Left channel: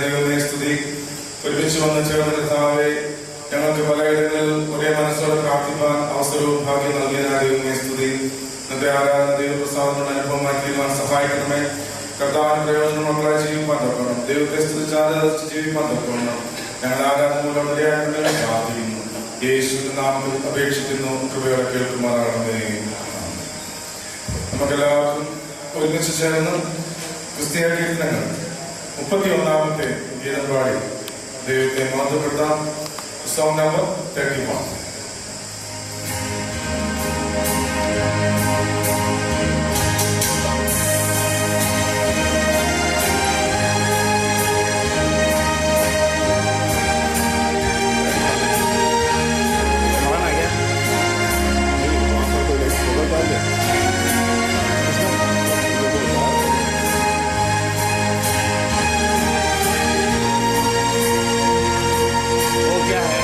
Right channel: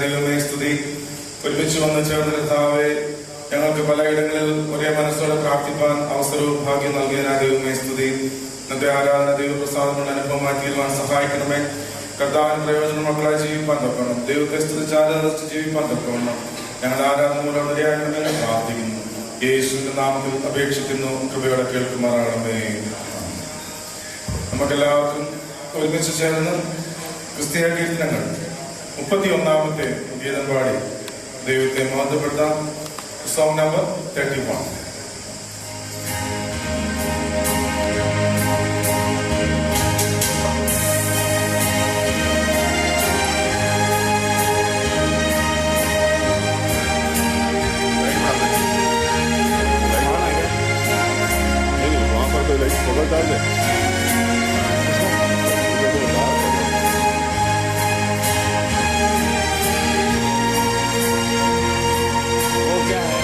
ദൈവമേ സ്തുതി. ഒരുമിച്ച് വന്ന് ചേർന്ന കർത്താവേ, ഞങ്ങൾക്ക് പലയിടങ്ങളിൽ ഒരേ മനസ്സോടെ പ്രാർത്ഥിപ്പാൻ അവസരവും ഭാഗ്യം നൽകിയതിനാൽ ദൈവമേ സ്തുതി. ഇന്നത്തെ ആരാധന ദൈവപ്രസാദങ്ങളുടെ അനുഭവമാക്കിയിരുവാൻ സഹായിക്കണമേ. കർത്താവിന് പ്രയോജനം മക്കളായി ജീവിപ്പാൻ തൊക്കണം. ദൈവത്തെ സ്തുതിച്ചാതെ ജീവിപ്പാൻ തൊക്കണം. ഞങ്ങളുടെ ആരാധന മൂലം നിരയാണെന്ന് പ്രാർത്ഥിക്കുന്നു. യേശുവിന്റെ നാമത്തിൽ അപേക്ഷിക്കുന്നു. കൃപയോടെ കേൾക്കുമാറാകണമേ. നമുക്കെല്ലാവർക്കും ഒരുമിച്ച് ചേർന്ന് ക്രിസ്തീയ കീർത്തനങ്ങൾ 31ാമത്തെ ഗീതം പാടി ദൈവത്തെ മഹത്വപ്പെടുത്താം. Song number 31. वो क्या है?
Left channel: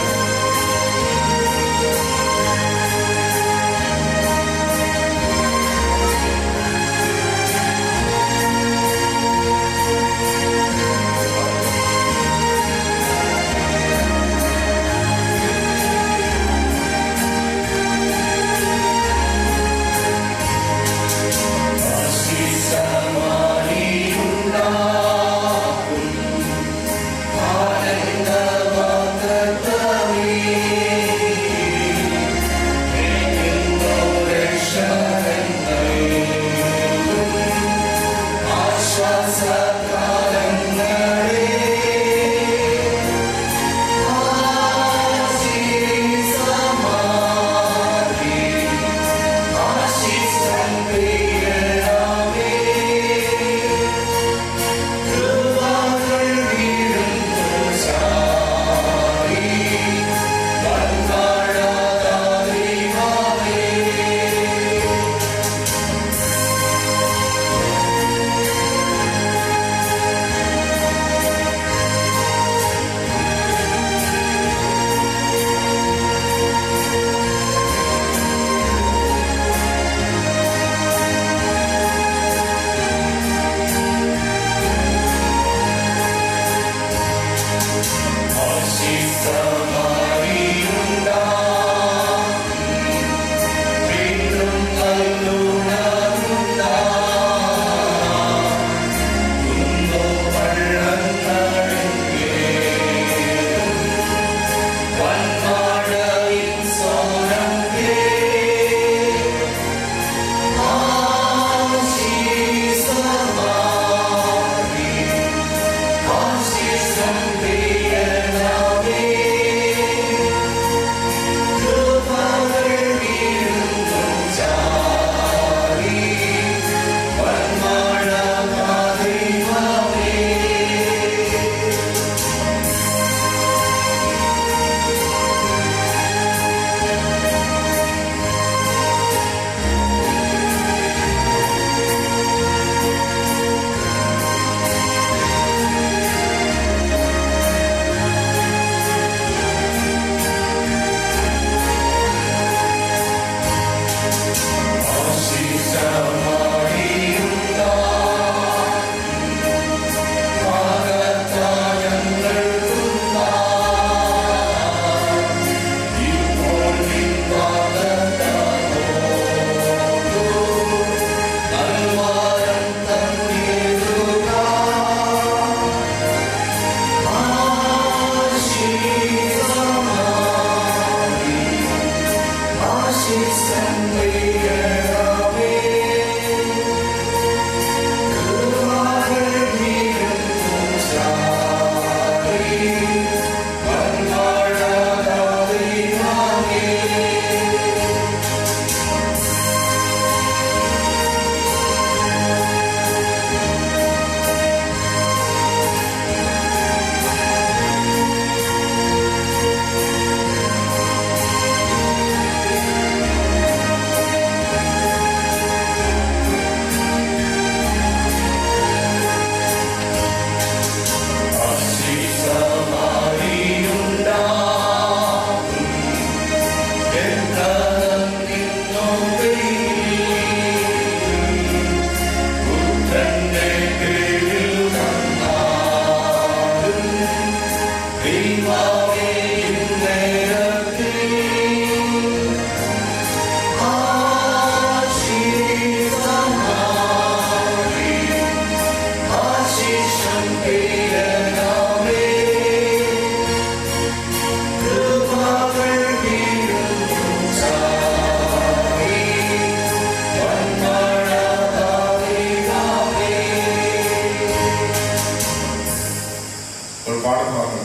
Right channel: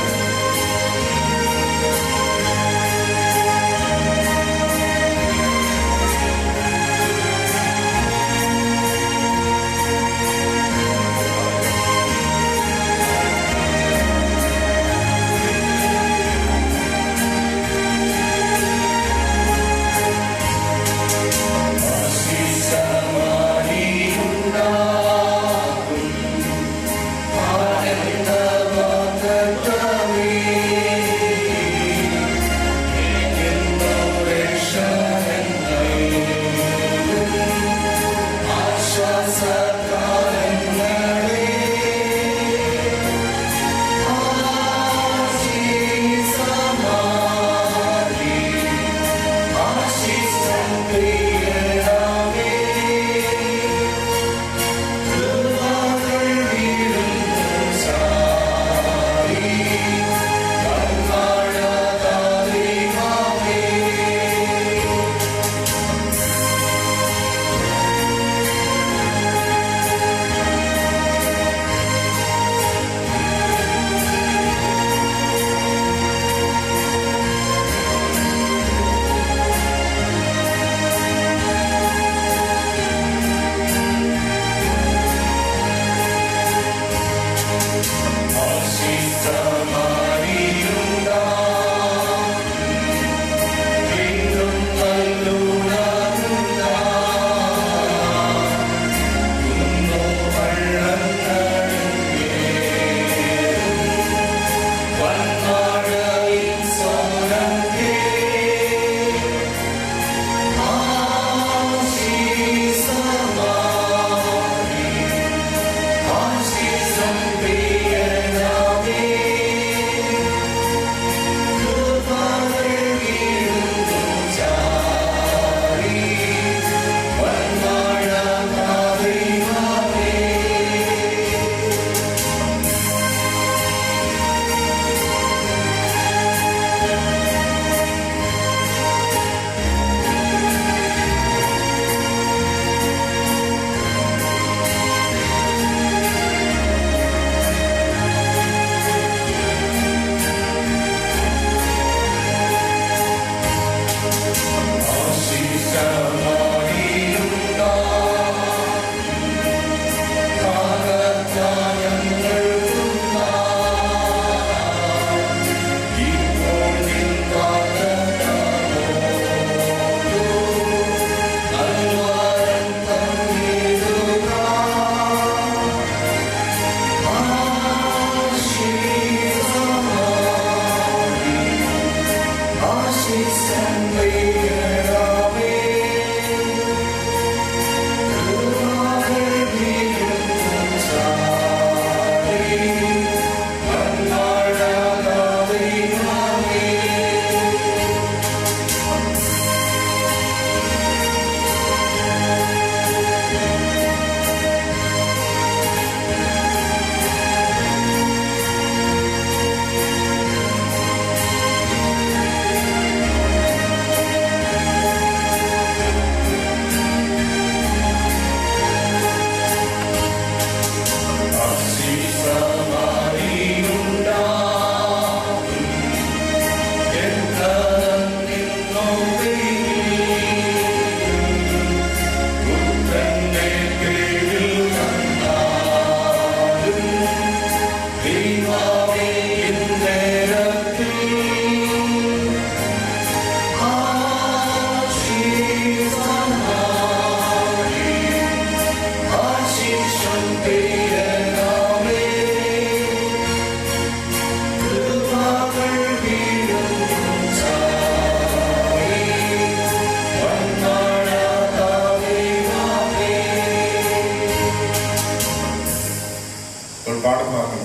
ഒരു പാഠഭാഗങ്ങൾ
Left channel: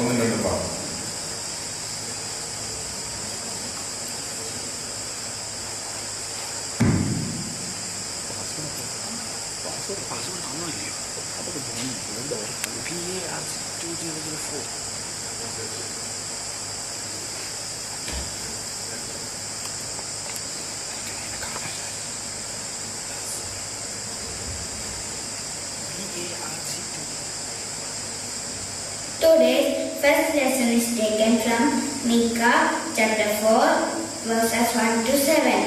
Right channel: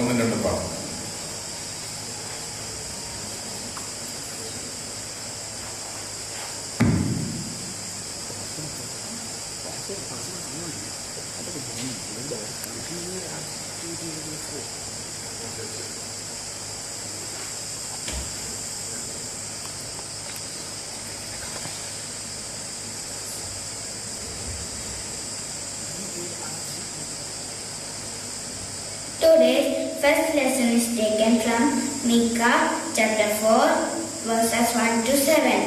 ഒന്നും രണ്ടും പാഠം. Today's first lesson is taken from Micah chapter 4 verses 1 to 7.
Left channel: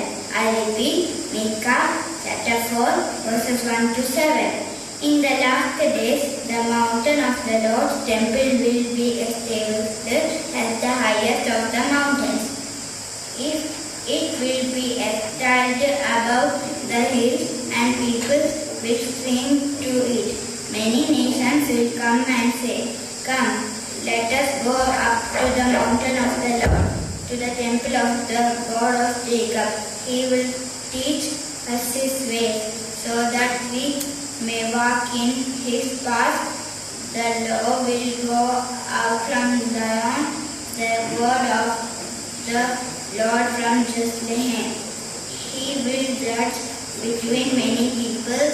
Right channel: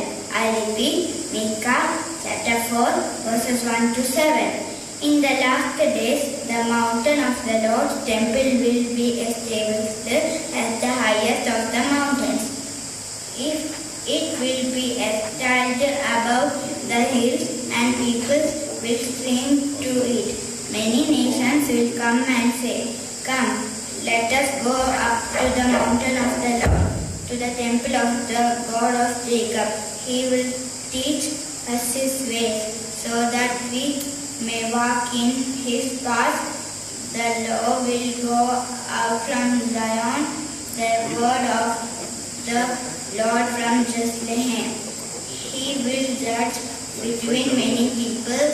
I repeat, Micah chapter 4 verses 1 to 7. In the last days, the mountain of the Lord's temple will be established as the highest of the mountains. It will be exalted above the hills, and people will stream to it. Many nations will come and say, "Come, let us go up to the mountain of the Lord, to the temple of the God of Jacob. He will teach us his ways, so that we may walk in his paths." The law will go out from Zion, the word of the Lord from Jerusalem. He will judge between many people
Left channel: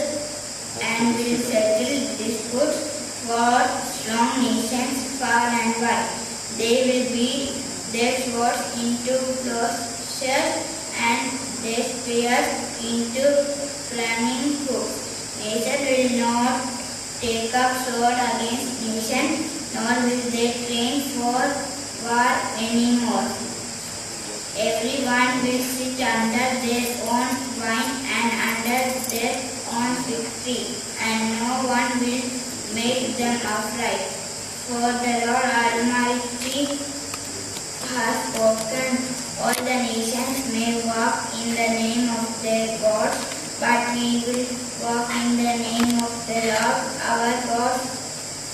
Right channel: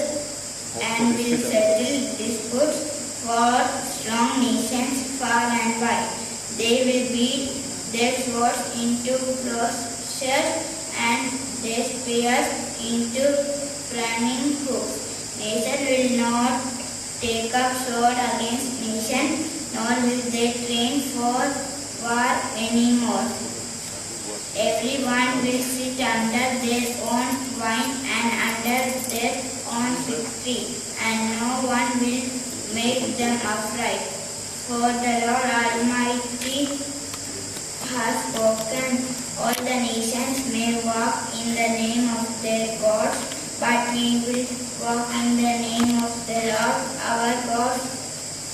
and will settle disputes for strong nations far and wide. They will beat their swords into plowshares and their spears into pruning hooks. Nation will not take up sword against nation, nor will they train for war anymore. Everyone will sit under their own vine and under their own fig tree, and no one will make them upright. For the Lord Almighty has spoken. All the nations may walk in the name of their God, but we will walk in the name of the Lord our God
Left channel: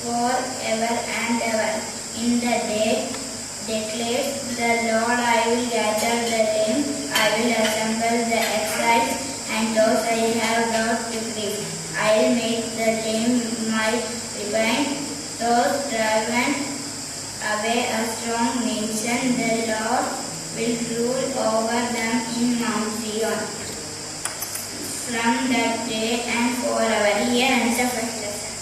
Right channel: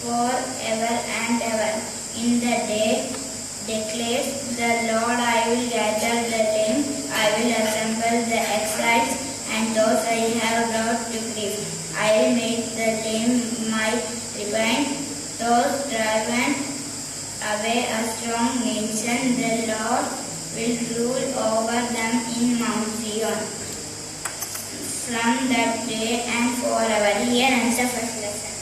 forever and ever. In the day, declares the Lord, I will gather the lame, I will assemble the exiles, and those I have brought to grief. I will make the lame might repent, those driven away a strong nation. The Lord will rule over them in Mount Zion from that day and forever. Here ends the first lesson.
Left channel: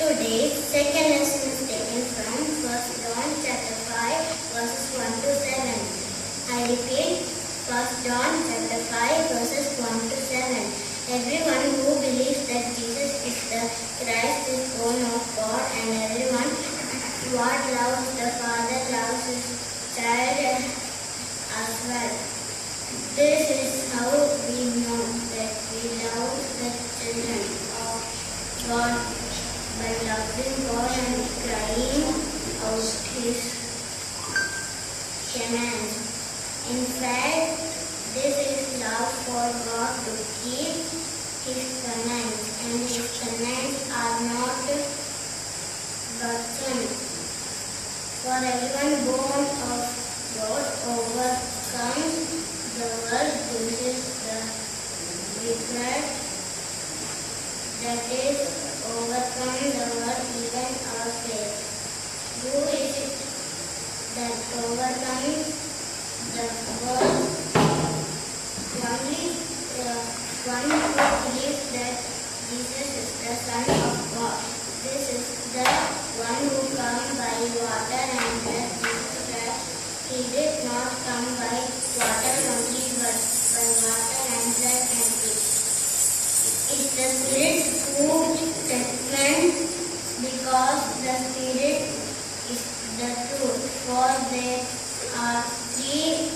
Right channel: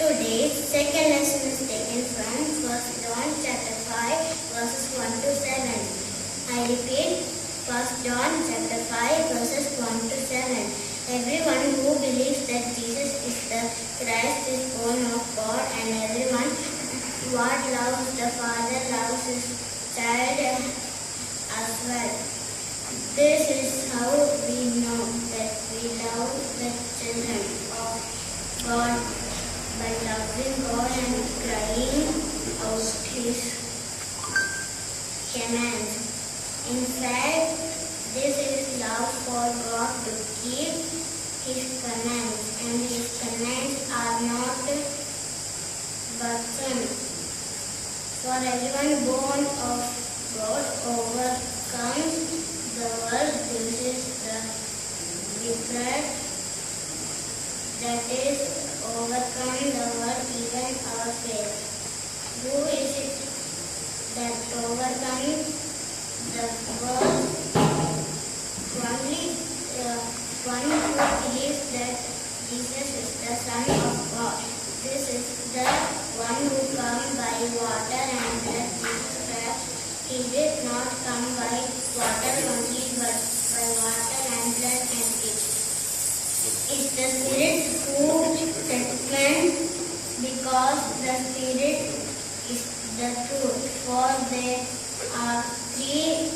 Today's second lesson is taken from 1 John chapter 5 verses 1 to 7. I repeat, 1 John chapter 5 verses 1 to 7. Everyone who believes that Jesus is the Christ is born of God, and everyone what loves the Father loves his child as well. This is how we know that we love the children of God, by loving God and crying out his commands. In fact, this is love for God, to keep his commands, and his commands are not burdensome. For everyone born of God overcomes the world. This is the regret that is overcome the world, even our faith. Who is it that overcomes the world? Only the one who believes that Jesus is the Son of God. This is the one who comes by water and blood, Jesus Christ. He did not come by water only, but by water and blood and peace. It's the Spirit who judgment, because the Spirit is the truth. For there are three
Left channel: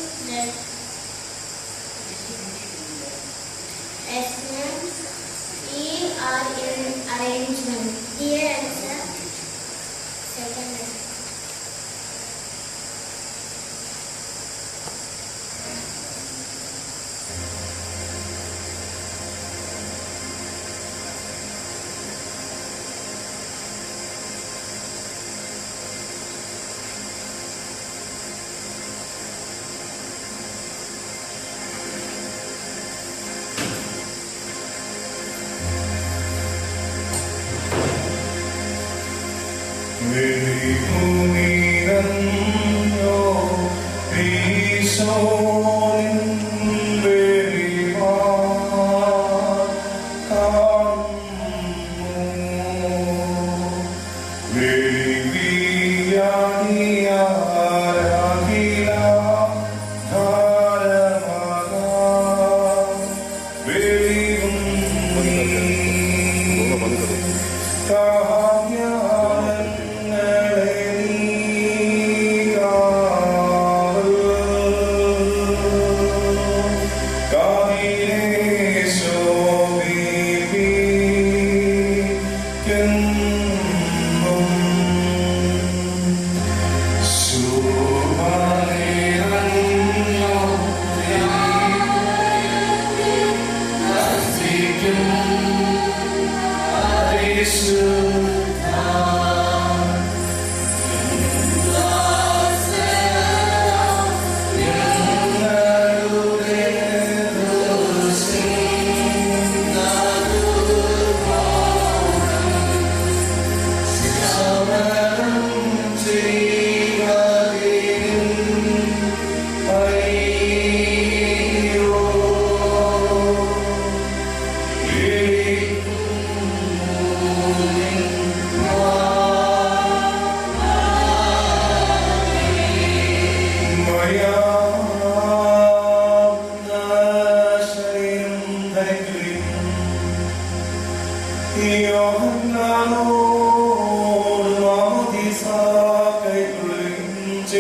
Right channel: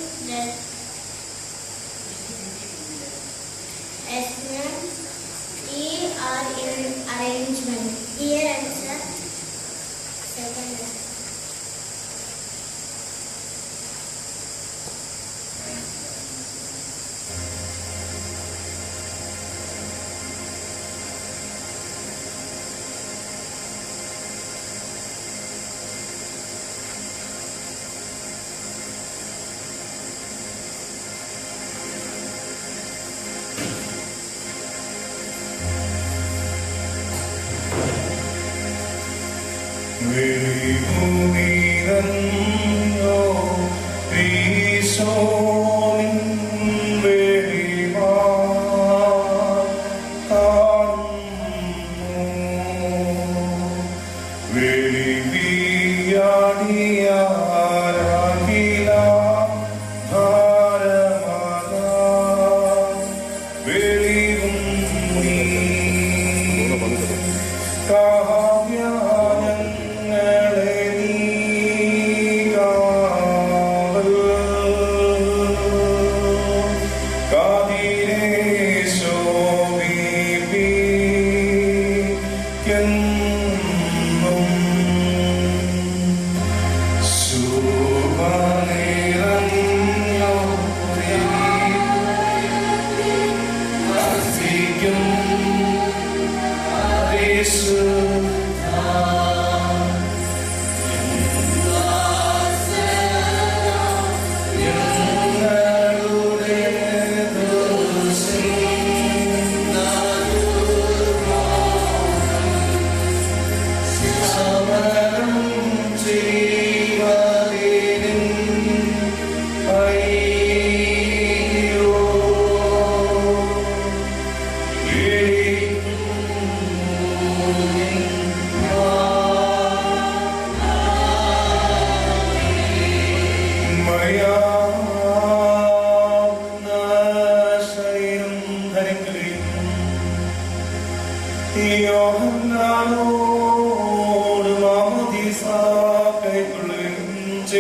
essence, three are in arrangement. Here ends the second lesson.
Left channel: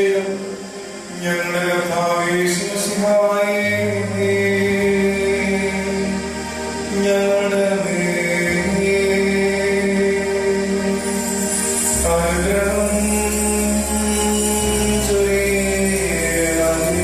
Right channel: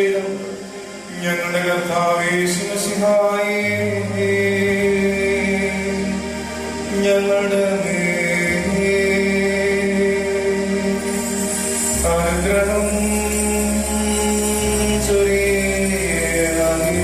ചെയ്തും ഞങ്ങളുടെ കർത്താവേ യേശുമിശിഹായേ, ഞങ്ങളുടെ അനുഗ്രഹം ചൊരിയണമേ.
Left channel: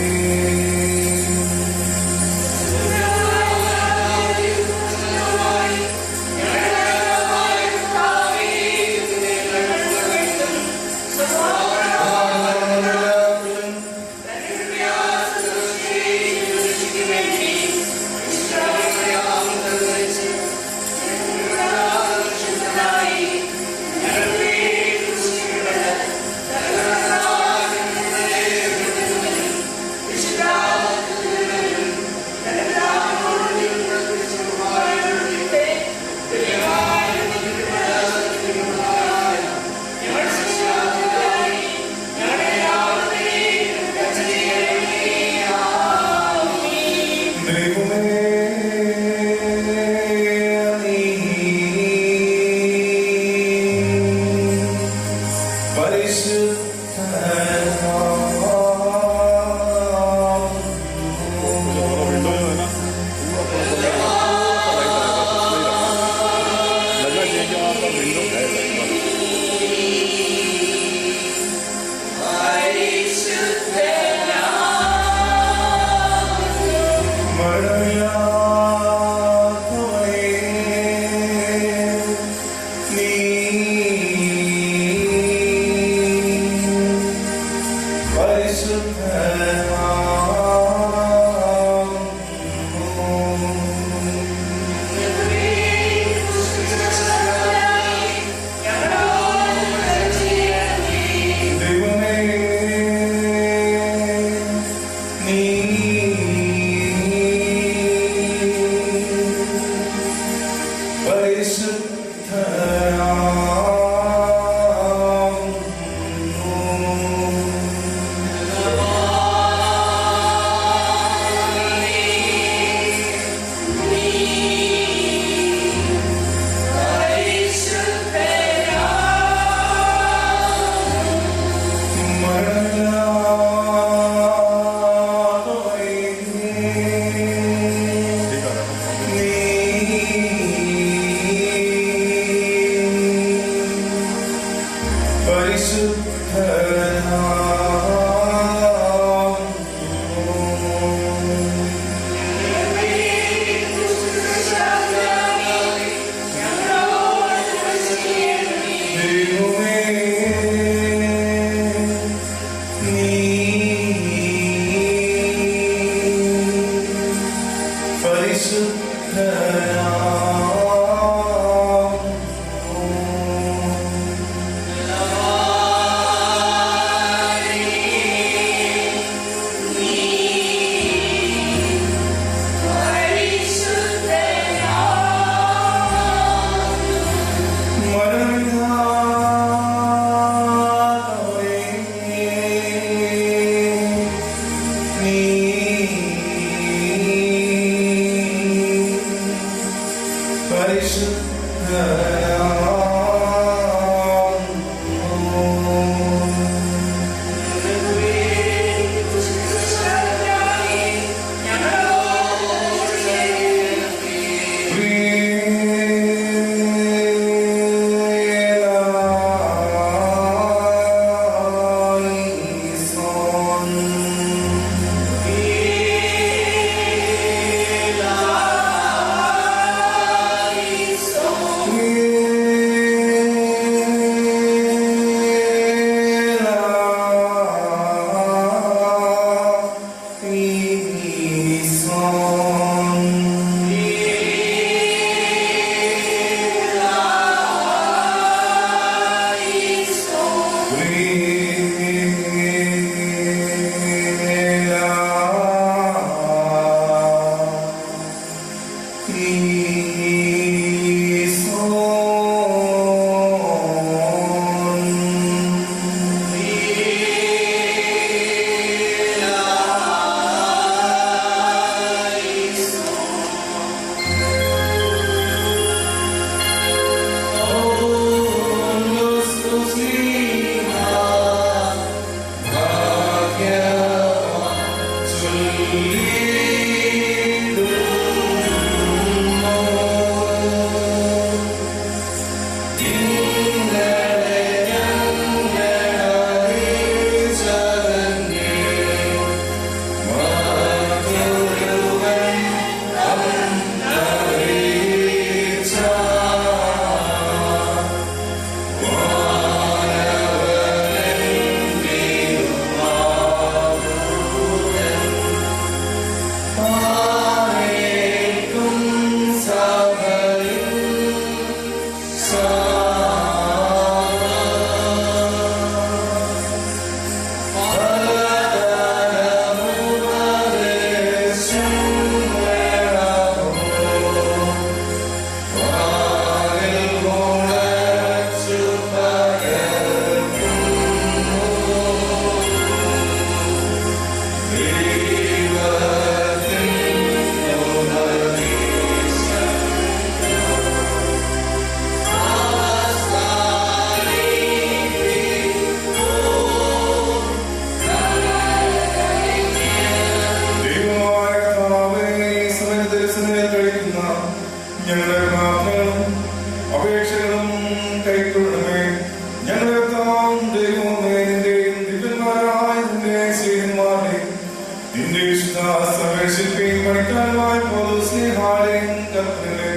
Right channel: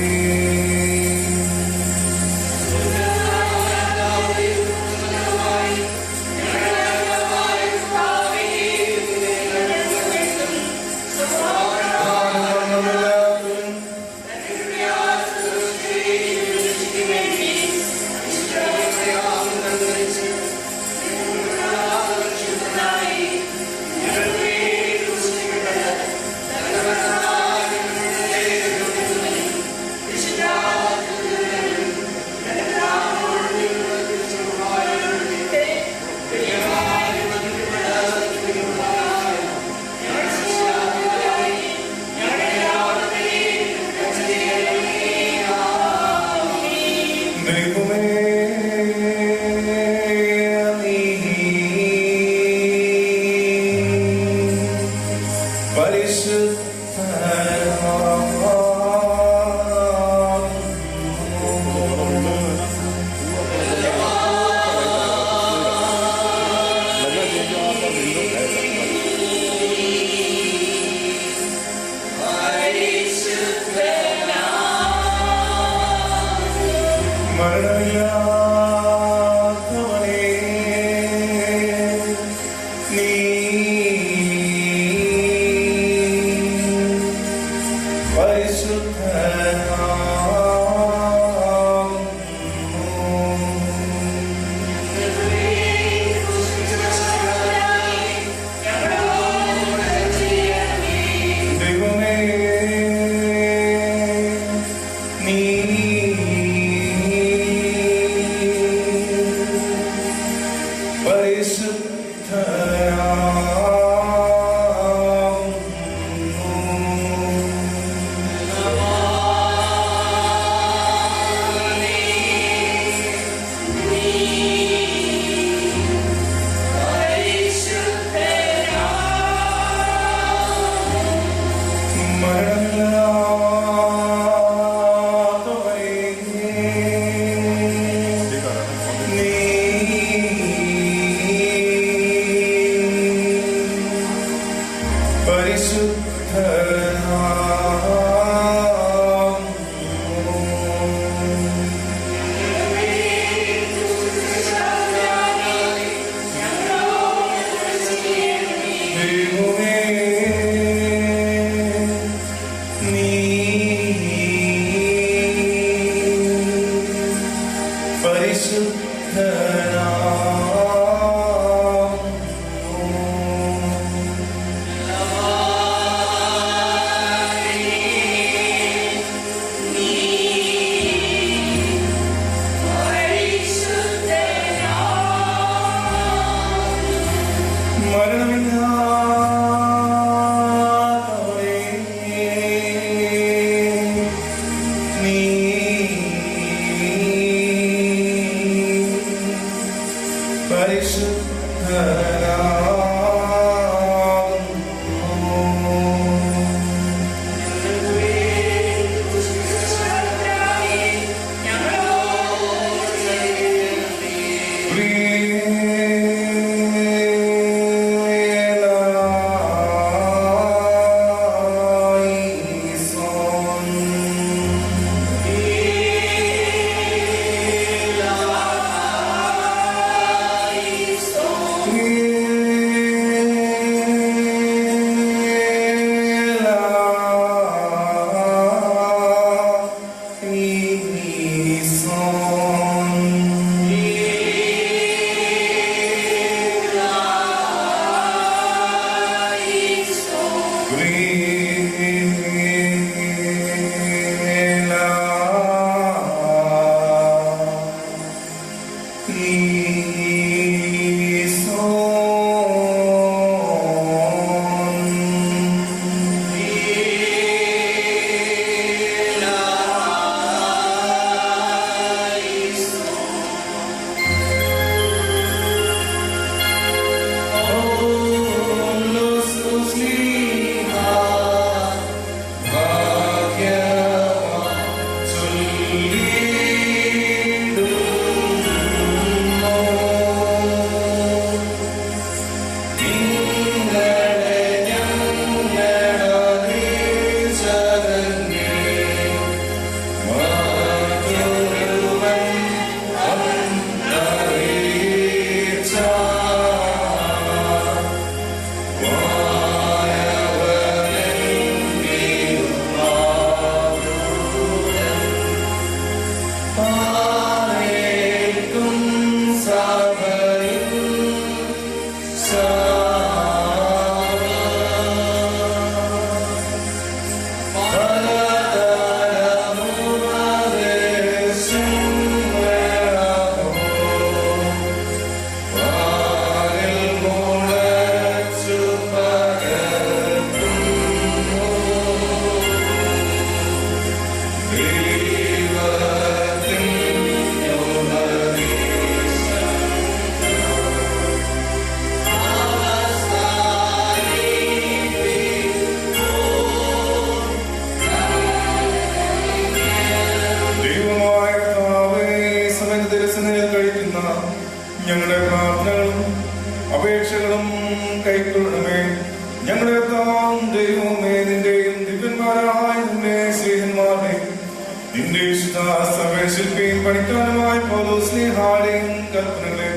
ശില്പിയും പണിക്കാരുമായി സ്നേഹാലയം കൽപ്പനകളെ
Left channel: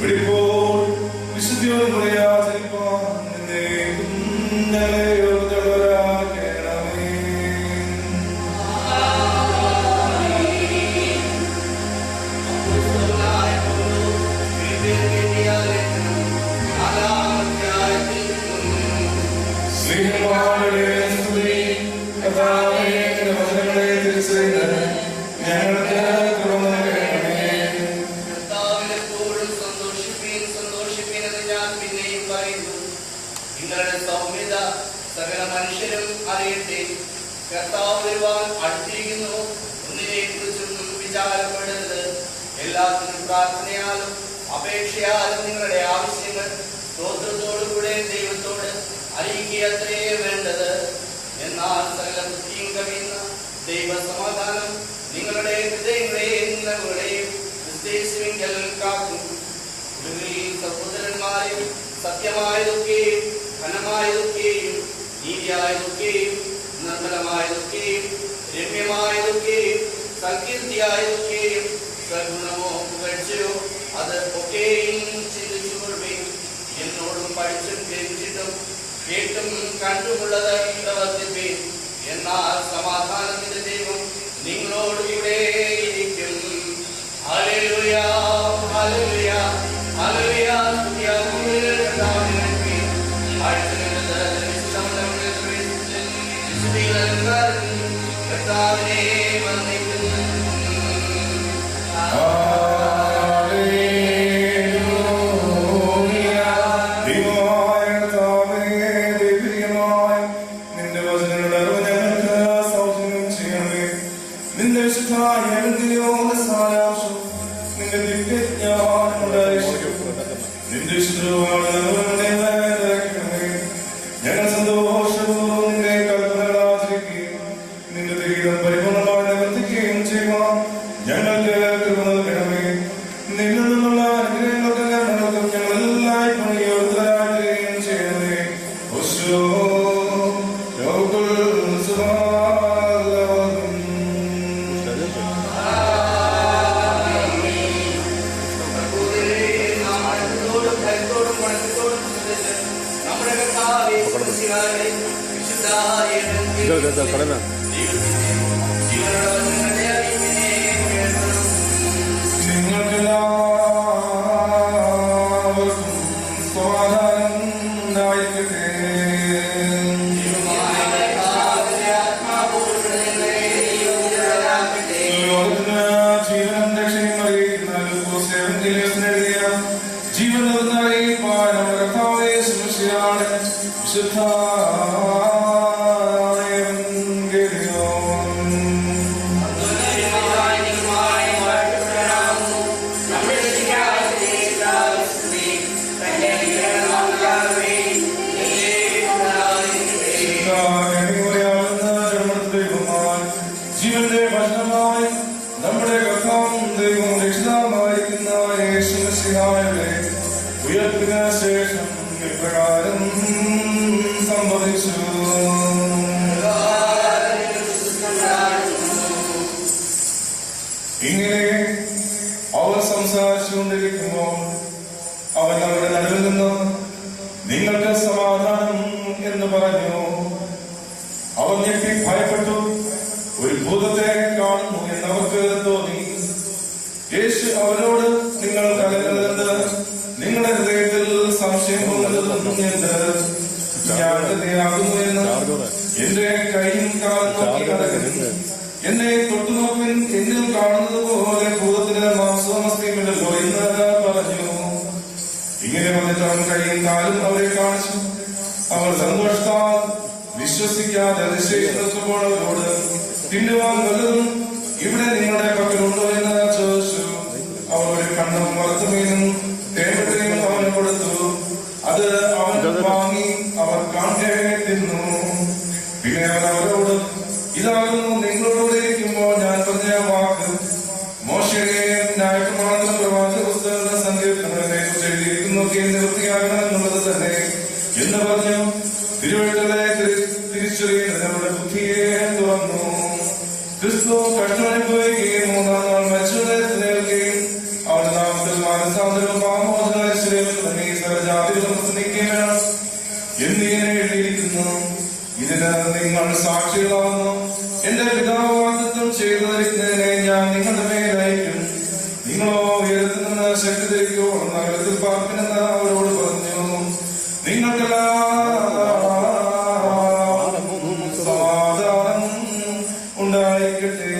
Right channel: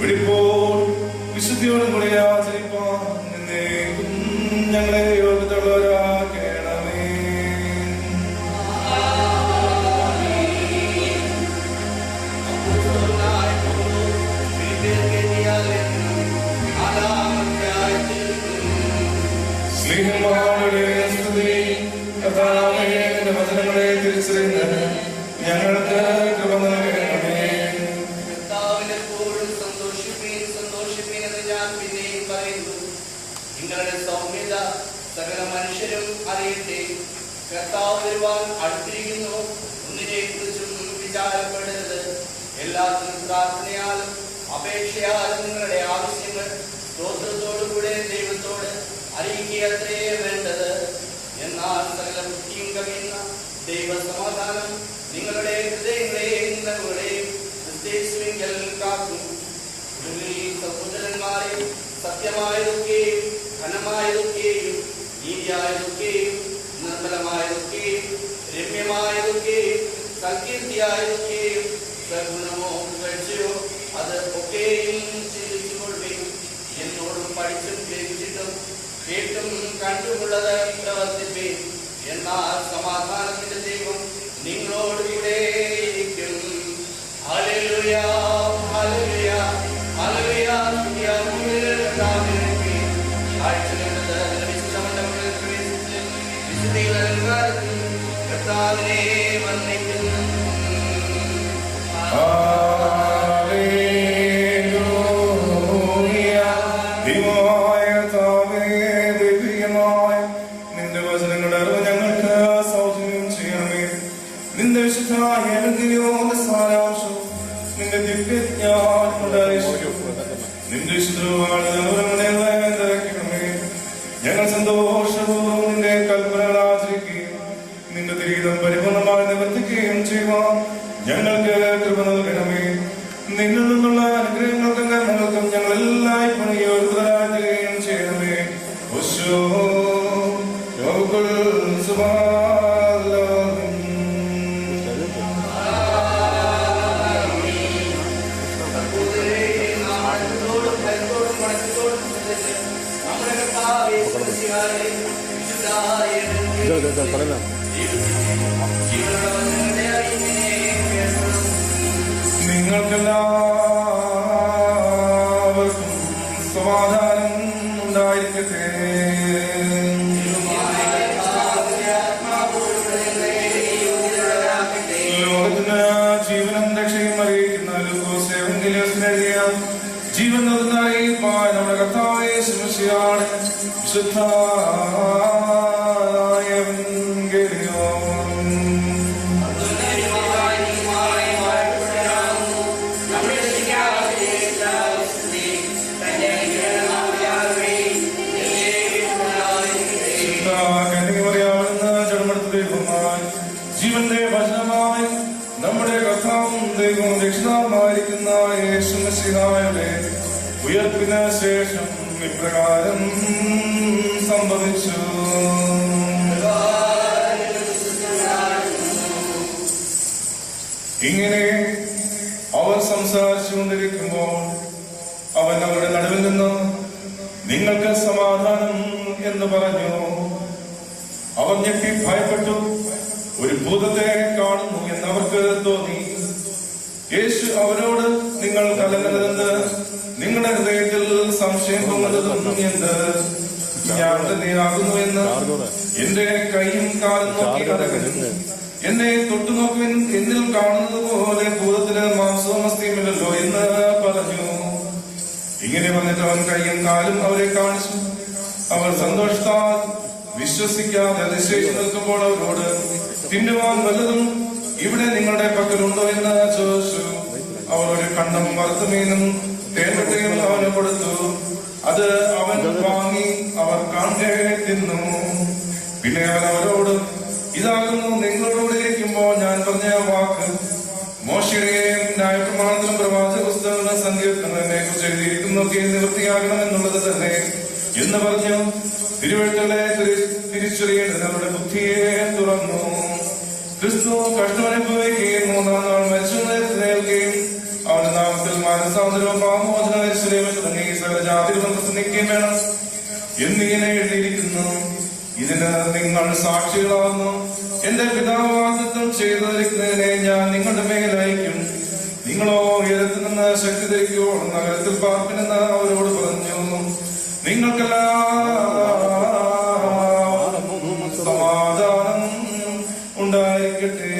വെളിപ്പോൾ വിശുദ്ധിയോട് മുറിയെ ആചരിപ്പാൻ ഞങ്ങളെ യോഗ്യതയുള്ളവരാക്കണമേ. ഞങ്ങൾക്ക് കൃപ നൽകണമേ. കർത്താവിനെപ്പോഴും സന്തോഷിപ്പീൻ എന്ന് ഞാൻ പിന്നെയും പറയുന്നു. നിങ്ങളുടെ സൗമ്യത സകല മനുഷ്യരും അറിയട്ടെ. കർത്താവ് വരുവാൻ അടുത്തിരിക്കുന്നു. ഒന്നിനെ കുറിച്ചും വിചാരപ്പെടരുത്. എല്ലാത്തിനും പ്രാർത്ഥനയാലും അപേക്ഷയാലും നിങ്ങളുടെ ആവശ്യങ്ങൾ സ്തോത്രത്തോടുകൂടെ ദൈവത്തോട് അറിയിക്കുകയത്രേ വേണ്ടത്. എന്നാൽ സകല ബുദ്ധിയും കവിയുന്ന ദൈവസമാധാനം നിങ്ങളുടെ ഹൃദയങ്ങളെയും നിലവുകളെയും ക്രിസ്തുവിങ്കൽ കാക്കും. ഒടുവിൽ സഹോദരന്മാരെ, സത്യമായതൊക്കെയും ഘനമായതൊക്കെയും നീതിയായതൊക്കെയും നിർമ്മലമായതൊക്കെയും രമ്യമായതൊക്കെയും സങ്കീർത്തിയായതൊക്കെയും സഗുണമോ പുകഴ്ചയോ അത് ഒക്കെയും ചിന്തിച്ചുകൊള്ളുകയും എന്നോടും പഠിച്ചും ഗ്രഹിച്ചിട്ടും കേട്ടും കണ്ടുമുള്ളത് പ്രവർത്തിപ്പേൻ. എന്നാൽ സമാധാനത്തിന്റെ ദൈവം നിങ്ങളോടുകൂടെ ഇരിക്കും. Hallelujah, hallelujah, hallelujah. കർത്താവിനെ വന്ദിക്കുന്നു. ഞങ്ങൾ സന്തോഷപൂർവ്വം നിന്റെ കൽപ്പനകൾ ആചരിക്കുകയും നിന്റെ ദൈവം പരിപൂർണമായി നിവർത്തിക്കുകയും ചെയ്യുവാൻ ഞങ്ങൾക്ക് കൃപ നൽകണമേ. നിന്നിൽ നിന്നുള്ള അനുഗ്രഹങ്ങൾക്കും കരുണകൾക്കും ഞങ്ങൾ എല്ലായ്പ്പോഴും യോഗ്യരാകുകയും ചെയ്യണമേ. നിങ്ങൾക്കെല്ലാവർക്കും സമാധാനം ഉണ്ടായിരിക്കട്ടെ. ജീവനും രക്ഷയും അറിയിക്കുന്ന എഴുതിയ ജീവൻ നൽകുന്നതായി നമ്മുടെ കർത്താവേ ശുശ്രൂഷയാണ് വിശുദ്ധ ജീവന്റെ ഭക്ഷണമായി നമ്മുടെ കർത്താവും ദൈവവും രക്ഷിതാവുമായിരിക്കുന്ന യേശുമിശിഹായുടെ ഉയർപ്പിന് ശേഷം ഇപ്രകാരം സംഭവിച്ചു. ഇങ്ങനെ അവൻ സംസാരിച്ചുകൊണ്ടിരിക്കുമ്പോൾ അവൻ അവരുടെ നടുവിൽ നിന്ന് നിങ്ങൾക്ക് സമാധാനം എന്ന് പറഞ്ഞു. അവൻ ഞെട്ടി ഭയപ്പെട്ടു. ഒരു ഭൂതത്തെ കാണുന്നു എന്നവർക്ക് തോന്നി. യേശു അവരോട് നിങ്ങൾ കലങ്ങരുതെന്ന് നിങ്ങളുടെ ഹൃദയത്തിൽ സംശയം തോന്നരുതെന്ന് ഞാൻ തന്നെയാകുന്നു എന്ന് എന്റെ കൈയും കാലും നോക്കി എന്നെ തൊട്ടുനോക്കുവിൻ. എന്നിൽ കാണുന്നത് പോലെ ഭൂതത്തിന് മാംസമസ്തിയുമില്ലല്ലോ എന്ന് പറഞ്ഞു. ഇങ്ങനെ വന്നിട്ട് അവൻ കൈയും കാലും അവരെ കാണിച്ചു. അവർ സന്തോഷത്താൽ വിശ്വസിക്കാതെ അതിശയിച്ചു നിൽക്കുമ്പോൾ അവരോട് തിന്നുവാൻ വല്ലതും ഇവിടെ നിങ്ങളുടെ പക്കലുണ്ടോ എന്ന് ചോദിച്ചു. അവർ ഒരു കണ്ണും വറുത്തുമീനും തേമ്പട്ടയും അവന് കൊടുത്തു. അത് അവൻ വാങ്ങി അവർ കാണെ തിന്നു. പിന്നെ അവൻ അവരോട് ഇതാകുന്നു നിങ്ങളോട് ഇരിക്കുമ്പോൾ ഞാൻ പറഞ്ഞ വാക്ക്. മോശയെയും ന്യായപ്രമാണത്തിലും പ്രവാചക പുസ്തകങ്ങളും സങ്കീർത്തനങ്ങളെ കുറിച്ച് എഴുതിയിരിക്കുന്നൊക്കെ നിവൃത്തിയാകണമെന്നുള്ളത് തന്നെ എന്ന് പറഞ്ഞു. തിരുവഴുത്തുകളെ തിരിച്ചറിയുന്നത് നമ്മുടെ ബുദ്ധിയെ തുറന്നു. ക്രിസ്തു കഷ്ടമനുഭവിക്കുകയും മൂന്നാം നാൾ സാക്ഷികളാകുന്നു. എന്റെ പിതാവ് വാഗ്ദത്തം ചെയ്തിരിക്കുന്നതിനെ ഞാൻ നിങ്ങളുടെ മേലയക്കും. നിങ്ങളോ ഉയരത്തിൽ നിന്ന് ശക്തി ധരിക്കുവോ നഗരത്തിൽ പാർപ്പിനെന്ന് അവരോട് പറഞ്ഞു. നിങ്ങൾക്കെല്ലാം സമാധാനം ഉണ്ടായിരിക്കട്ടെ.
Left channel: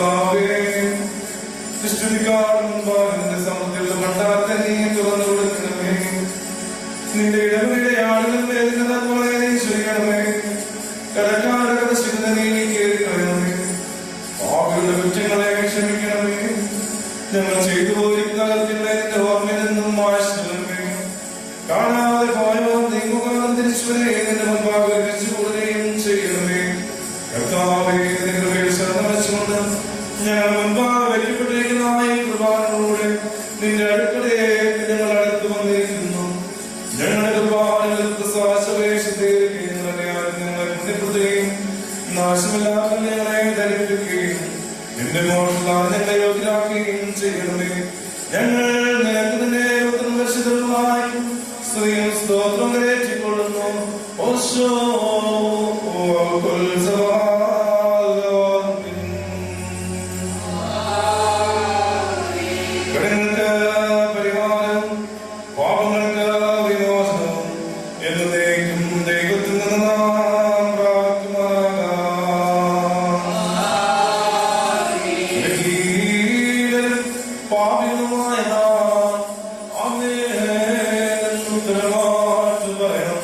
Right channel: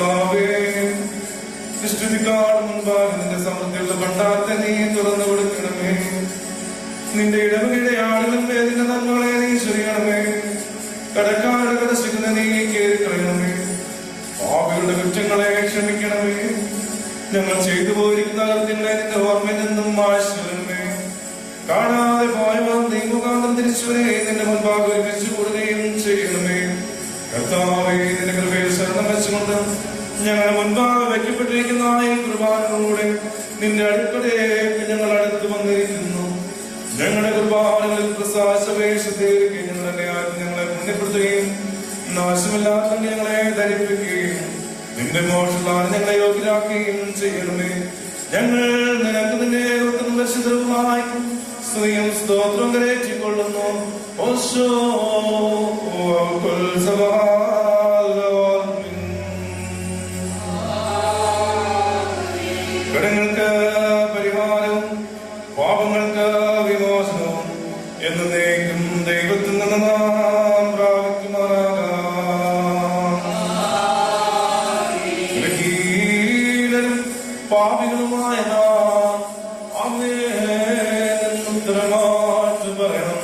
കർത്താവേ, സൃഷ്ടിക്കാട് മുൻപാകെ നിന്റെ സമൃദ്ധിയുള്ള ഭണ്ഡാരത്തെ നീ തുറന്നു കൊടുക്കണമേ. നിന്റെ ഇടവകയുടെ ആളുകൾ വേദന നന്മകളെ നീ ചെയ്യണമേ. കടക്കാരുടെ കടശിക്കുന്ന നീ കേൾക്കണമേ. പാപികളുടെ കുറ്റങ്ങളെ ക്ഷമിക്കണമേ. ഞങ്ങൾ ചെയ്തു പോയിരിക്കുന്ന നിന്റെ ഓർമ്മയിൽ നിന്നും മായ്ക്കണമേ. കാണാതെ പോയവർ നീ മുഖാന്തരം തിരിച്ചുവരെ നിന്റെ മുൻപാകെ രക്ഷിക്കുകയും ചെയ്യണമേ. കർത്താവേ, നിന്റെ കൃപയിൽ ശരണം വെച്ചുകൊണ്ട് ഞങ്ങൾ മുൻപാകെ വെക്കപ്പെട്ടിരിക്കുന്ന ഈ കൃപാനോടെ നിന്റെ അടുപ്പതേക്ക് ഞങ്ങൾ അടുത്ത് വന്നിരിക്കുന്നു. ഞങ്ങളുടെ കൃപാനങ്ങൾ പ്രസാദവേശത്തേക്ക് ഞങ്ങളെ പുണ്യപ്പെടുത്തുകയും നാശമില്ലാത്ത ഞങ്ങളെ ധരിപ്പിക്കുകയും നിന്റെ മോഷണത്താൽ ഞങ്ങളെ യോഗ്യരാക്കുകയും ചെയ്യണമേ. ഞങ്ങൾ നിനക്ക് തന്നെ ഉത്തരവായി സ്ത്രീയും സ്തോത്രം കരേറ്റിക്കൊള്ളുന്നു. കടങ്ങൾക്ക് പരിഹാരവും പാപങ്ങൾക്ക് വിമോചനവും എന്നേക്കും ദൈവത്തിൽ നിന്ന് നാം പ്രാപിക്കുമാറാകാം. പാപികളുമായ നാം ഉത്തരമാറ്റു പറയണം.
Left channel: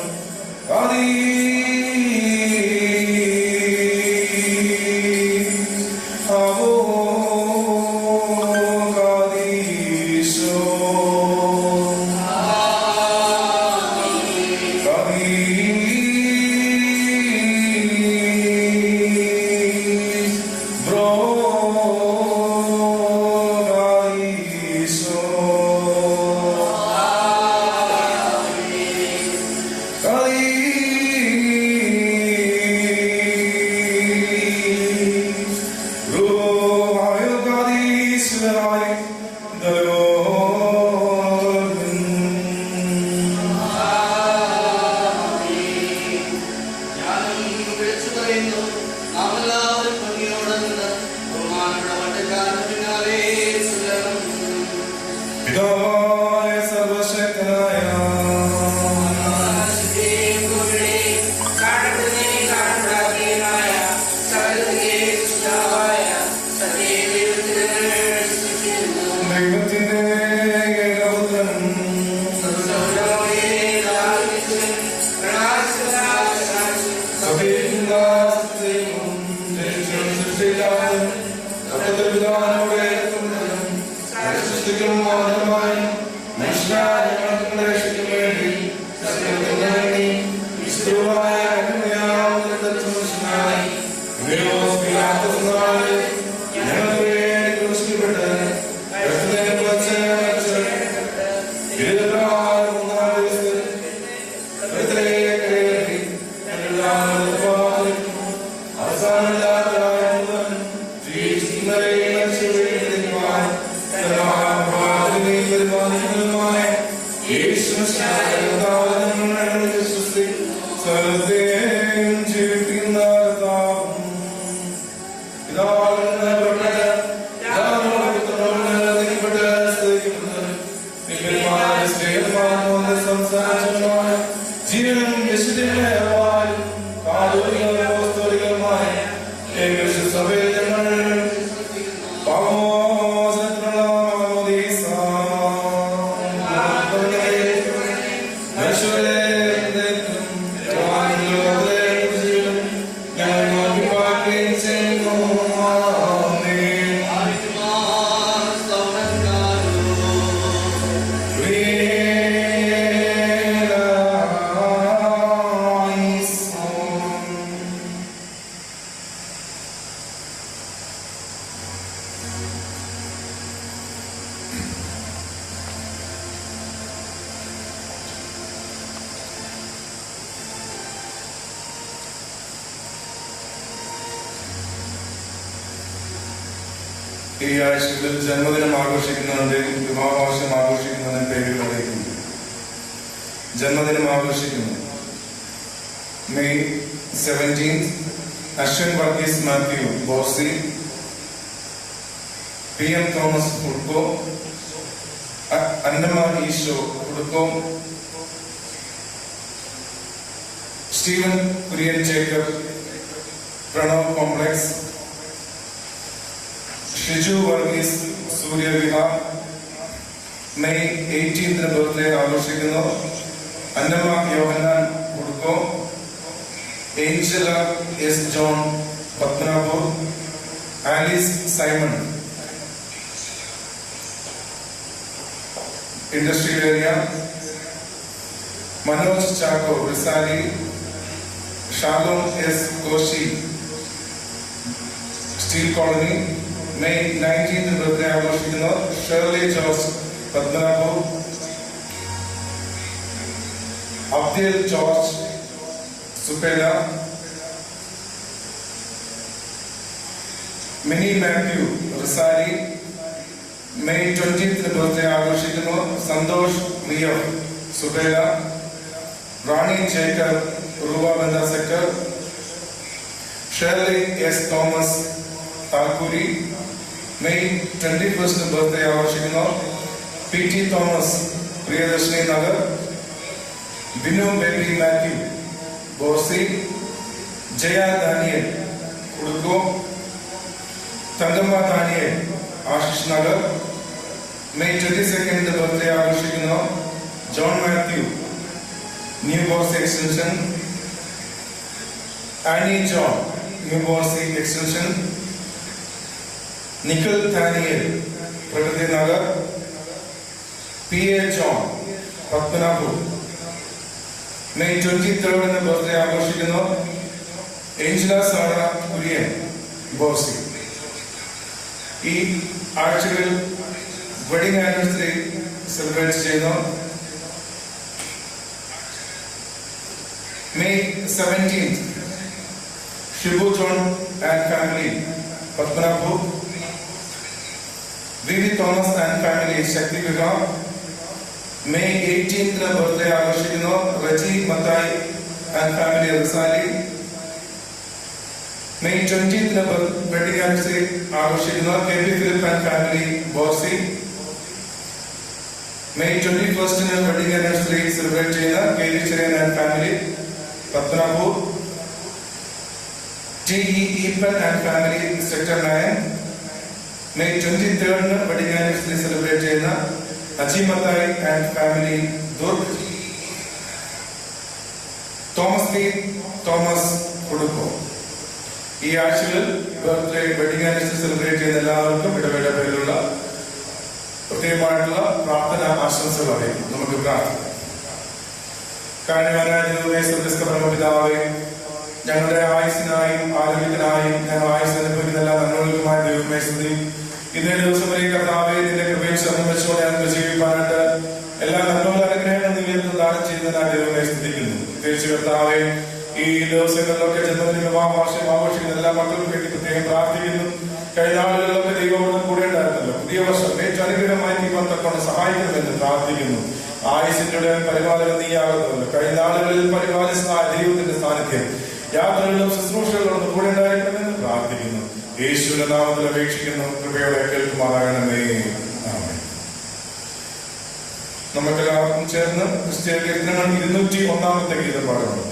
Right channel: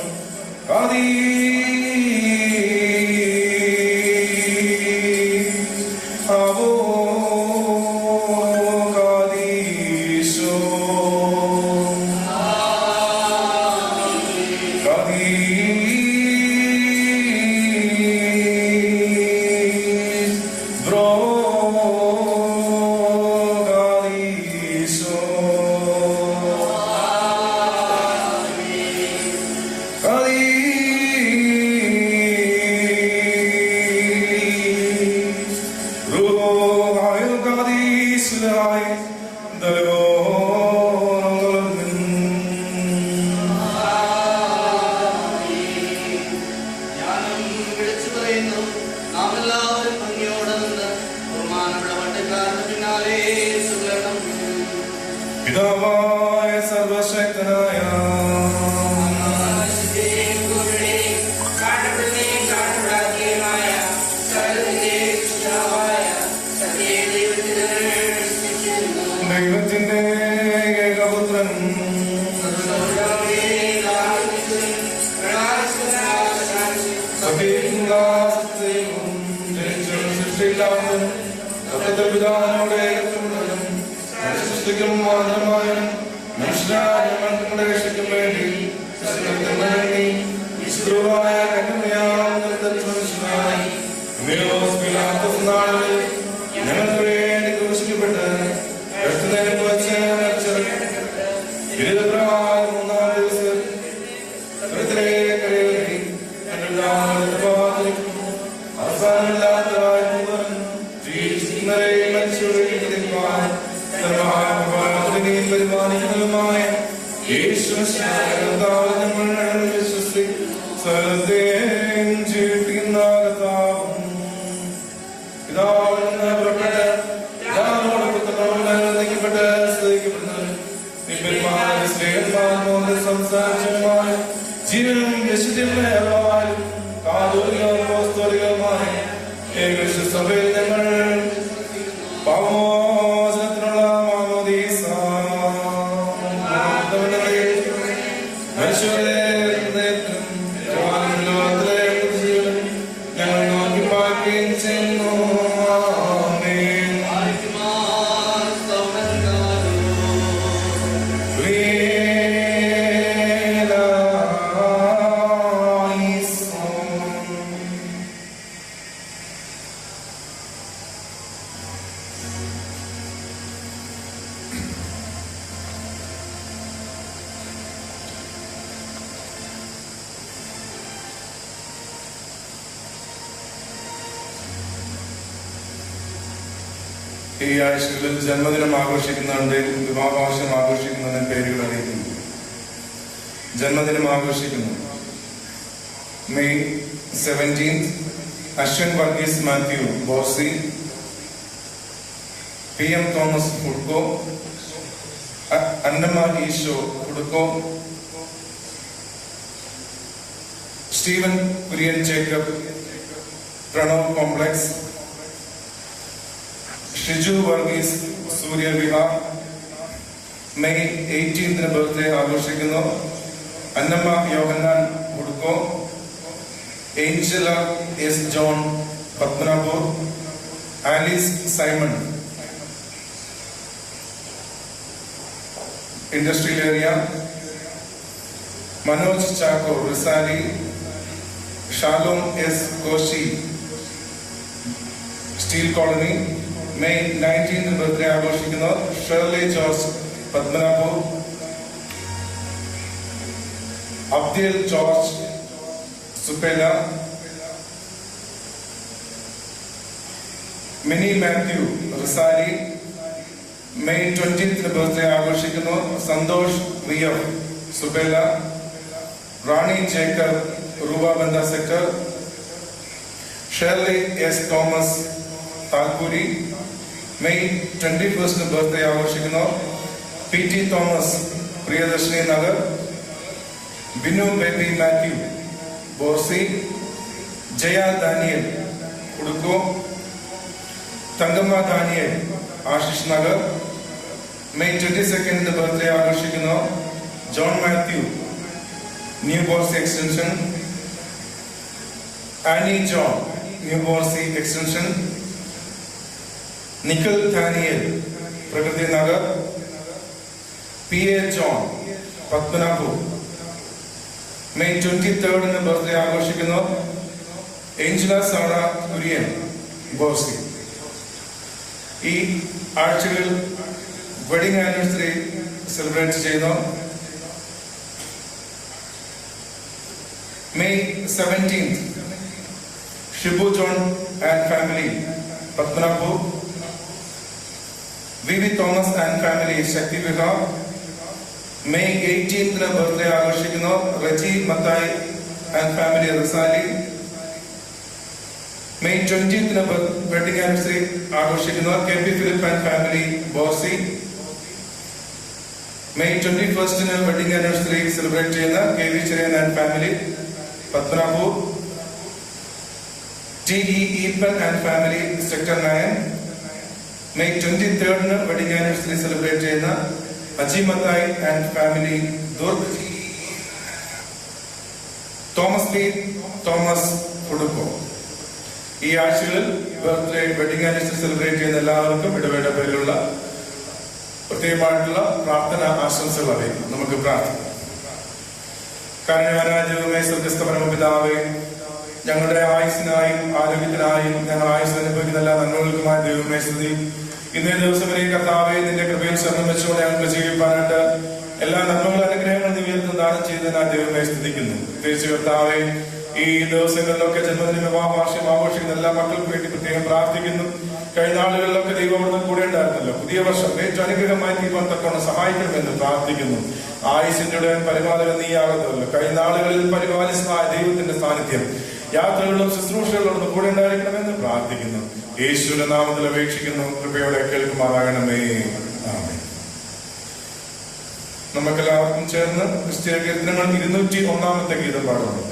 പിതാവായ സർവശക്തനായ ദൈവത്തിന്റെ ഏകപുത്രൻ ഈ ആഴ്ചകളിൽ ജന്മദിനം ആഘോഷിക്കുന്നവരുടെയും വിവാഹാവശ്യം ആഘോഷിക്കുന്നവരുടെയും പേരുകൾ അറിയിക്കുന്നു. ജന്മദിനം ആഘോഷിക്കുന്നു May 17 Ashwin Varghese Mathew Borsi, PM Thomas ഉടുക്കോ, അന്നമാൻ ഈശോ ഉടുക്കോ, Steven Kurian Jacob, Pranav complex, Shiju Varghese Suryavihar May 18 birthday ആഘോഷിക്കുന്നു. അന്നമ്മ യോഹന്നാൻ ഉടുക്കോ, Angela S John Padmanabhpur, Alice Simon industrial area, Manoj Chacko Risali, Shalom S Koshy steel colony May 19 birthday ആഘോഷിക്കുന്നു. ഷേർലി ജോർജ് പത്മനാഭൂർ, അബ്ദിൽ George Supela, Mini Mathew Risali May 20 birthday ആഘോഷിക്കുന്നു. Santosh V F Supela, Rani Jacob റൂബാബന്ധ sector, Shirley S Thomas Talpuri May 21 birthday ആഘോഷിക്കുന്നു. P T Thomas Priyadarshini Nagar, Binu Baby Mathew Borsi, Jaya Daniel ഉടുക്കോ, Thankamma Daniel Ashish Nagar May 22 birthday ആഘോഷിക്കുന്നു. John Mathew new Borsi extension, Annie John new Borsi extension, Nikhil Daniel Prakriti Nagar, P A John Padmanabhpur May 23 birthday ആഘോഷിക്കുന്നു. Angela Sona Kurian Borsi. ഈ ആഴ്ചകളിൽ wedding anniversary celebrate ചെയ്യുന്നു. May 17 Shibu John and family Padmanabhpur, V V Thomas and family Shakti Vihar May 18 birthday ആഘോഷിക്കുന്നു. Reji Mathai and family Risali May 20 wedding anniversary ആഘോഷിക്കുന്നു. K P Philip and family Borsi. May 21 wedding anniversary celebrate ചെയ്യുന്ന K V Cherian and family Padmanabhpur, T E Eapen and family sector 9. May 23 wedding anniversary celebrate ചെയ്യുന്ന Aji Mathai and family Durg. Thomas P Thomas ഉടുക്കോ. ഈ ആഴ്ചയിൽ birthday wedding anniversary celebrate ചെയ്യുന്ന എല്ലാവർക്കും ഇടവേള പേരിലുള്ള പ്രത്യേകമായിട്ടുള്ള പ്രാർത്ഥന ആശംസകൾ അറിയിക്കും. നമുക്ക് പ്രാർത്ഥിക്കാം. കാരണവരാജുമേ സ്വർഗ്ഗസ്ഥ പരമപിതാവേ, ഞങ്ങളുടെ ആയുസിനായും ആരോഗ്യത്തിനായും ഞങ്ങൾ ആയുസ് അനുഭവിക്കുന്ന എല്ലാ നന്മകൾക്കുമായ ദൈവമേ സ്തുതി. ഇന്നേ ദിവസം വരെ കർത്താവെ നിന്റെ കൃപയിൽ ശരണം വെച്ചുകൊണ്ട് ഞങ്ങൾക്ക് ജീവിക്കാനായിട്ട് എല്ലാ നന്മകളും അനുഗ്രഹങ്ങളും നീ ദാനം ചെയ്യുന്നതിനായി ദൈവമേ സ്തുതിക്കുന്നു. പ്രത്യേകിച്ച് കർത്താവെ ഈ ദിവസങ്ങളിലൊക്കെ ജന്മദിന വിവാഹ വാർഷികം ആഘോഷിക്കുന്ന എല്ലാ മക്കൾക്കും വേണ്ടി പ്രത്യേകം പ്രാർത്ഥിക്കുന്നു. കഴിഞ്ഞ നാളുകളിലൊക്കെ ദൈവം കൂടെ ഉണ്ടായിരുന്നല്ലോ. പുതിയ വർഷം ഏറ്റവും അനുഗ്രഹമായി ദൈവം തക്കൊണ്ട് സഹായിക്കണമെന്ന് പ്രാർത്ഥിക്കുന്നു. ആയുസിന്റെ പരിപാലനം നീയാകുന്നതല്ലോ. കഴിഞ്ഞ നാളുകളിൽ പരിപാലിച്ചതായ ദൈവത്തിന്റെ സാന്നിധ്യം യാത്രകളിലും ശുശ്രൂഷകളിലും കൂടെ ഉണ്ടായിരിക്കണമെന്ന് പ്രാർത്ഥിക്കുന്നു. യേശുവിന്റെ നാമത്തിൽ അപേക്ഷിക്കുന്നു. കൃപയോടെ കേൾക്കുമാറാകണമേ. ആമേൻ. നമുക്കെല്ലാവർക്കും ചേർന്ന് ക്രിസ്തീയ കീർത്തനങ്ങൾ 201 ഗീതം പാടുന്നു.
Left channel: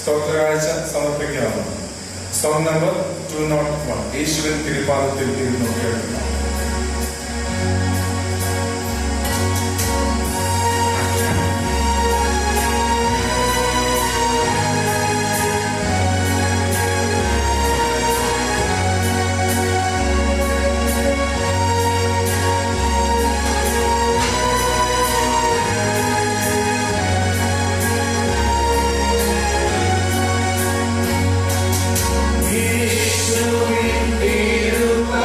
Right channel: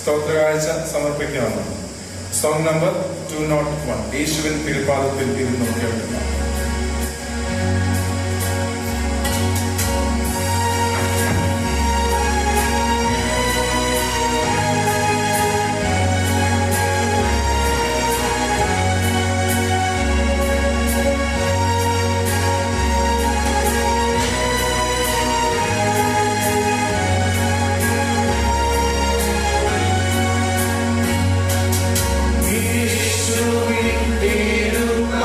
സ്തോത്രകാഴ്ച സമർപ്പിക്കാവുന്നു. Song number 201. യേശുവിൻ തിരുപ്പാദത്തിൽ ഇരുന്നു കേൾക്കുക. യേശുവിൻ തിരുപ്പാദത്തിൽ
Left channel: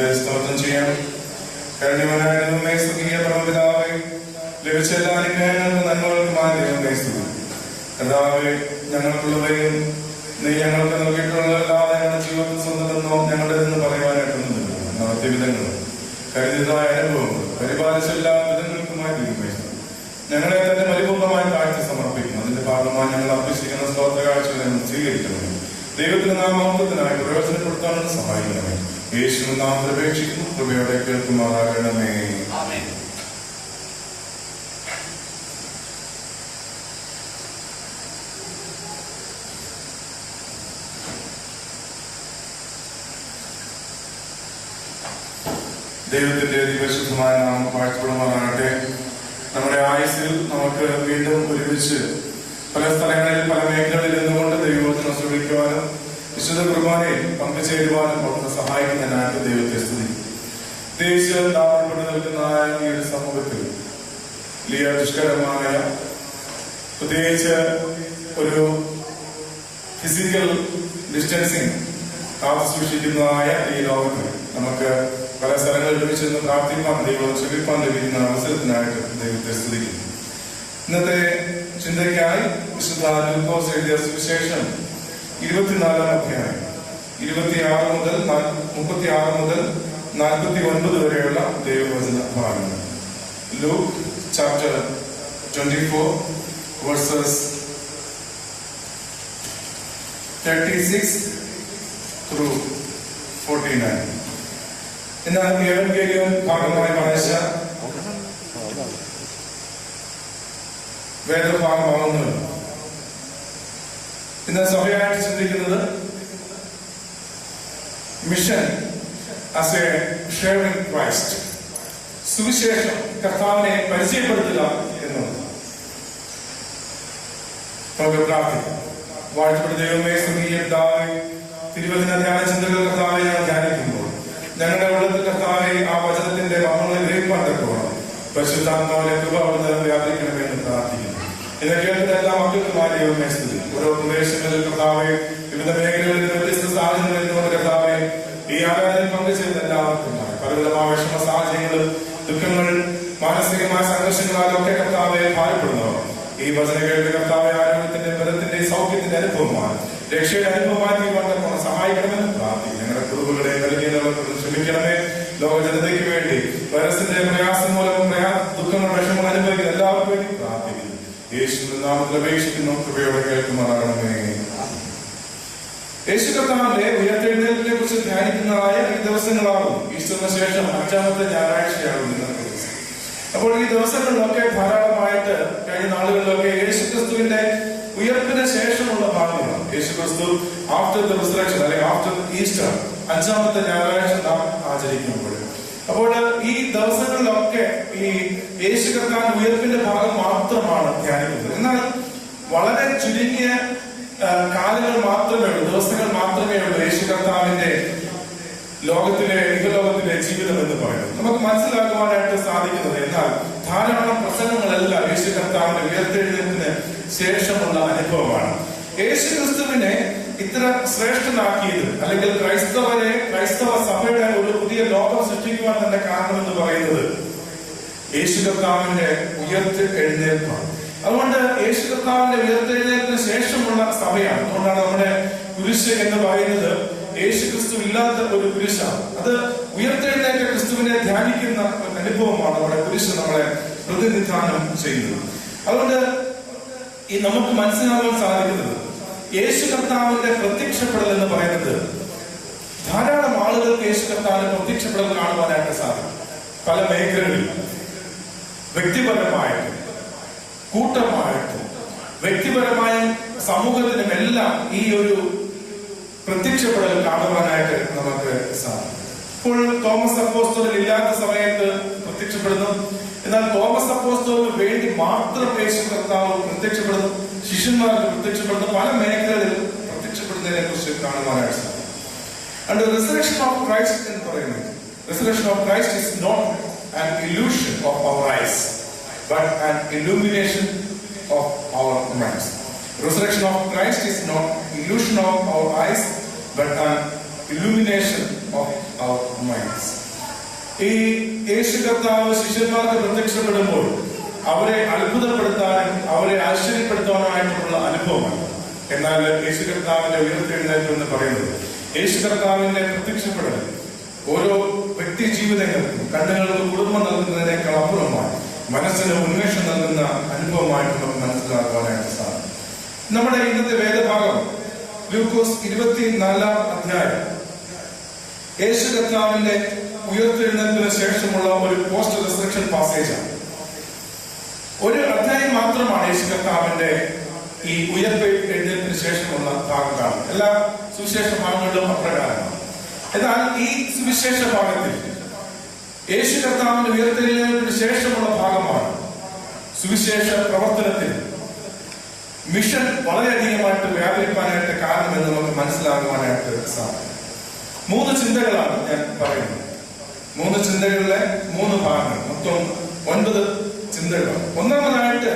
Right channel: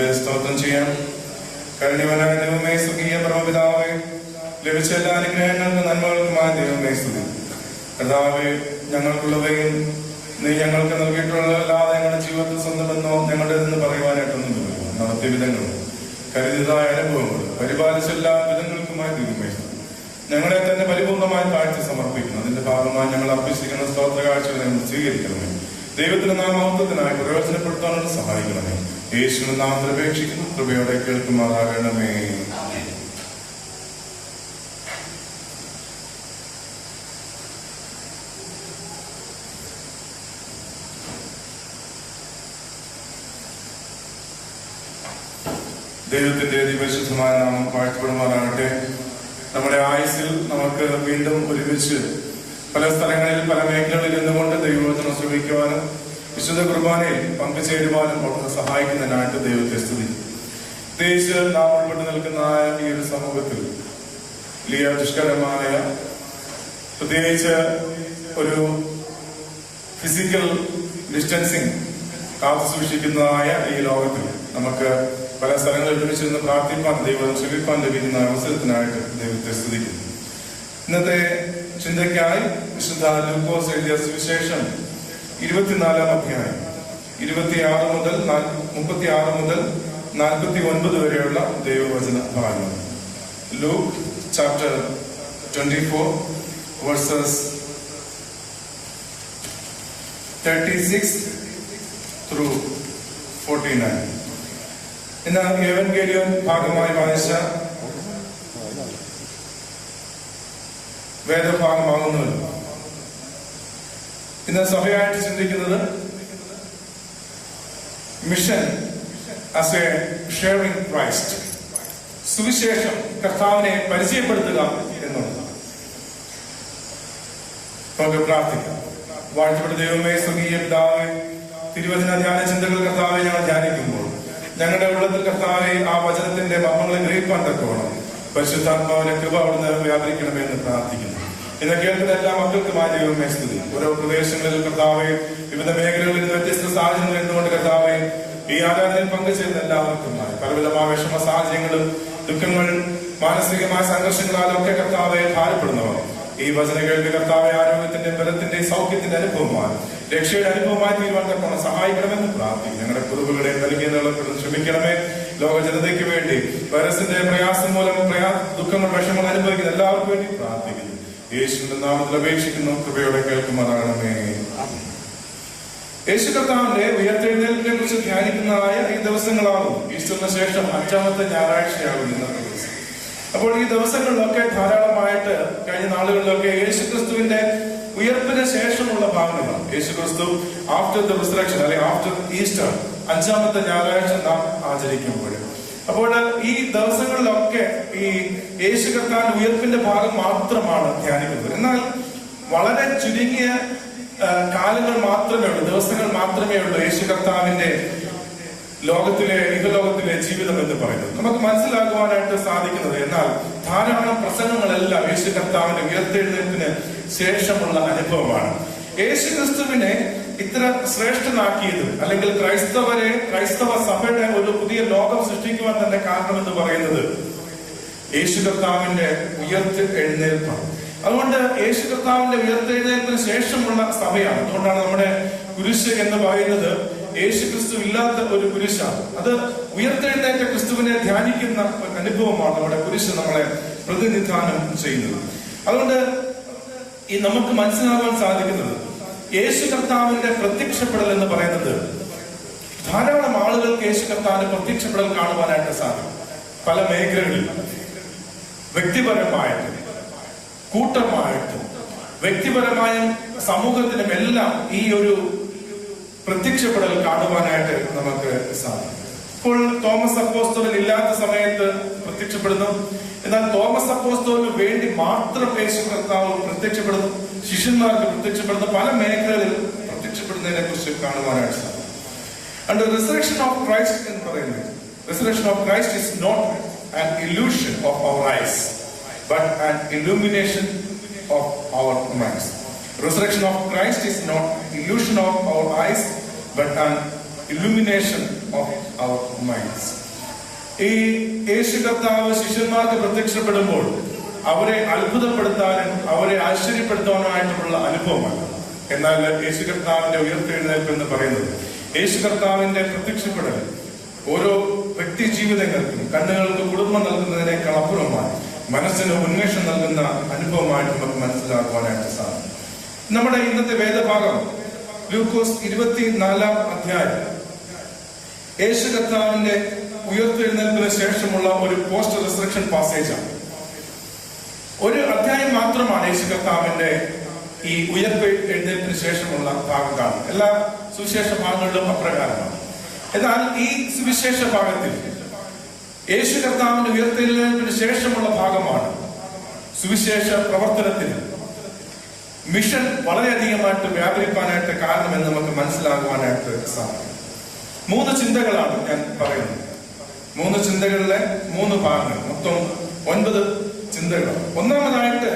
നമുക്ക് സ്തോത്രം ചെയ്യാം. കഴിഞ്ഞവനായ ദൈവമേ, സ്വർഗീയ പരമപിതാവേ, ലഭിച്ച എല്ലാ അനുഗ്രഹങ്ങൾക്കും നന്മകൾക്കുമായ ദൈവമേ സ്തുതി. കർത്താവേ, ഞങ്ങൾക്കുള്ളവയും നീ ഞങ്ങൾക്ക് നൽകിയിട്ടുള്ളതല്ലാതെ ഞങ്ങളുടെ ജീവിതത്തിൽ സ്വന്തമെന്നോ ഞങ്ങളുടെ നിന്ന് പറയുവാനായിട്ടൊന്നുമില്ല. വിധങ്ങളും കരുതിയതായ അനുഭവങ്ങൾ പരിപാലിച്ച എല്ലാ വിധങ്ങൾക്കുമായി ദൈവമേ ഞങ്ങളെ തന്നെ പരിപൂർണമായി കാഴ്ച സമർപ്പിക്കുന്നു. അതിന്റെ ഭാഗമായി ഞങ്ങൾ അർപ്പിച്ചിരിക്കുന്ന സ്തോത്ര കാഴ്ചകളെ സ്വീകരിക്കണമേ. ദൈവത്തിന്റെ നാമത്തിനായി പ്രയോജനപ്പെടുത്താനുള്ള സഹായിക്കണമേ. യേശുവിന്റെ നാമത്തിൽ അപേക്ഷിക്കുന്നു. കൃപയോടെ കേൾക്കുമാറാകണമേ. ദൈവത്തിന്റെ പരിശുദ്ധമായ നാമം വാഴ്ത്തപ്പെടുമാറാകട്ടെ. നമ്മുടെ ആയുസ്സിൽ നമുക്ക് വീണ്ടും ഒരുമിച്ച് പല സ്ഥലങ്ങളിൽ പല മേഖലകളിൽ നിന്നുകൊണ്ട് ദൈവവചനം ശ്രമിക്കുവാനും വിശുദ്ധ കുർബാനയിൽ പങ്കുചേരുവാനും ഒക്കെ സഹായിക്കുന്നതിനായിട്ട് ദൈവത്തെ സ്തുതി. പ്രത്യേകിച്ച് നാം ഉൾപ്പെട്ട് നിൽക്കുന്ന ഈ ഒരു സമൂഹത്തിൽ വലിയ ദുഷ്കരമായ പ്രത്യേകിച്ച് ഒരു ഫിസിക്കൽ ഡിസ്റ്റൻസിങ് കാത്തു സൂക്ഷിക്കുന്നതായ ഈ ലോകത്തിൽ നമുക്ക് പല സ്ഥലങ്ങളിൽ ഒരുമിച്ച് നിന്ന് പ്രാർത്ഥിക്കാൻ ദൈവം ശ്രമിക്കാൻ ലഭിക്കുന്ന അവസരത്തിനായിട്ട് ദൈവത്തെ സ്തുതിക്കുന്നു. ഇന്നത്തെ ചിന്തയ്ക്കായി വിശുദ്ധ ലൂക്കോസ് എഴുതിയ സുവിശേഷം 24-ാം അധ്യായം 26 മുതൽ 49 വരെയുള്ള ദൈവവചന ഭാഗങ്ങൾ. Luke chapter 24 verses 36 through 49. ഇന്ന് എവൻഗേലിയം ഭാഗമായി വായിച്ച വേദഭാഗമാകുന്നത് ഇന്ന് സഭയായിട്ട് ചിന്തിക്കുന്നത് mission as A sharing Christ, സുവിശേഷം കർത്താവിനെ പരിചയപ്പെടുത്തുക എന്നുള്ളത്. നമുക്ക് പ്രാർത്ഥിക്കാം. വാഴ്ത്തപ്പെട്ട ദൈവമേ, സ്വർഗീയ പിതാവേ, തിരുവചന ധ്യാന ചിന്തകൾ കർത്താവെ ഞങ്ങൾ ധ്യാനിക്കുമ്പോൾ ഞങ്ങളുടെ ഉള്ളത്തിൽ കർത്താവെ ആ വചനത്തിന്റെ മഹങ്ങളെ ഗ്രഹിക്കാൻ തക്കോണം പരിശുദ്ധാത്മാവിനെ കൃപ അവിടുന്ന് വ്യാപരിക്കണമെന്ന് പ്രാർത്ഥിക്കുന്നു. ഇന്ന് കേൾക്കുന്ന എല്ലാ മക്കൾക്കുമായി ദൈവമേ സ്തുതി. ഓരോ പ്രദേശങ്ങളിൽ കർത്താവെ വിവിധ മേഖലകളിൽ വ്യത്യസ്ത സാഹചര്യങ്ങൾ എന്തുകൊണ്ട് കർത്താവെ ഈ ആരാധനയിൽ പങ്കുചേരുന്ന എല്ലാവർക്കുമായി പലവിധമായ വിഷമ സാഹചര്യങ്ങളും ദുഃഖങ്ങൾ മാനസികമായ സംഘർഷങ്ങളാലൊക്കെ കർത്താവെ ഭാരപ്പെടുന്നവർ ഈ വചന കേൾവി കർത്താവെ ആരോഗ്യത്തിന്റെ ബലത്തിന്റെ സൗഖ്യത്തിന്റെ അനുഭവമാണ് രക്ഷയുടെ അനുഭവമായി തീരുവാൻ തക്കോണം സഹായിക്കണമെന്ന് പ്രാർത്ഥിക്കും. ഞങ്ങളുടെ കുറുബുകളെ നൽകിയവർക്ക് ക്ഷമിക്കണമേ. ലോക ജനതയ്ക്ക് വേണ്ടി വൈറസിന്റെ പ്രയാസം മൂലം ദുഃഖങ്ങൾ വിഷമങ്ങൾ അനുഭവിക്കുന്ന എല്ലാവർക്കും വേണ്ടി പ്രാർത്ഥിക്കുന്നു. യേശുവിന്റെ നാമത്തിൽ അപേക്ഷിക്കുന്നു. കൃപയോടെ കേൾക്കുമാറാകണമേ. യേശു കർത്താവിന്റെ ഉയർത്തെഴുന്നേൽപ്പിനെ കുറിച്ച് ധ്യാനിക്കുന്നതായ ഈ ദിവസങ്ങളാകും ഈസ്റ്ററിന് ശേഷം 5ാമത്തെ ഞായറാഴ്ചയാകും ഇന്നത്തെ ദിവസം. അപ്പോൾ ഈ ദിവസങ്ങളിലൊക്കെ ധാരാളമായിട്ട് കഴിഞ്ഞ നാളുകളിലൊക്കെ യേശുക്രിസ്തുവിന്റെ ഉയർപ്പിന് ശേഷമുള്ള ഭാഗങ്ങളാണ്. യേശുക്രിസ്തു ആഫ്റ്റർ ദ റിസറക്ഷൻ അല്ലെങ്കിൽ ആഫ്റ്റർ ഈസ്റ്റർ 5ാമത്തെ ഞായറാഴ്ച നാം ആചരിക്കുമ്പോൾ അപ്പോൾ ഈ ദിവസങ്ങളിലൊക്കെ ഈ യേശു കർത്താവിന്റെ ഉയർപ്പിന്റെ ഭാഗം മാത്രമാണ് ധ്യാനിക്കുന്നത്. എന്നാൽ വളരെ ചുരുങ്ങിയ കാലങ്ങൾ മാത്രമേ ഉള്ളൂ, ദിവസങ്ങൾ മാത്രമേ ഉള്ളൂ യേശു കർത്താവിന്റെ ഇഹലോകത്തിലെ ജീവിതം എന്ന് പറയുന്നത് നമുക്ക് മനസ്സിലാക്കുവാനായിട്ട് സാധിക്കുന്നത്. എന്നാൽ ധാരാളം പ്രസംഗങ്ങളെല്ലാം യേശു കർത്താവിന്റെ ഉയർത്തെഴുന്നേൽപ്പിന് ശേഷമുള്ള അനുഭവമാണ്. യേശു ക്രിസ്തുവിനെ ഇത്ര ശ്രേഷ്ഠനാക്കിയത് അല്ലെങ്കിൽ ക്രൈസ്തവ സഭയുടെ ഒരു പുതിയ ലോകം സൃഷ്ടിക്കുവാൻ തന്നെ കാരണമെന്ന് പറയുന്നത് യേശു കർത്താവിന്റെ ഉയർത്തെഴുന്നേൽപ്പാണ്. അതുകൊണ്ട് യേശു കർത്താവിന്റെ ഉയർത്തെഴുന്നേൽപ്പിന് ശേഷമുള്ള സഭയാണ്. അതുകൊണ്ടാണ് നമ്മുടെ കുരിശ് എന്ന് പറയുന്നത് യേശു ക്രിസ്തു ഇല്ലാത്ത ഒരു കുരിശാണ്. അത് ഉയർത്തെഴുന്നേറ്റ ക്രിസ്തുവിനെ ധ്യാനിക്കുന്ന ഒരു അനുഭവമാണ് നമ്മുടെ കുരിശ് നമ്മളെ പ്രതിനിധാനം ചെയ്യുന്നത്. അതുകൊണ്ട് ഈ നമുക്ക് മനസ്സിലാക്കാൻ സാധിക്കുന്നത് യേശു കർത്താവിന്റെ പ്രത്യക്ഷപ്പെടൽ എന്ന് പറയുന്നത് ധാരാളം ആളുകൾക്ക് യേശു കർത്താവിന്റെ പ്രത്യക്ഷപ്പെടൽ കാണുവാനായിട്ട് സാധിക്കും. പല മേഖലകളിൽ വ്യക്തിപരമായിട്ടും കൂട്ടമായിട്ടും വ്യക്തിപരമായും സമൂഹത്തിനും എല്ലാം ഈ ഒരു പ്രത്യക്ഷപ്പെടൽ കാണുവാനായിട്ട് നമുക്ക് സാധിക്കും. ഇപ്പോൾ തോമസ് അപ്പോസ്തലൻ ഇല്ലാത്ത സമയത്ത് പ്രത്യക്ഷപ്പെടുന്നു. എന്നാൽ തോമസ് അപ്പോസ്തലന് വേണ്ടി മാത്രം യേശു കർത്താവ് പ്രത്യക്ഷപ്പെടുന്നു, ശിഷ്യന്മാർക്ക് പ്രത്യക്ഷപ്പെടുന്നു, പല മേഖലകളിൽ പ്രത്യക്ഷപ്പെടുന്നതിനെ കുറിച്ച് കാണുവാനായിട്ട് സാധിക്കും. And the resurrection of Christ എന്ന് പറയുന്നത് resurrection of Christ is not an illusion of our eyes but an illumination of our minds. Resurrection of Christ is not illusion of our eyes but an illumination of our minds. ഈ യേശു കർത്താവ് ശിഷ്യന്മാർക്ക് പ്രത്യക്ഷപ്പെടുമ്പോൾ അവരെ അത്ഭുതപ്പെടുത്താനും അവരെ ആശ്ചര്യപ്പെടുത്താനുമായിട്ടുള്ള അനുഭവമല്ല. എന്നാൽ യേശു കർത്താവിന്റെ ഉയർത്തെഴുന്നേൽപ്പ് എന്ന് പറയുന്നത് യേശു കർത്താവിന്റെ പ്രത്യക്ഷപ്പെടൽ ഓരോ വ്യക്തി ജീവിതങ്ങൾക്കും കണ്ണുകൾക്ക് കുടുംബം നൽകുന്നതിനേക്കാൾ അപ്പുറമായി മനസ്സിന് ഉന്മേഷം നൽകുന്ന അനുഭവമായിട്ട് നമുക്ക് മനസ്സിലാക്കുവാനായിട്ട് സാധിക്കും. നമ്മുടെ ഇന്നത്തെ വേദഭാഗം ലൂക്കോസ് 24 അധ്യായം യേശു കർത്താവിന്റെ ഉയർത്തെഴുന്നേൽപ്പിന് ശേഷമുള്ള ഒരു പോസ്റ്റ് റിസറക്ഷൻ പാസേജാണ്. ഒരു അധ്യായം മാത്രമാണ് യേശു കർത്താവിന്റെ ഈ ഉയർത്തെഴുന്നേൽപ്പിന് ശേഷമുള്ള ഭാഗം കാണുന്നത്. എല്ലാ സുവിശേഷ ഭാഗങ്ങളിലും അപ്രകാരമാണ്. എന്നാൽ ഈ സുവിശേഷ ഭാഗത്തിൽ യേശു കർത്താവിന്റെ ഉയർത്തെഴുന്നേൽപ്പിന് ശേഷമുള്ള ഭാഗമാണ് സുവിശേഷ പ്രവർത്തനത്തിന് മിഷൻ വളരെയധികമായിട്ട് വ്യാപരിക്കാനായിട്ട് കാരണമെന്ന് നമുക്ക് മനസ്സിലാക്കുവാനായിട്ട് സാധിക്കും. 3 ചിന്തകളാണ് ഞാൻ പറയുന്നത്. 3 ചിന്തകളിലെ 3 ഭാഗങ്ങൾ, മൊത്തം 9 ചിന്തകൾ. ഒന്നാമതായിട്ട്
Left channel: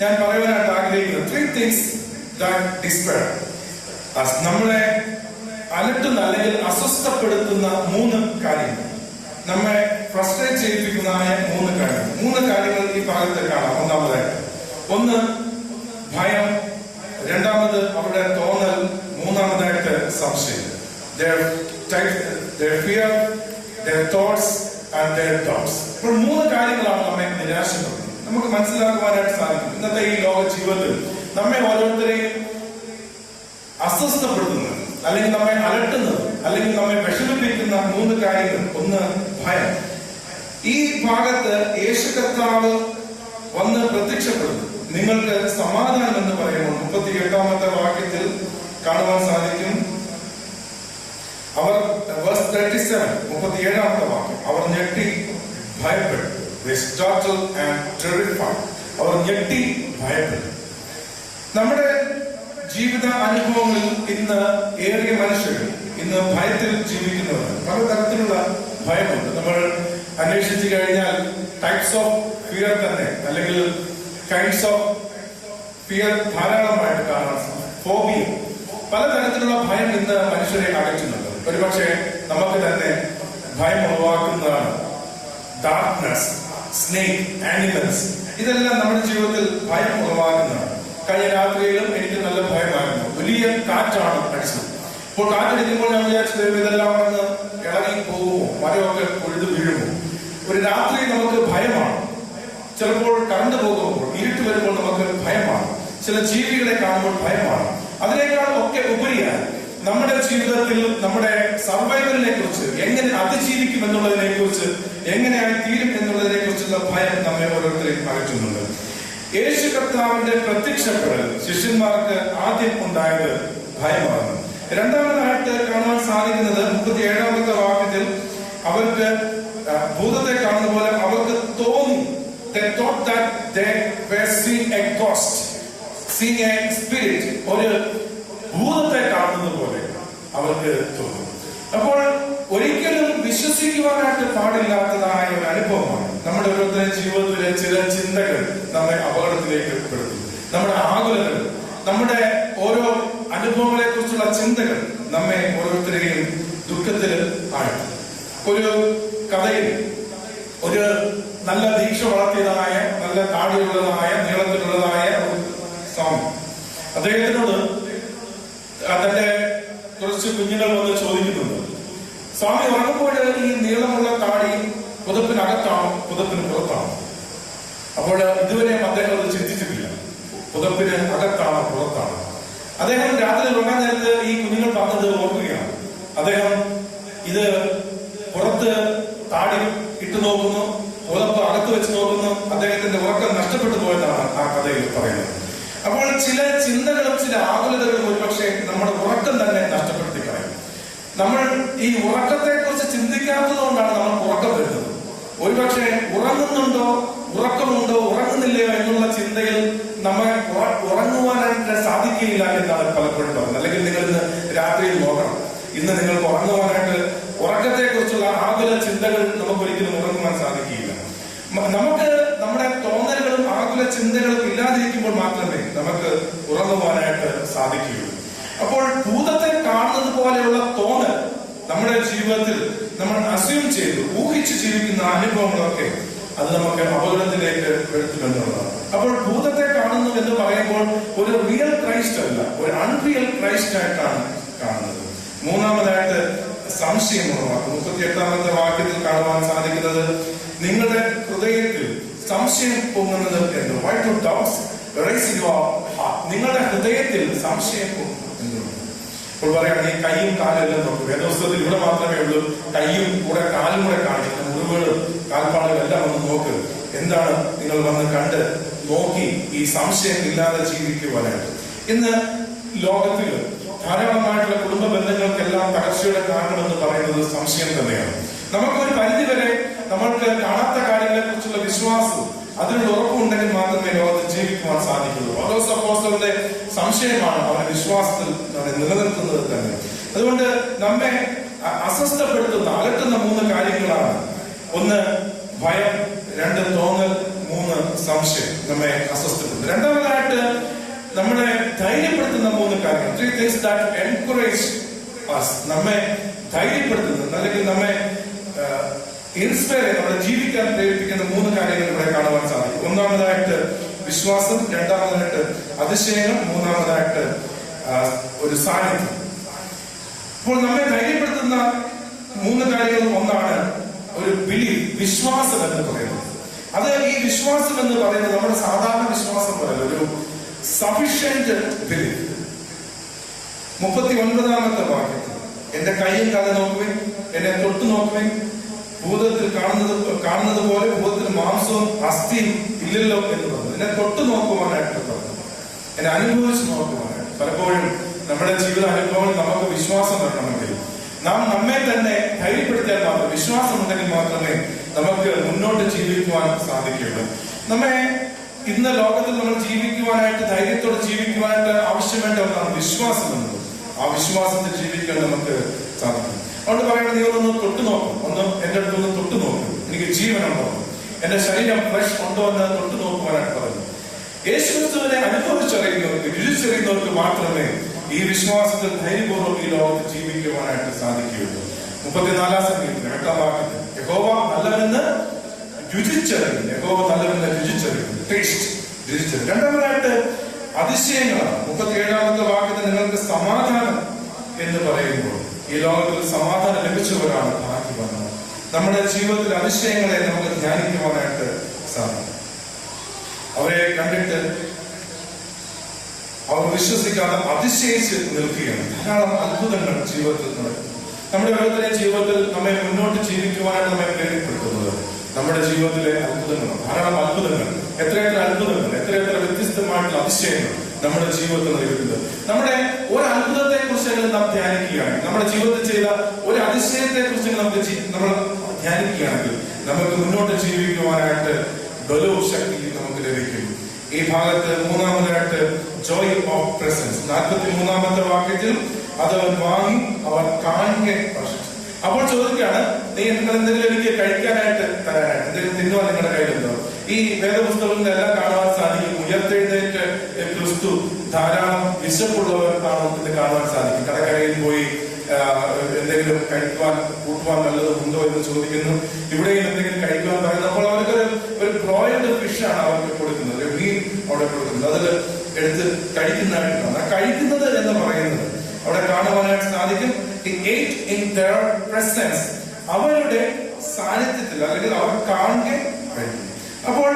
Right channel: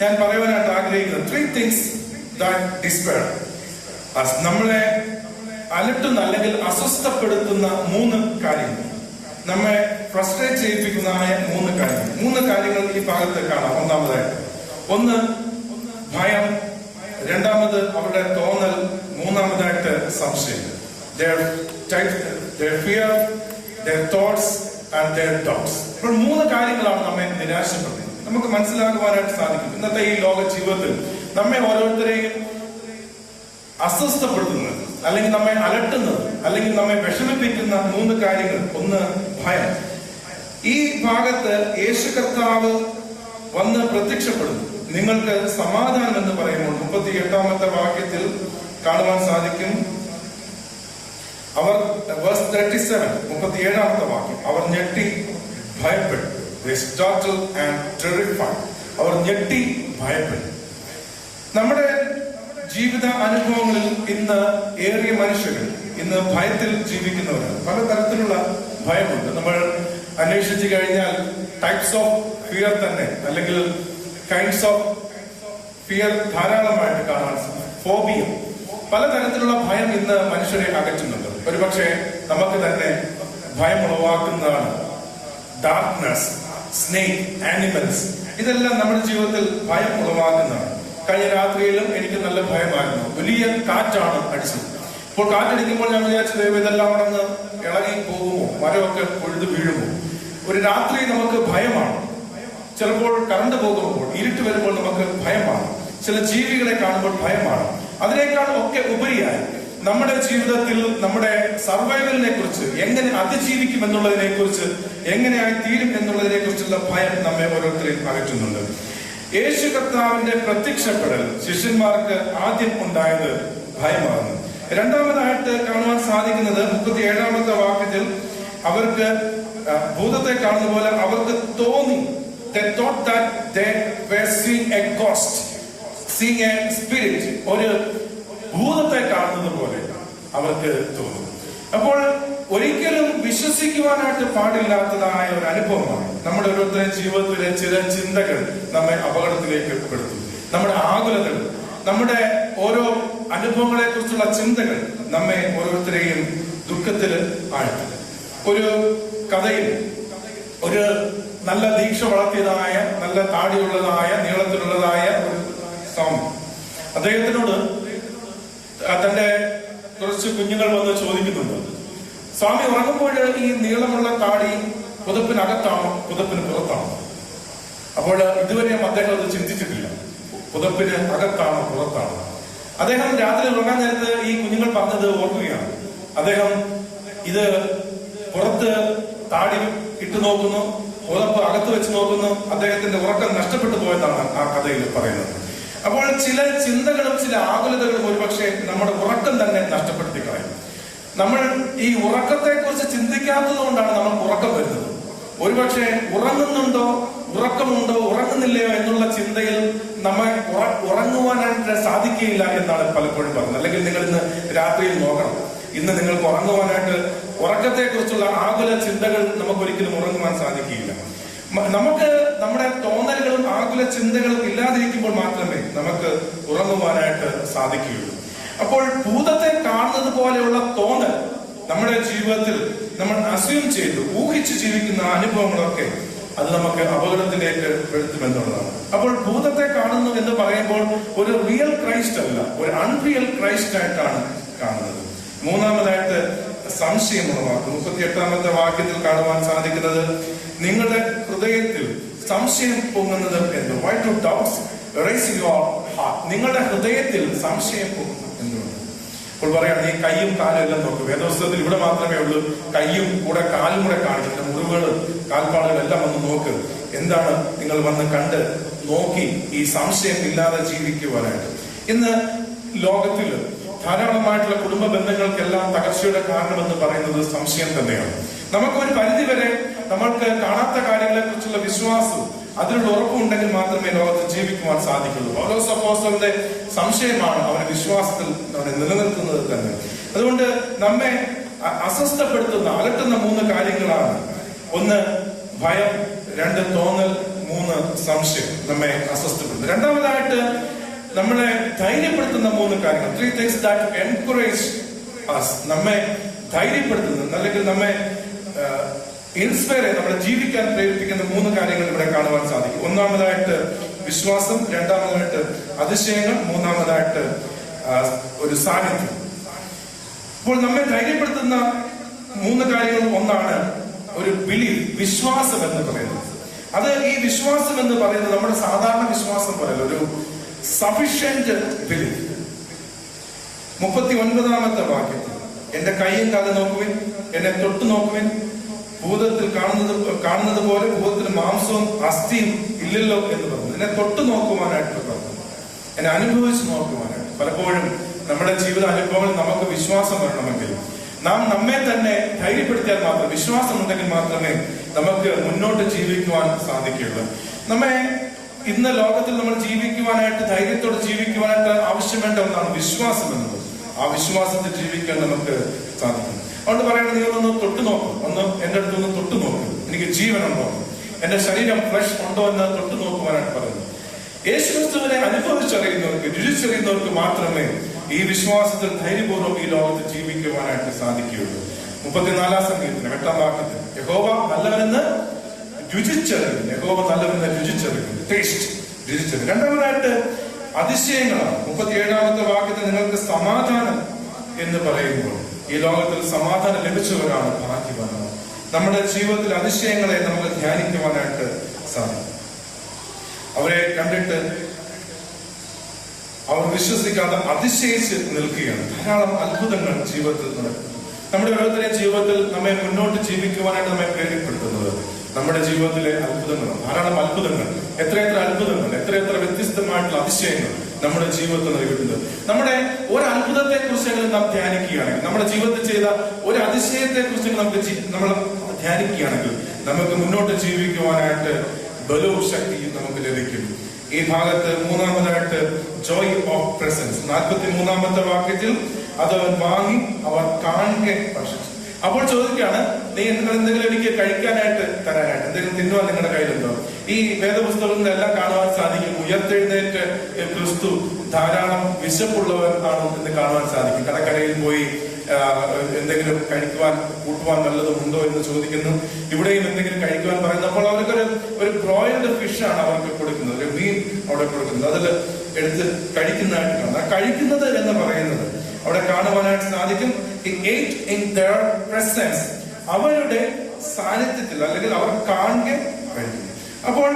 ഞാൻ പറയുവാനായിട്ട് ആഗ്രഹിക്കുന്നത് 3 things that despair us. നമ്മളെ അലട്ടുന്ന അല്ലെങ്കിൽ അസ്വസ്ഥപ്പെടുത്തുന്ന 3 കാര്യങ്ങൾ, നമ്മെ ഫ്രസ്ട്രേറ്റ് ചെയ്യിപ്പിക്കുന്നതായ 3 കാര്യങ്ങൾ. 3 കാര്യങ്ങൾ ഈ ഭാഗത്ത് കാണാം. ഒന്നാമതായിട്ട് 1 ഭയം, രണ്ടാമത് അവരുടെ തോന്നൽ, മൂന്നാമതായിട്ട് സംശയം. Their fear, their thoughts and their doubts. ഇപ്പോൾ 3 കാര്യങ്ങളാണ് നമ്മെ നിരാശപ്പെടുന്നത്. നമുക്ക് മനസ്സിലാക്കുവാനായിട്ട് സാധിക്കും ഇന്നത്തെ ഈ ലോക ജീവിതത്തിൽ നമ്മെ ഓരോരുത്തരെയും അസ്വസ്ഥപ്പെടുത്തുന്നത് അല്ലെങ്കിൽ നമ്മെ അലട്ടുന്നത് അല്ലെങ്കിൽ നമ്മെ വിഷമിപ്പിക്കുന്ന 3 കാര്യങ്ങൾ. 1 ഭയം. ഈ ഭാഗത്ത് യേശു കർത്താവ് വന്ന് പ്രത്യക്ഷപ്പെടുന്നു. നിങ്ങൾക്ക് സമാധാനം എന്ന് പറയുമ്പോൾ 38ാമത്തെ വാക്യത്തിൽ കാണുവാൻ സാധിക്കും. അവർ വേഴ്സ് 37, 37ാമത്തെ വാക്യം, അവർ ഞെട്ടി ഭയപ്പെട്ടു. അവർ ഞെട്ടി ഭയപ്പെട്ടു. നമ്മുടെ ജീവിത അനുഭവങ്ങളിൽ ഇന്ന് ഏറിയ മനുഷ്യർ ഇന്ന് ഭയത്തിൽ ജീവിക്കുന്നവർ. പലതരത്തിലുള്ള ഭയമുണ്ട്. നമ്മൾ അന്വേഷിച്ചു കഴിഞ്ഞാൽ ടൈപ്സ് ഓഫ് ഫിയർ തന്നെ അല്ലെങ്കിൽ കൈൻഡ്സ് ഓഫ് ഫിയർ ധാരാളമായിട്ട് കാണാൻ സാധിക്കും. ഫോബിയ, പലതരത്തിലുള്ള ഭയം ഇന്ന് മനുഷ്യരെ അകറ്റുന്നുണ്ട്. ഒരുപക്ഷെ നമുക്ക് തന്നെ ഭയം ഉളവാക്കുന്നതാണ് ഡാർക്ക്നെസ്, സ്നേക്, ആനിമൽസ്. ഇതെല്ലാം നമ്മുടെ ജീവിതത്തിൽ ഭയം ഉളവാകുന്നതാണ്. കഴിഞ്ഞ രാത്രിയിലും എനിക്ക് നല്ല ഭയമായിരുന്നു. വലിയ കാറ്റാണ് അടിച്ചത്. ഇപ്പോൾ കാറ്റടിക്കുമ്പോൾ ഞാൻ വിചാരിച്ചത് ഇതെല്ലാം ഒന്ന് ഇളകി പോകുമോ, മരമൊക്കെ പൊഴുതു വീഴുമോ. ഒരു രാത്രി നമുക്ക് ഭയമാണ്. ചിലപ്പോൾ കറണ്ട് പോകുമ്പോൾ, ഇരുട്ട് വരുമ്പോൾ നമുക്ക് ഭയമാണ്. ചില ജീവികളെ കാണുമ്പോൾ ഭയമാണ്. അതിനേക്കാൾ ഒക്കെ ഉപരിയായി നമ്മുടെ ജീവിതത്തിൽ നമ്മുടെ സർവൈവലിനെ കുറിച്ച്, എങ്ങനെ അതിജീവിക്കും എന്നുള്ളതിനെ കുറിച്ച്, എങ്ങനെയായി തീരും എന്നുള്ളതിനെ കുറിച്ചുള്ള ഭയം നമ്മെ ഓരോരുത്തരെയും അകറ്റുന്നുണ്ട്. യേശു കർത്താവിന്റെ പ്രത്യക്ഷപ്പെടൽ ശിഷ്യന്മാർക്ക് ആദ്യം ഉണ്ടായത് ഭയമാണ്. രണ്ടാമതായിട്ട് കാണുവാൻ സാധിക്കുന്നത് 37ാമത്തെ വാക്യത്തിൽ അവർക്ക് ഭൂതത്തെ കാണുന്ന പോലെ അവർക്ക് തോന്നി. They thought that they were seeing a ghost, seeing a spirit. ഒരു ഭൂതത്തെ കാണുന്നത് പോലെ അവർക്ക് തോന്നും. അപ്പോൾ ഒരിക്കലും വിശ്വസിക്കുവാനായിട്ട് പാടില്ലാത്തതായ ഒരു അനുഭവമാണ്. നമ്മുടെ ഓരോരുത്തരുടെ ജീവിതത്തിലെ ചില ചിന്തകൾ നമ്മെ അപകടത്തിലേക്ക് പെടുത്തും. നമ്മുടെ ആകുലതകൾ, നമ്മുടെ ഓരോ അനുഭവങ്ങളെ കുറിച്ചുള്ള ചിന്തകൾ നമ്മെ ഓരോരുത്തരെയും ദുഃഖത്തിൽ ആഴ്ത്തും. ഒരു കഥയിൽ ഒരു നല്ല ദീക്ഷ വളർത്തിയതായ, നല്ല താടിയുള്ളതായ, നീളത്തിലുള്ളതായ ഒരു സ്വാമി, അദ്ദേഹത്തിനോട് തന്റെ കുറച്ച് കുഞ്ഞുങ്ങൾ വന്ന് ചോദിക്കുന്നുണ്ട്, സ്വാമി ഉറങ്ങുമ്പോൾ ഈ നീളമുള്ള താടി പുതപ്പിനകത്താണോ പുതപ്പിന് പുറത്താണോ? അപ്പോൾ ഇതുവരെയും അദ്ദേഹം അത് ചിന്തിച്ചിട്ടില്ല. പുതപ്പിന് അകത്താണോ പുറത്താണോ? അദ്ദേഹം രാത്രി ഉറങ്ങാൻ നേരത്ത് ഈ കുഞ്ഞുങ്ങൾ പറഞ്ഞത് ഓർക്കുകയാണ്. അദ്ദേഹം ഇത് പുറത്ത് താടി ഇട്ടു നോക്കുന്നു, പുതപ്പ് അകത്ത് വെച്ച് നോക്കുന്നു. അദ്ദേഹത്തിന്റെ ഉറക്കം നഷ്ടപ്പെട്ടു പോയെന്നാണ് ആ കഥയിൽ പറയുന്നത്. അപ്പോൾ ചില ചിന്തകളും ചില ആകുലതകളും ഒരുപക്ഷെ നമ്മുടെ ഉറക്കം തന്നെ നഷ്ടപ്പെടുത്തി കളയും. നമ്മൾ ഈ ഉറക്കത്തെ കുറിച്ച് ചിന്തിക്കാത്തതുകൊണ്ടാണ് നമ്മൾ ഉറക്കം വരുന്നത്. ഒരുപക്ഷെ ഉറങ്ങുന്നുണ്ടോ, ഉറക്കമുണ്ടോ, ഉറങ്ങുന്നില്ലയോ എന്നുള്ള ചിന്തയിൽ നമ്മളെ ഉറങ്ങുവാനായിട്ട് സാധിക്കുകയില്ല എന്നാണ് പലപ്പോഴും പറയുന്നത്. അല്ലെങ്കിൽ നിങ്ങൾ ഇന്ന് രാത്രിയിൽ നോക്കണം, ഇന്ന് നിങ്ങൾക്ക് ഉറങ്ങുവാനായിട്ട് ഉറക്കത്തെ കുറിച്ചുള്ള ആകുല ചിന്തകൾ നമുക്കൊരിക്കലും ഉറങ്ങുവാൻ സാധിക്കുകയില്ല. നമുക്ക് നമ്മുടെ തോന്നലുകളും ആകുല ചിന്തകളും ഇല്ലാതിരിക്കുമ്പോൾ മാത്രമേ നമുക്ക് ഉറങ്ങുവാനായിട്ട് സാധിക്കുകയുള്ളൂ. അപ്പോൾ ഭൂതത്തെ കാണുന്നത് പോലെയുള്ള തോന്നൽ നമ്മുടെ ജീവിതത്തിൽ നമ്മൾ അസ്യൂം ചെയ്ത് ഊഹിച്ച് ജീവിക്കുന്ന അനുഭവങ്ങളൊക്കെ അത് നമുക്ക് അപകടത്തിലേക്ക് വരുത്തുമെന്നുള്ളതാണ്. അപ്പോൾ ഭൂതത്തെ കാണുന്നു എന്ന് പറയുമ്പോൾ ഒരു റിയൽ ക്രൈസ്റ്റ് അല്ല, ഒരു അൺറിയൽ ക്രൈസ്റ്റ് ആയിട്ടാണ് കാണുന്നത്. മൂന്നാമതായിട്ട് സംശയം ഉറവാക്കും. 38-ാമത്തെ വാക്യത്തിൽ കാണുവാൻ സാധിക്കുന്നത് നിങ്ങളുടെ ഹൃദയത്തിൽ സംശയം പൊങ്ങുന്നത് എന്ന്. Why do doubts rise in your heart. നിങ്ങളുടെ ഹൃദയത്തിൽ സംശയം പൊങ്ങുന്നു എന്നുള്ളത്. ഇപ്പോൾ പറയാണ് ഈ കൈയും കാലും എല്ലാം നോക്കും. വേദപുസ്തകത്തിൽ ഇവിടെ മാത്രമേ ഉള്ളൂ കൈയും കൂടെ കാലും കൂടെ കാണിക്കുന്ന മുറിവുകളും കാൽപ്പാടുകളും എല്ലാം ഒന്ന് നോക്ക്. എന്താണ് നിങ്ങൾ വന്ന് കണ്ട് നോക്കി ഈ സംശയം ഇല്ലാതെ ജീവിക്കുവാനായിട്ട്. ഇന്ന് ലോകത്തിൽ ധാരാളമായിട്ടുള്ള കുടുംബ ബന്ധങ്ങൾക്കെല്ലാം തകർച്ചയുടെ കാരണമെന്ന് പറയുന്നത് സംശയം തന്നെയാണ്. നമുക്കൊരു പരിധിവരെ നമ്മൾക്ക് കാണാത്ത കാര്യങ്ങളെ കുറിച്ചുള്ള വിശ്വാസവും അതിനുള്ള ഉറപ്പുണ്ടെങ്കിൽ മാത്രമേ ലോകത്ത് ജീവിക്കുവാൻ സാധിക്കുള്ളൂ. പൗലോസ് അപ്പോസ്തലന്റെ സംശയമാണ് അവന്റെ വിശ്വാസത്തിൽ നിലനിർത്തുന്നത് തന്നെ. അതുകൊണ്ട് നമ്മെ അസ്വസ്ഥപ്പെടുത്തുന്ന അലട്ടുന്ന 3 കാര്യങ്ങളാണ്. 1 ഭയം, 2 തോന്നൽ, 3 സംശയം നമ്മെ അസ്വസ്ഥപ്പെടുത്തുന്നു. രണ്ടാമതായിട്ട് നമ്മളെ ധൈര്യപ്പെടുത്തുന്ന 3 കാര്യങ്ങൾ. 3 things that encourage us. നമ്മെ ധൈര്യപ്പെടുത്തുന്ന അല്ലെങ്കിൽ നമ്മെ ഇൻസ്പയർ നമ്മളെ ജീവിക്കാൻ പ്രേരിപ്പിക്കുന്ന 3 കാര്യങ്ങൾ ഇവിടെ കാണുവാൻ സാധിക്കും. ഒന്നാമതായിട്ട് വിശ്വാസം, രണ്ടാമതായിട്ട് അതിശയങ്ങൾ, മൂന്നാമതായിട്ട് ഒരു സാന്നിധ്യം. അപ്പോൾ നമ്മെ ധൈര്യപ്പെടുത്തുന്ന 3 കാര്യങ്ങൾ ഒന്നാണ് ഒരു ബിലീഫ്, വിശ്വാസം എന്ന് പറയുന്നത്. അത് ഈ വിശ്വാസം എന്ന് പറയുന്നത് നമ്മുടെ സാധാരണ വിശ്വാസം പോലല്ല, ഒരു സഫിഷ്യന്റ് ബിലീഫ്. 39-ാമത്തെ വാക്യത്തിൽ എന്റെ കൈയും കാലം നോക്കുവിൻ, എന്നെ തൊട്ട് നോക്കുവിൻ, ഭൂതത്തിൽ കാണുന്നത് പോലെ ഭൂതത്തിൽ മാംസവും അസ്ഥിയും ഇല്ലല്ലോ എന്ന് പറഞ്ഞു. എന്നെ തൊട്ട് നോക്കുവാനായിട്ട് പറഞ്ഞു, എന്നെ അനുഭവിച്ച് നോക്കുവാനായിട്ട്. പലപ്പോഴും നമ്മുടെ ജീവിത അനുഭവങ്ങൾ നമുക്ക് വിശ്വാസം വരണമെങ്കിൽ നാം നമ്മെ തന്നെ ധൈര്യപ്പെടുത്തിയാൽ മാത്രം, വിശ്വാസം ഉണ്ടെങ്കിൽ മാത്രമേ നമുക്ക് മുന്നോട്ട് ജീവിക്കുവാൻ സാധിക്കുകയുള്ളൂ. നമ്മെ ഇന്ന് ലോകത്തിൽ നമ്മൾ ജീവിക്കുവാനായിട്ട്, ധൈര്യത്തോടെ ജീവിക്കുവാനായിട്ട് ആവശ്യം വേണ്ട ഒന്നാണ് വിശ്വാസം എന്നത്. ആ വിശ്വാസത്തിൽ ജീവിക്കാൻ നമുക്ക് സാധിക്കും. അതുകൊണ്ട് പറയുന്നത് നിങ്ങളൊന്ന് തൊട്ടു നോക്കും, ഒന്ന് എന്റെ അടുത്തൊന്ന് തൊട്ടു നോക്കും, എനിക്ക് ജീവനുണ്ടോ, എന്റെ ശരീരം ഫ്രഷ് ഉണ്ടോ എന്ന് തൊട്ടു നോക്കുവാനായിട്ട് പറഞ്ഞു. യേശുക്രിസ്തുവിനെ അനുഭവിച്ചറിയുന്നവർക്ക്, രുചിച്ചറിയുന്നവർക്ക് മാത്രമേ ഈ വിശ്വാസത്തിൽ ധൈര്യപൂർവ്വം ഈ ലോകത്ത് ജീവിക്കുവാനായിട്ട് സാധിക്കുകയുള്ളൂ. 34-ാം സംഗീതത്തിൽ 8-ാം വാക്യത്തിൽ യഹോവ നല്ലവനെന്ന് രുചിച്ചറിയുന്നു. യഹോവ നല്ലവനെന്ന് രുചിച്ചറിയുന്നു, ടേസ്റ്റ് രുചിച്ചറിയുന്നു. രണ്ടാമതായിട്ട് അതിശയങ്ങളാണ്. 37-ാമത്തെ വാക്യത്തിൽ നിങ്ങൾക്ക് സമാധാനം എന്ന് പറയുമ്പോൾ ഈ ലോകത്തിൽ സമാധാനം ലഭിച്ചവരാണ് ഭാഗ്യവാന്മാർ. നമ്മുടെ ജീവിതത്തിൽ അതിശയങ്ങളെ നമുക്ക് ധ്യാനിക്കുവാനായിട്ട് സാധിക്കും. അവരെ കണ്ടിട്ട് അവർ വിശ്വസിക്കാതെ അതിശയിച്ച് നിൽക്കുകയാണ്. ധാരാളം അത്ഭുതങ്ങൾ ജീവിതത്തിൽ നടക്കുന്നു. നമ്മുടെ ഓരോരുത്തരുടെയും ജീവിതത്തിൽ നമ്മെ മുന്നോട്ട് ജീവിക്കുവാനായിട്ട് നമ്മെ പ്രേരിപ്പെടുത്തുന്നത് നമ്മുടെ ജീവിതത്തിലെ അത്ഭുതങ്ങളാണ്. ധാരാളം അത്ഭുതങ്ങൾ, എത്രയെത്ര അത്ഭുതങ്ങൾ, എത്രയെത്ര വ്യത്യസ്തമായിട്ടുള്ള അതിശയങ്ങൾ നമ്മുടെ ജീവിതത്തിൽ നൽകുന്നത്. നമ്മുടെ ഒരു അത്ഭുതത്തെ കുറിച്ച് നാം ധ്യാനിക്കുകയാണെങ്കിൽ, നമ്മുടെ ജീവിതത്തിൽ ചെയ്ത ഒരു അതിശയത്തെ കുറിച്ച് നമ്മൾ ധ്യാനിക്കുകയാണെങ്കിൽ നമുക്ക് മുന്നോട്ട് ജീവിക്കുവാനായിട്ട് ബലവും ശക്തിയും നമുക്ക് ലഭിക്കും. ഈ ഭാഗത്ത് മൂന്നാമതായിട്ട് ജോയ് ഓഫ് പ്രസൻസ്. 43-ാമത്തെ വാക്യത്തിൽ അത് വാങ്ങി അവർ കാണുക പ്രശംസിച്ചു. അപ്പോൾ ചോദിക്കുകയാണ്, നിങ്ങൾ എന്തെങ്കിലും എനിക്ക് കഴിക്കാനായിട്ട് തരാനായിട്ട് എന്തെങ്കിലും തിന്നുവാൻ നിങ്ങളുടെ കയ്യിലുണ്ടോ? ഈ വേദപുസ്തകങ്ങളെല്ലാം കാണുവാൻ സാധിക്കും. ഉയർത്തെഴുന്നേറ്റ് ക്രിസ്തു ധാരാളം വിശപ്പുള്ളവർ എന്ന് കാണുവാൻ സാധിക്കും. കടക്കരയിൽ പോയി എന്തെങ്കിലും കഴിക്കുവാൻ കൂട്ടുവാൻ നല്ലതുണ്ടോ എന്ന് ചോദിക്കുന്നു. ഇവിടെയും എന്തെങ്കിലും കഴിക്കുവാൻ പറയുന്നു. അപ്പോൾ അവർക്കൊരു ബ്രോയിൽഡ് ഫിഷാണ് അവർക്ക് കൊടുക്കുന്നത്, ഒരു മീൻ അവിടെ കൊടുക്കുന്നത്. അതിൽ എടുത്ത് കഴിക്കുന്നതായിട്ട് കാണാം. ആ കഴിക്കുന്നത് എന്ന് പറയുന്നത് അവിടെ കാണുവാനായിട്ട് സാധിക്കും. in their presence, അവരുടെ സാന്നിധ്യത്തിൽ അല്ലെങ്കിൽ അവർ കാണുക കഴിയും. അപ്പോൾ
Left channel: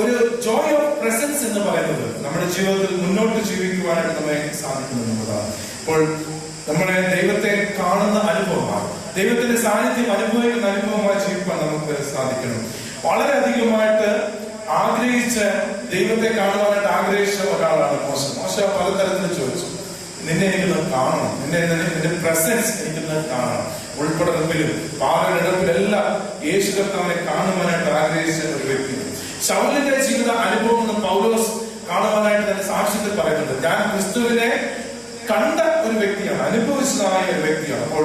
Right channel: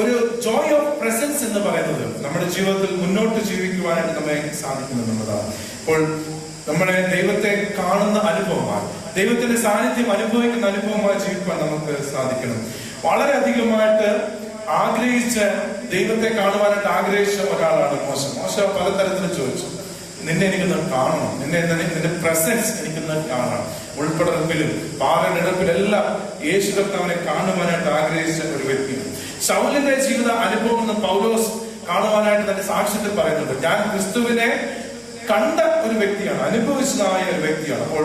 ഒരു ജോയ് ഓഫ് പ്രസൻസ് എന്ന് പറയുന്നത് നമ്മുടെ ജീവിതത്തിൽ മുന്നോട്ട് ജീവിക്കുവാനായിട്ട് നമ്മെ സാധിക്കുന്നു എന്നതാണ്. അപ്പോൾ നമ്മളെ ദൈവത്തെ കാണുന്ന അനുഭവമാണ്, ദൈവത്തിന്റെ സാന്നിധ്യം അനുഭവിക്കുന്ന അനുഭവമായി ജീവിക്കാൻ നമുക്ക് സാധിക്കണം. വളരെയധികമായിട്ട് ആഗ്രഹിച്ച് ദൈവത്തെ കാണുവാനായിട്ട് ആഗ്രഹിച്ച ഒരാളാണ് മോശ. മോശ പലതരത്തിൽ ചോദിച്ചു, നിന്നെ എനിക്കൊന്ന് കാണണം, നിന്റെ പ്രസൻസ് എനിക്കൊന്ന് കാണണം. ഉൾപ്പെടപ്പിലും പാറയിടപ്പിലെല്ലാം യേശു കർത്താവിനെ കാണുവാനായിട്ട് ആഗ്രഹിച്ച ഒരു വ്യക്തിയാണ്. ശൗലിന്റെ ജീവിത അനുഭവം എന്ന് പൗലോസ് കാണുവാനായിട്ട് തന്നെ സാക്ഷ്യത്തിൽ പറയുന്നുണ്ട്. ഞാൻ ക്രിസ്തുവിനെ കണ്ട ഒരു വ്യക്തിയാണ്, അനുഭവിച്ചതായ ഒരു വ്യക്തിയാണ്. അപ്പോൾ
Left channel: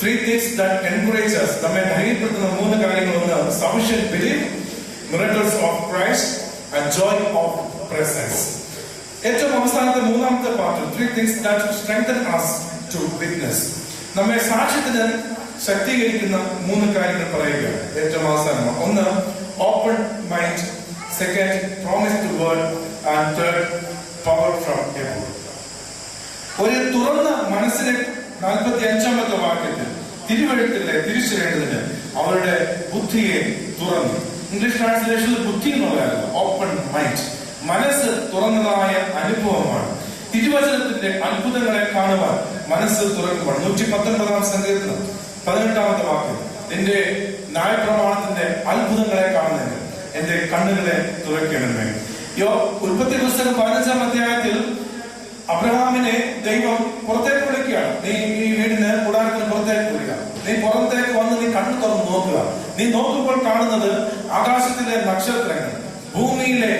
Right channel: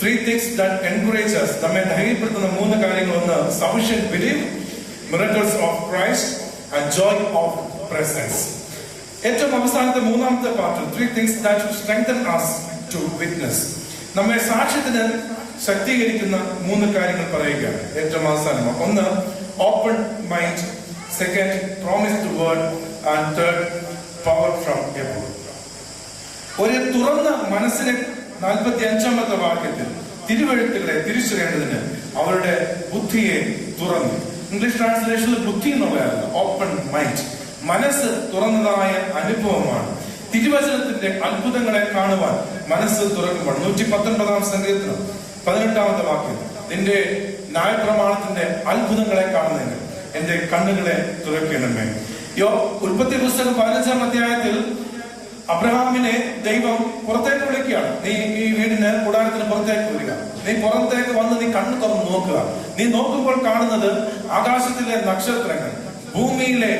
3 things that encourage us, നമ്മെ ധൈര്യപ്പെടുത്തുന്ന 3 കാര്യങ്ങളൊന്ന് sufficient belief, miracles of Christ and joy of presence. ഏറ്റവും അവസാനത്തെ 3-ാമത്തെ പാർട്ടിൽ 3 things that strengthen us to witness. നമ്മെ സാക്ഷ്യത്തിന് ശക്തീകരിക്കുന്ന 3 കാര്യങ്ങൾ പറയുകയാണ്. ഏറ്റവും അവസാനം 1 open mind, 2 promise to word and 3 power from above. ഒരു തുറന്ന മനസ്സിനെ 45-ാമത്തെ വാക്യത്തിൽ തിരുവഴുത്തുകളെ തിരിച്ചറിയേണ്ടതിന് അവരുടെ ബുദ്ധിയെ തുറന്നു. ഇംഗ്ലീഷ് ട്രാൻസ്ലേഷനിൽ ബുദ്ധി എന്നുള്ളതല്ല, ഓപ്പൺ മൈൻഡ്. മനസ്സ് തുറന്നതായ അനുഭവമാണ്. തിരുവചനത്തിന്റെ അത്ഭുതങ്ങളെ കാണുവാൻ മനസ്സ് തുറക്കുവാൻ 119-ാം സങ്കീർത്തനം 18-ാമത്തെ വാക്യം, നിന്റെ ന്യായപ്രമാണത്തിന്റെ അത്ഭുതങ്ങളെ കാണുന്നതിന് എന്റെ കണ്ണുകളെ തുറക്കണമേ. ഉൽപ്പത്തി പുസ്തകം 15-ാം അധ്യായത്തിൽ അബ്രഹാമിനെ ദൈവം പുറത്തേക്ക് വിളിക്കുകയാണ്. നീ ഈ വീടിന് കൂടാരത്തിന് പുറത്തേക്ക് വിളിക്കുക, നീ പുറത്തേക്ക് വന്ന് നീ കണ്ണു തുറന്ന് നോക്കുക. നീ നോക്കുമ്പോൾ കാണുന്നത് ആകാശത്തിലെ നക്ഷത്രങ്ങൾ, ഭൂമിയിലെ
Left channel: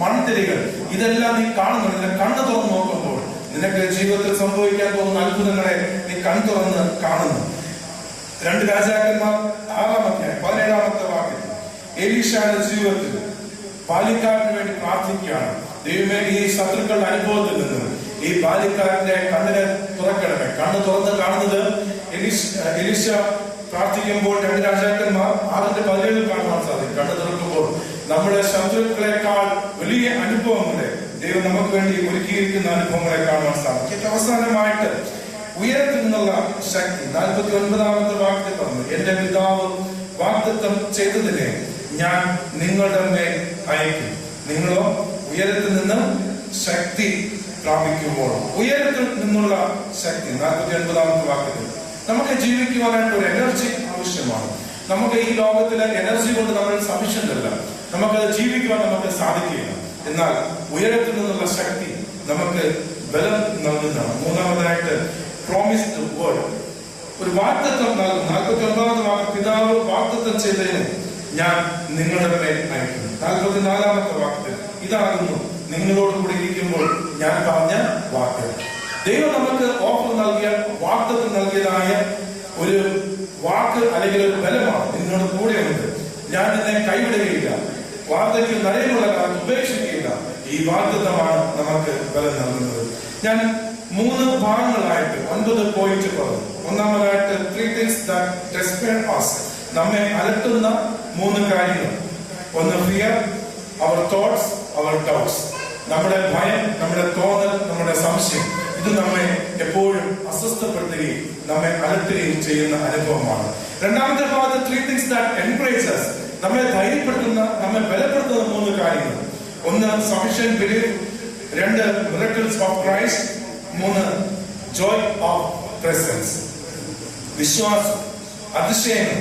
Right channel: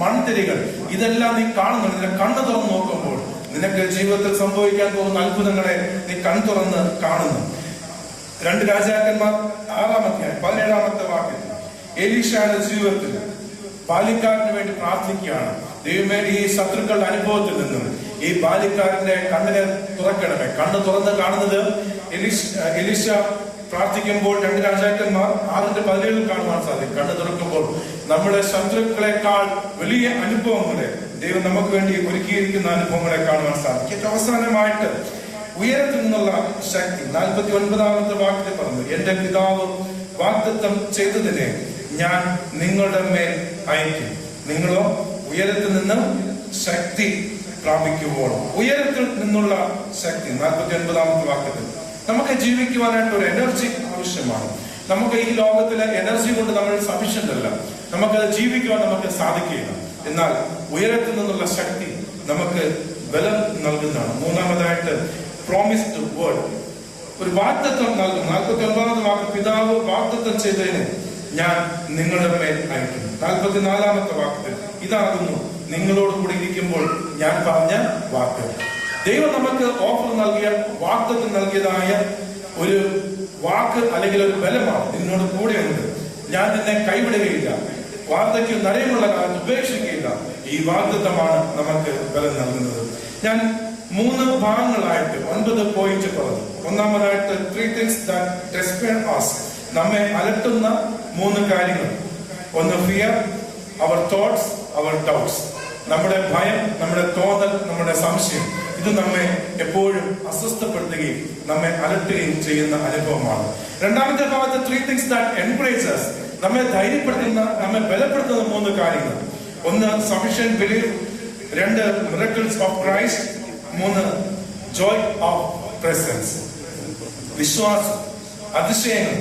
മൺതിരികൾ, ഇതെല്ലാം നീ കാണുന്നുണ്ട്. നിന്റെ കണ്ണ് തുറന്ന് നോക്കുമ്പോൾ നിനക്ക് ജീവിതത്തിൽ സംഭവിക്കാൻ പോകുന്ന അത്ഭുതങ്ങളെ നീ കണ്ണു തുറന്ന് കാണുന്നു. 2 രാജാക്കന്മാർ 6-ാം അധ്യായം 17-ാമത്തെ വാക്യം, എലീശാന്റെ ജീവിതത്തിൽ ബാല്യക്കാരന് വേണ്ടി പ്രാർത്ഥിക്കുകയാണ്. ദൈവമേ, ഈ ശത്രുക്കളുടെ അനുഭവത്തിൽ നിന്ന് ഈ ബാല്യക്കാരന്റെ കണ്ണിനെ തുറക്കണമേ. കണ്ണ് തുറന്ന് കാണുന്നത് എലീശ പ്രാർത്ഥിക്കുമ്പോൾ 2 രാജാക്കന്മാർ 6:17 കാണുവാൻ സാധിക്കും. കണ്ണ് തുറക്കുമ്പോൾ നമ്മുടെ ശത്രുക്കളെക്കാൾ വലിയ അനുഭവങ്ങളെ ദൈവം നമുക്ക് വേണ്ടി ഒരുക്കിയിരിക്കുന്ന അനുഭവങ്ങളെ കാണുവാൻ സാധിക്കും. ഏറ്റവും അവസാനമായിട്ട് ഉയരത്തിൽ നിന്നുള്ള ശക്തി 49-ാമത്തെ വാക്യത്തിൽ പറഞ്ഞു, എന്റെ പിതാവ് വാഗ്ദത്തം ചെയ്തതിനെ ഞാൻ നിങ്ങളുടെ മേൽ അയക്കും. നിങ്ങളോ ഉയരത്തിൽ നിന്ന് ശക്തി പ്രാപിക്കുമ്പോൾ. ഉയരത്തിൽ നിന്നുള്ള ശക്തി 49-ാമത്തെ വാക്യത്തിൽ നമുക്ക് ജീവിക്കുവാനായിട്ട് ഒരു എനർജി ആവശ്യമാണ്. നമുക്ക് ഈ ലോകത്തിലെ എനർജി കൊണ്ട് നമ്മൾ സഫിഷ്യന്റ് അല്ല, നമുക്ക് ജീവിക്കുവാൻ നമുക്ക് സാധിക്കില്ല. എന്നാൽ ഉയരത്തിൽ നിന്നുള്ള ശക്തി നമുക്ക് ബലം നൽകുന്നതാണ്. 3-ാമതായിട്ട് പ്രോമിസ് ടു വേർഡ്, ഒരു വാഗ്ദത്തം നൽകും. 49-ാമത്തെ വാക്യം, പിതാവ് വാഗ്ദത്തം ചെയ്തതിന് ഞാൻ നിങ്ങളുടെ മേൽ അയക്കുന്നു. 44-ാമത്തെ വാക്യത്തിൽ, ഇതാകുന്നു നിങ്ങളോട് കൂടി ഇരിക്കുമ്പോൾ ഞാൻ പറഞ്ഞ വാക്ക്. ദൈവം നമുക്ക് ഓഫർ നൽകിയ, വാഗ്ദത്തം നൽകിയതായ ഒരു വാക്ക് അല്ലെങ്കിൽ ഒരു ബലമാണ്. നിന്നോട് കൂടെയുണ്ട്, ഞാൻ നിന്നെ കൈവിടുകയില്ല, വാർദ്ധക്യം നിലയിലുള്ള കാലം ഉപേക്ഷിക്കുകയില്ല. ഈ വാഗ്ദത്തമാണ് നമുക്ക് ബലം നൽകുന്നത്. ഞാൻ 3 ഭാഗങ്ങളായിട്ട് 9 പോയിന്റ് പറഞ്ഞു. ഒന്നാമതായിട്ട് 3 things that despair us, നമ്മെ അലട്ടുന്ന 3 കാര്യങ്ങൾ. 1 fear, our thoughts, our doubts. നമ്മുടെ ഭയം, നമ്മുടെ തോന്നൽ, നമ്മുടെ സംശയം, ഇത് നമ്മെ എപ്പോഴും അസ്വസ്ഥപ്പെടുത്തുകയും നമ്മെ അലട്ടുകയും ചെയ്യുന്ന അനുഭവമാണ്. 2-ാമത്തെ ഭാഗത്ത് 3 things that encourage us, നമ്മെ ധൈര്യപ്പെടുത്തുന്ന, നമ്മെ ബലപ്പെടുത്തുന്ന 3 കാര്യങ്ങൾ. 1 sufficient belief, 2 miracles of Christ, 3 joy of presence. വിശ്വാസം, അതിശയങ്ങൾ,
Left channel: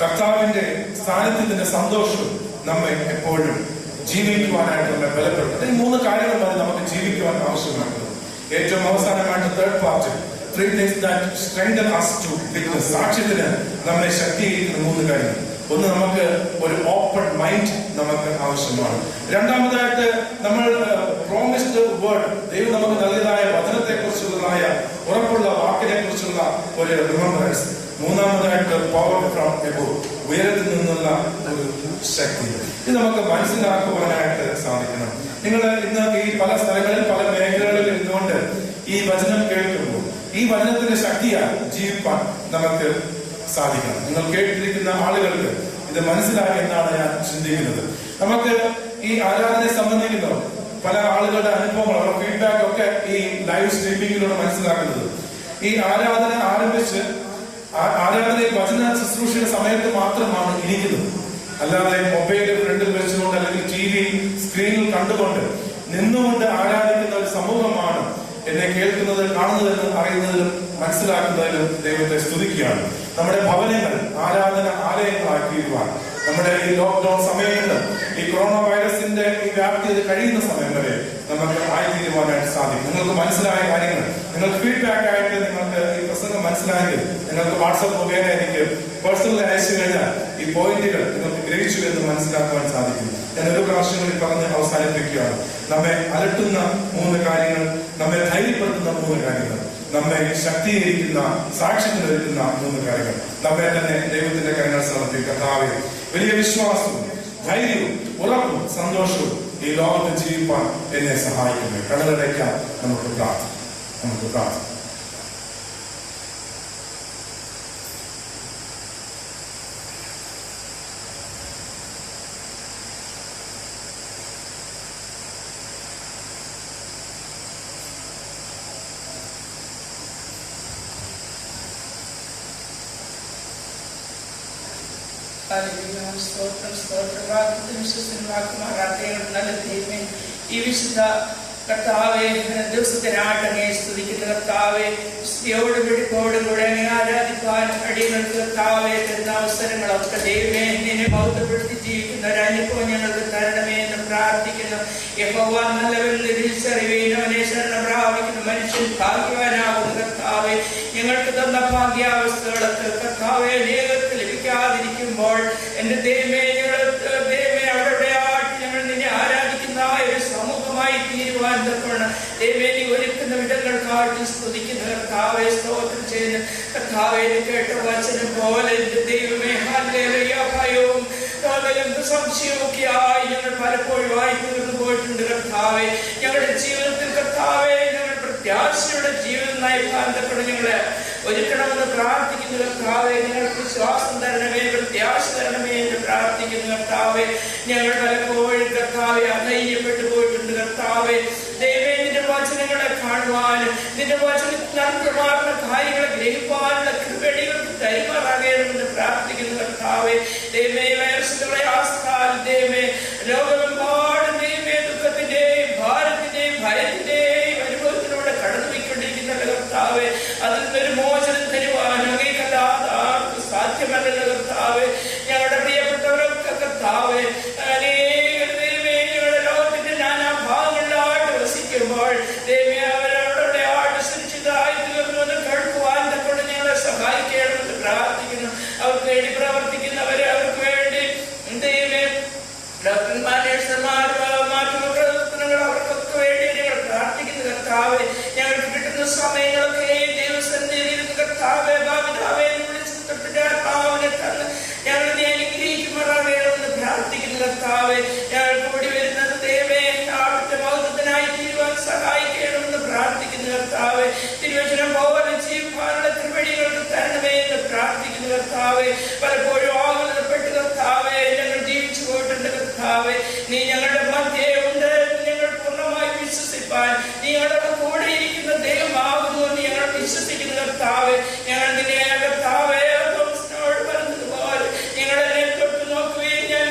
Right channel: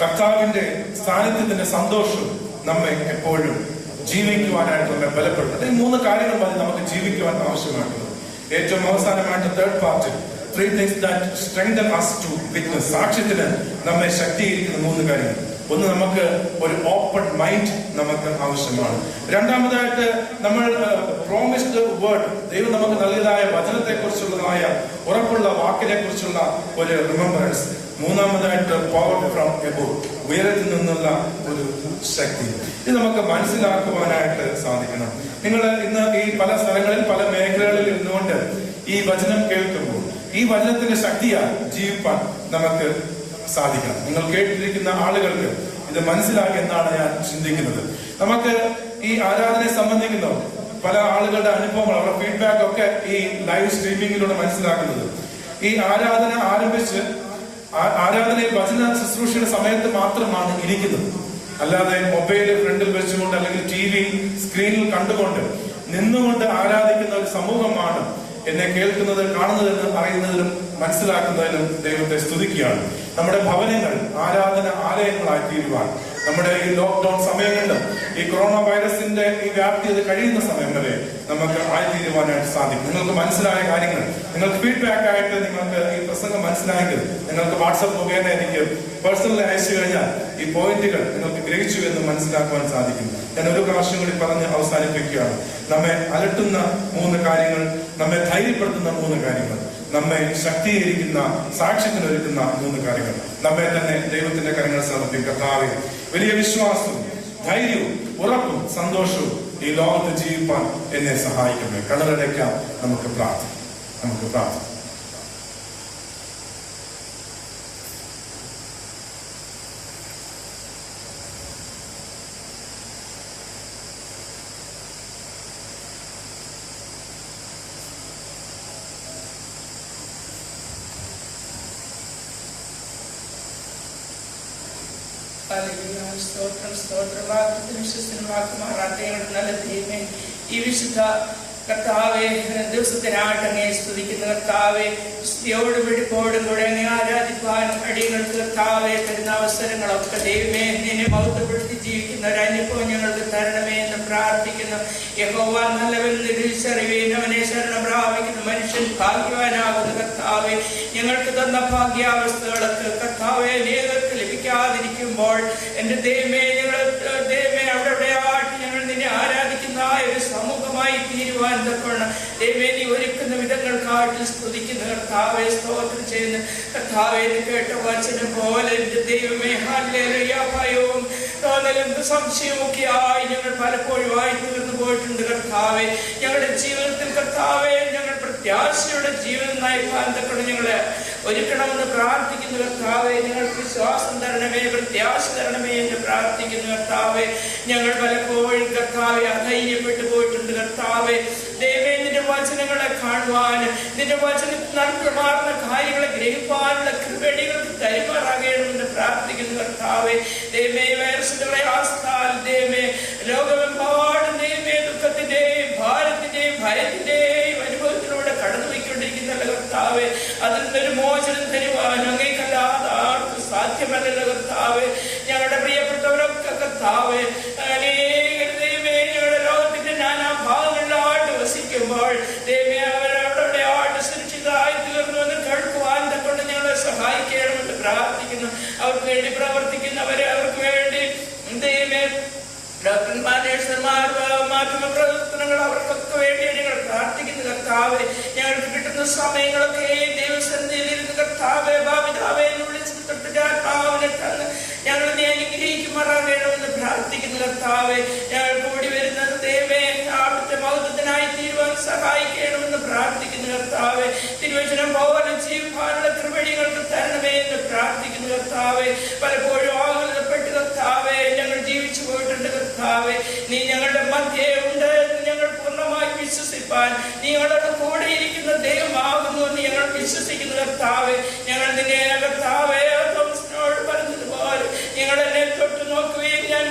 കർത്താവിന്റെ സാന്നിധ്യത്തിന്റെ സന്തോഷവും നമ്മെ എപ്പോഴും ജീവിക്കുവാനായിട്ട് നമ്മെ ബലപ്പെടുത്തും. ഈ 3 കാര്യങ്ങൾ മതി നമുക്ക് ജീവിക്കുവാൻ ആവശ്യമായിട്ടുള്ളത്. ഏറ്റവും അവസാനമായിട്ട് 3rd part 3 things that strengthen us to witness, സാക്ഷ്യത്തിന് നമ്മെ ശക്തീകരിക്കുന്ന 3 കാര്യങ്ങൾ. 1, നമുക്ക് ഒരു ഓപ്പൺ മൈൻഡ് നമുക്ക് ആവശ്യമാണ്. 2-ാമതായിട്ട് നമ്മൾ പ്രോമിസ്ഡ് വേർഡ്, ദൈവം നമുക്ക് നൽകിയതായ വചനത്തെ കുറിച്ചുള്ളതായ ഉറപ്പുള്ള വാക്കിനെ കുറിച്ചുള്ള ഒരു റിമംബറൻസ്. 3-ാമതായിട്ട് പവർ ഫ്രം എബോവ്, ഉയരത്തിൽ നിന്നുള്ള ഒരു ശക്തി. ഇത് നമുക്ക് മനസ്സിലാക്കുവാനായിട്ട് സാധിക്കണം. നിങ്ങൾ ഇന്ന് ഈ പല സ്ഥലങ്ങളിൽ, പല മേഖലകളിൽ നിന്നുകൊണ്ട് ഈ വചനം കേൾക്കുമ്പോൾ ഈ വചനത്തിന്റെ ശക്തിയാൽ ജീവിപ്പാൻ നമുക്ക് സാധിക്കണം. നിങ്ങൾ കേട്ടിരിക്കുന്ന ആളുകൾക്ക് ഇത് മനസ്സിലാക്കി എന്നാണ് ഞാൻ ചിന്തിക്കുന്നത്. നമുക്ക് ഈ ആരാധനയെ സംബന്ധിക്കുന്ന പല ആളുകളുടെ അനുഭവങ്ങൾ, അവരുടെ ഫീഡ്ബാക്ക് ഒക്കെ ഈ ലൈവ് സ്ട്രീമിംഗിലൂടെ മനസ്സിലാക്കുന്നത്, ഈ ആരാധന ആരംഭിച്ച് ആരാധനയിൽ വചന ശുശ്രൂഷയുടെ സമയത്ത് മാത്രമാണ് ഇരിക്കുന്നത്. അല്ലാതെ മൊബൈൽ ഫ്രണ്ടിൽ വെച്ചുകൊണ്ട് അല്ലെങ്കിൽ TV സ്ക്രീനിൽ കണ്ടുകൊണ്ട് നിന്നുകൊണ്ട് ആരാധിക്കുന്ന ഒരു സമൂഹമാണ് എന്നെ കേൾക്കുന്നത്, കാണുന്നതെന്ന് അറിയുന്നതിലും മനസ്സിലാക്കുന്നതിലും ദൈവത്തെ സ്തുതിക്കുകയാണ്. നമ്മുടെ ഭവനങ്ങൾ ആരാധന ആലയങ്ങളായി തീരുവാൻ നമ്മുടെ ഈ ലോക്ക്ഡൌൺ സമയങ്ങളിൽ, ഈ കൊറോണ വൈറസിന്റെ ഈ വ്യാപ്തി അത് കഴിയുന്ന സമയം വരെ നമുക്ക് ആയിത്തീരുവാനായിട്ട് സാധിക്കും. നിങ്ങൾക്ക് മനസ്സിലായ കാര്യങ്ങൾ നിങ്ങൾക്ക് ഫീഡ്ബാക്ക് ആയിട്ട് നിങ്ങൾക്ക് ഈ പ്രസംഗം മനസ്സിലായെങ്കിൽ നിങ്ങൾക്ക് വാട്സ്ആപ്പ് മുഖേന എനിക്ക് പേഴ്സണലി അയച്ചു കഴിഞ്ഞാൽ ഈ പോയിന്റുകൾ നിങ്ങൾക്ക് ഗ്രഹിച്ചു എന്ന് മനസ്സിലാക്കുവാൻ സാധിക്കും. ഞാൻ ഒരു പ്രാവശ്യം കൂടി പറഞ്ഞ് അവസാനിപ്പിക്കുകയാണ്. നമ്മെ അലട്ടുന്ന 3 കാര്യങ്ങൾ, നമ്മെ ധൈര്യപ്പെടുത്തുന്ന 3 കാര്യങ്ങൾ, നമ്മെ ശക്തീകരിക്കുന്ന, സാക്ഷ്യത്തിനൊരുക്കുന്ന 3 കാര്യങ്ങൾ. നമ്മെ തന്നെ ദൈവത്തിന്റെ കരങ്ങൾ സമർപ്പിക്കാവേ. വലിയ വിശ്വാസവും ധൈര്യവും ഉറപ്പും സന്തോഷവും ഈ ലോകത്ത് ജീവിപ്പാൻ എന്നെ സഹായിക്കട്ടെ. കടലടയ്ക്കാം. നമുക്ക് പ്രാർത്ഥിക്കാം. സ്തോത്രം സ്തോത്രം വാക്കത്തിനും വിശ്വസത്തിനും വാക്കുമാറാട്ടെ. നല്ല ദൈവമേ, ഈ വിശുദ്ധ കർത്താവെ ദിവസത്തിനായിട്ട് അങ്ങേ സ്തുതിക്കുന്ന കർത്താവെ, സ്ത്രീയോടും വെടിപ്പോടും കൂടെ അങ്ങേ ആരാധിക്കാൻ അടിയങ്ങൾക്ക് കർത്താവെ തരുന്ന അവസരങ്ങളൊക്കെ ദൈവമേ നിന്നെ മഹത്വപ്പെടുത്തി ജീവിക്കുന്ന ഒരു അനുഭവം ഞങ്ങൾക്ക് തരണമേ എന്ന് പ്രാർത്ഥിക്കുന്നു. യഹോവ നല്ലവരെന്ന് തിരിച്ചറിയുകയും അവനെ ശരണം പ്രാപിക്കുന്ന മനുഷ്യൻ ഭാഗ്യവാനാകുന്ന കർത്താവെ, ഞങ്ങൾക്ക് തന്ന ഭാഗ്യാവസ്ഥകളൊക്കെ കർത്താവെ നേതൃത്വം ലഭിക്കാതിരിക്കുമ്പോൾ എന്റെ ദൈവമേ അവിടെ ഞങ്ങൾ നിന്നെ ആരാധിക്കുന്ന ഒരു സമൂഹമായി തീരുവാൻ തക്കണം ദൈവമേ നീ ഒരുക്കുന്ന വിധങ്ങൾക്കായിട്ട് സ്തുതിക്കുന്ന കർത്താവെ, സ്തോത്രം ചെയ്യുന്ന കർത്താവെ, കേട്ട വചനം പോലെ എന്റെ ദൈവമേ ഹല്ലേലൂയ, ഭയവും തോന്നലും സംശയമൊക്കെ ആയി ഞങ്ങൾ പലപ്പോഴും ആയി തീർന്നു പോയിട്ടുണ്ട് കർത്താവെ. ഞങ്ങളുടെ ജീവിതത്തിൽ കർത്താവെ ഞങ്ങൾ പ്രത്യാശയുടെ ജീവിതം നയിക്കാൻ തക്കണം ഞങ്ങളെ ഒരുക്കണമെന്ന് പ്രാർത്ഥിക്കുന്ന കർത്താവെ, ഞങ്ങൾക്ക് വിശ്വാസം തരണമേ, പ്രത്യാശ തരണമേ എന്ന് പ്രാർത്ഥിക്കുന്ന കർത്താവെ. ഞങ്ങൾ പലപ്പോഴും കർത്താവെ അധൈര്യപ്പെട്ടു പോയിട്ടുണ്ട് കർത്താവെ. ദൈവമേ നിന്റെ വചനങ്ങളെ കാണുവാനും നിന്റെ വചനത്തിൽ നടത്തുമാറുന്ന കാര്യങ്ങളെ ഗ്രഹിക്കാനുള്ള കൃപടികൾക്ക് കൈമാറാകണമെന്ന് പ്രാർത്ഥിക്കുന്ന കർത്താവെ. ദൈവമേ വൈറസിന്റെ പ്രയാസത്താൽ ദൈവമേ ലോകമെമ്പാടും ദൈവമേ ദുഃഖത്തിന്റെയും ഭാരത്തിന്റെയും ഭയത്തിന്റെയും അനുഭവത്തിലൂടെ കടന്നു പോയിക്കൊണ്ടിരിക്കുന്ന കർത്താവെ, അതിൽ നിന്നൊരു മോചനം തരുവാൻ അങ്ങേക്കല്ലാതെ ആർക്കും സാധ്യമല്ലല്ലോ കർത്താവെ. ഞങ്ങളുടെ പ്രിയപ്പെട്ടവരൊക്കെ കർത്താവെ ദൈവമേ ഞങ്ങളുടെ ലോകത്തിന്റെ നാനാ ഭാഗങ്ങളിലായിട്ട് വസിക്കുമ്പോൾ ദൈവമേ അവരവിടെ ആയിട്ട് സുരക്ഷിതമായി തീർന്നു എന്ന് കേൾക്കുവാൻ കൊണ്ട് ഞങ്ങളെ സഹായിക്കണമെന്ന് പ്രാർത്ഥിക്കുന്നു. അവർക്ക് വേണ്ടി പ്രവർത്തിക്കുന്നവരെ, അവർക്ക് വേണ്ടി ദൈവമേ ഡോക്ടർമാർ, നഴ്സുമാർ, മാധ്യമ പ്രവർത്തനങ്ങൾ അവർക്കൊക്കെ വേണ്ടി ഞങ്ങൾ പ്രാർത്ഥിക്കുന്ന കർത്താവെ. ഞങ്ങൾക്ക് കിട്ടുന്ന സമയങ്ങളൊക്കെ ദൈവസന്നിധിയിൽ കർത്താവെ ഭാവിതാവെ തൊട്ടിട്ടാത്മാവിനെ തന്ന് ഞങ്ങൾ അനുഗ്രഹിക്കുമാറാകണമെന്ന് പ്രാർത്ഥിക്കുന്ന കർത്താവെ. ഞങ്ങൾ കൂടി വരുന്നത് ദൈവമേ അവിടുത്തെ മഹത്വത്തിനായി തീരുവാൻ സഹായിക്കണമെന്ന് പ്രാർത്ഥിക്കുന്ന കർത്താവെ. തിരുവചനം പോലെ ജീവിക്കാനുള്ള കൃപടികൾക്ക് തരണമേ എന്ന് പ്രാർത്ഥിക്കുന്ന കർത്താവെ. പലപ്പോഴും ആകുലപ്പെട്ട് കർത്താവെ ഞങ്ങൾ ജീവിച്ചു പോയിട്ടുണ്ട് കർത്താവെ. നീ ഞങ്ങളുടെ മധ്യേ ഉണ്ട് ഞങ്ങൾ പൂർണ്ണമായി വിശ്വസിപ്പാൻ നീ ഞങ്ങളുടെ കൂടെ ഇരിക്കുന്ന ദൈവമാകുന്നു എന്ന് ഞങ്ങൾ വിശ്വസിക്കുന്ന കർത്താവെ. ഞങ്ങൾ നിന്നെ കർത്താവെ തോമസിനോട് പറഞ്ഞതുപോലെ ഞങ്ങളെന്നെ തൊട്ട് നോക്കുകയും ഞാൻ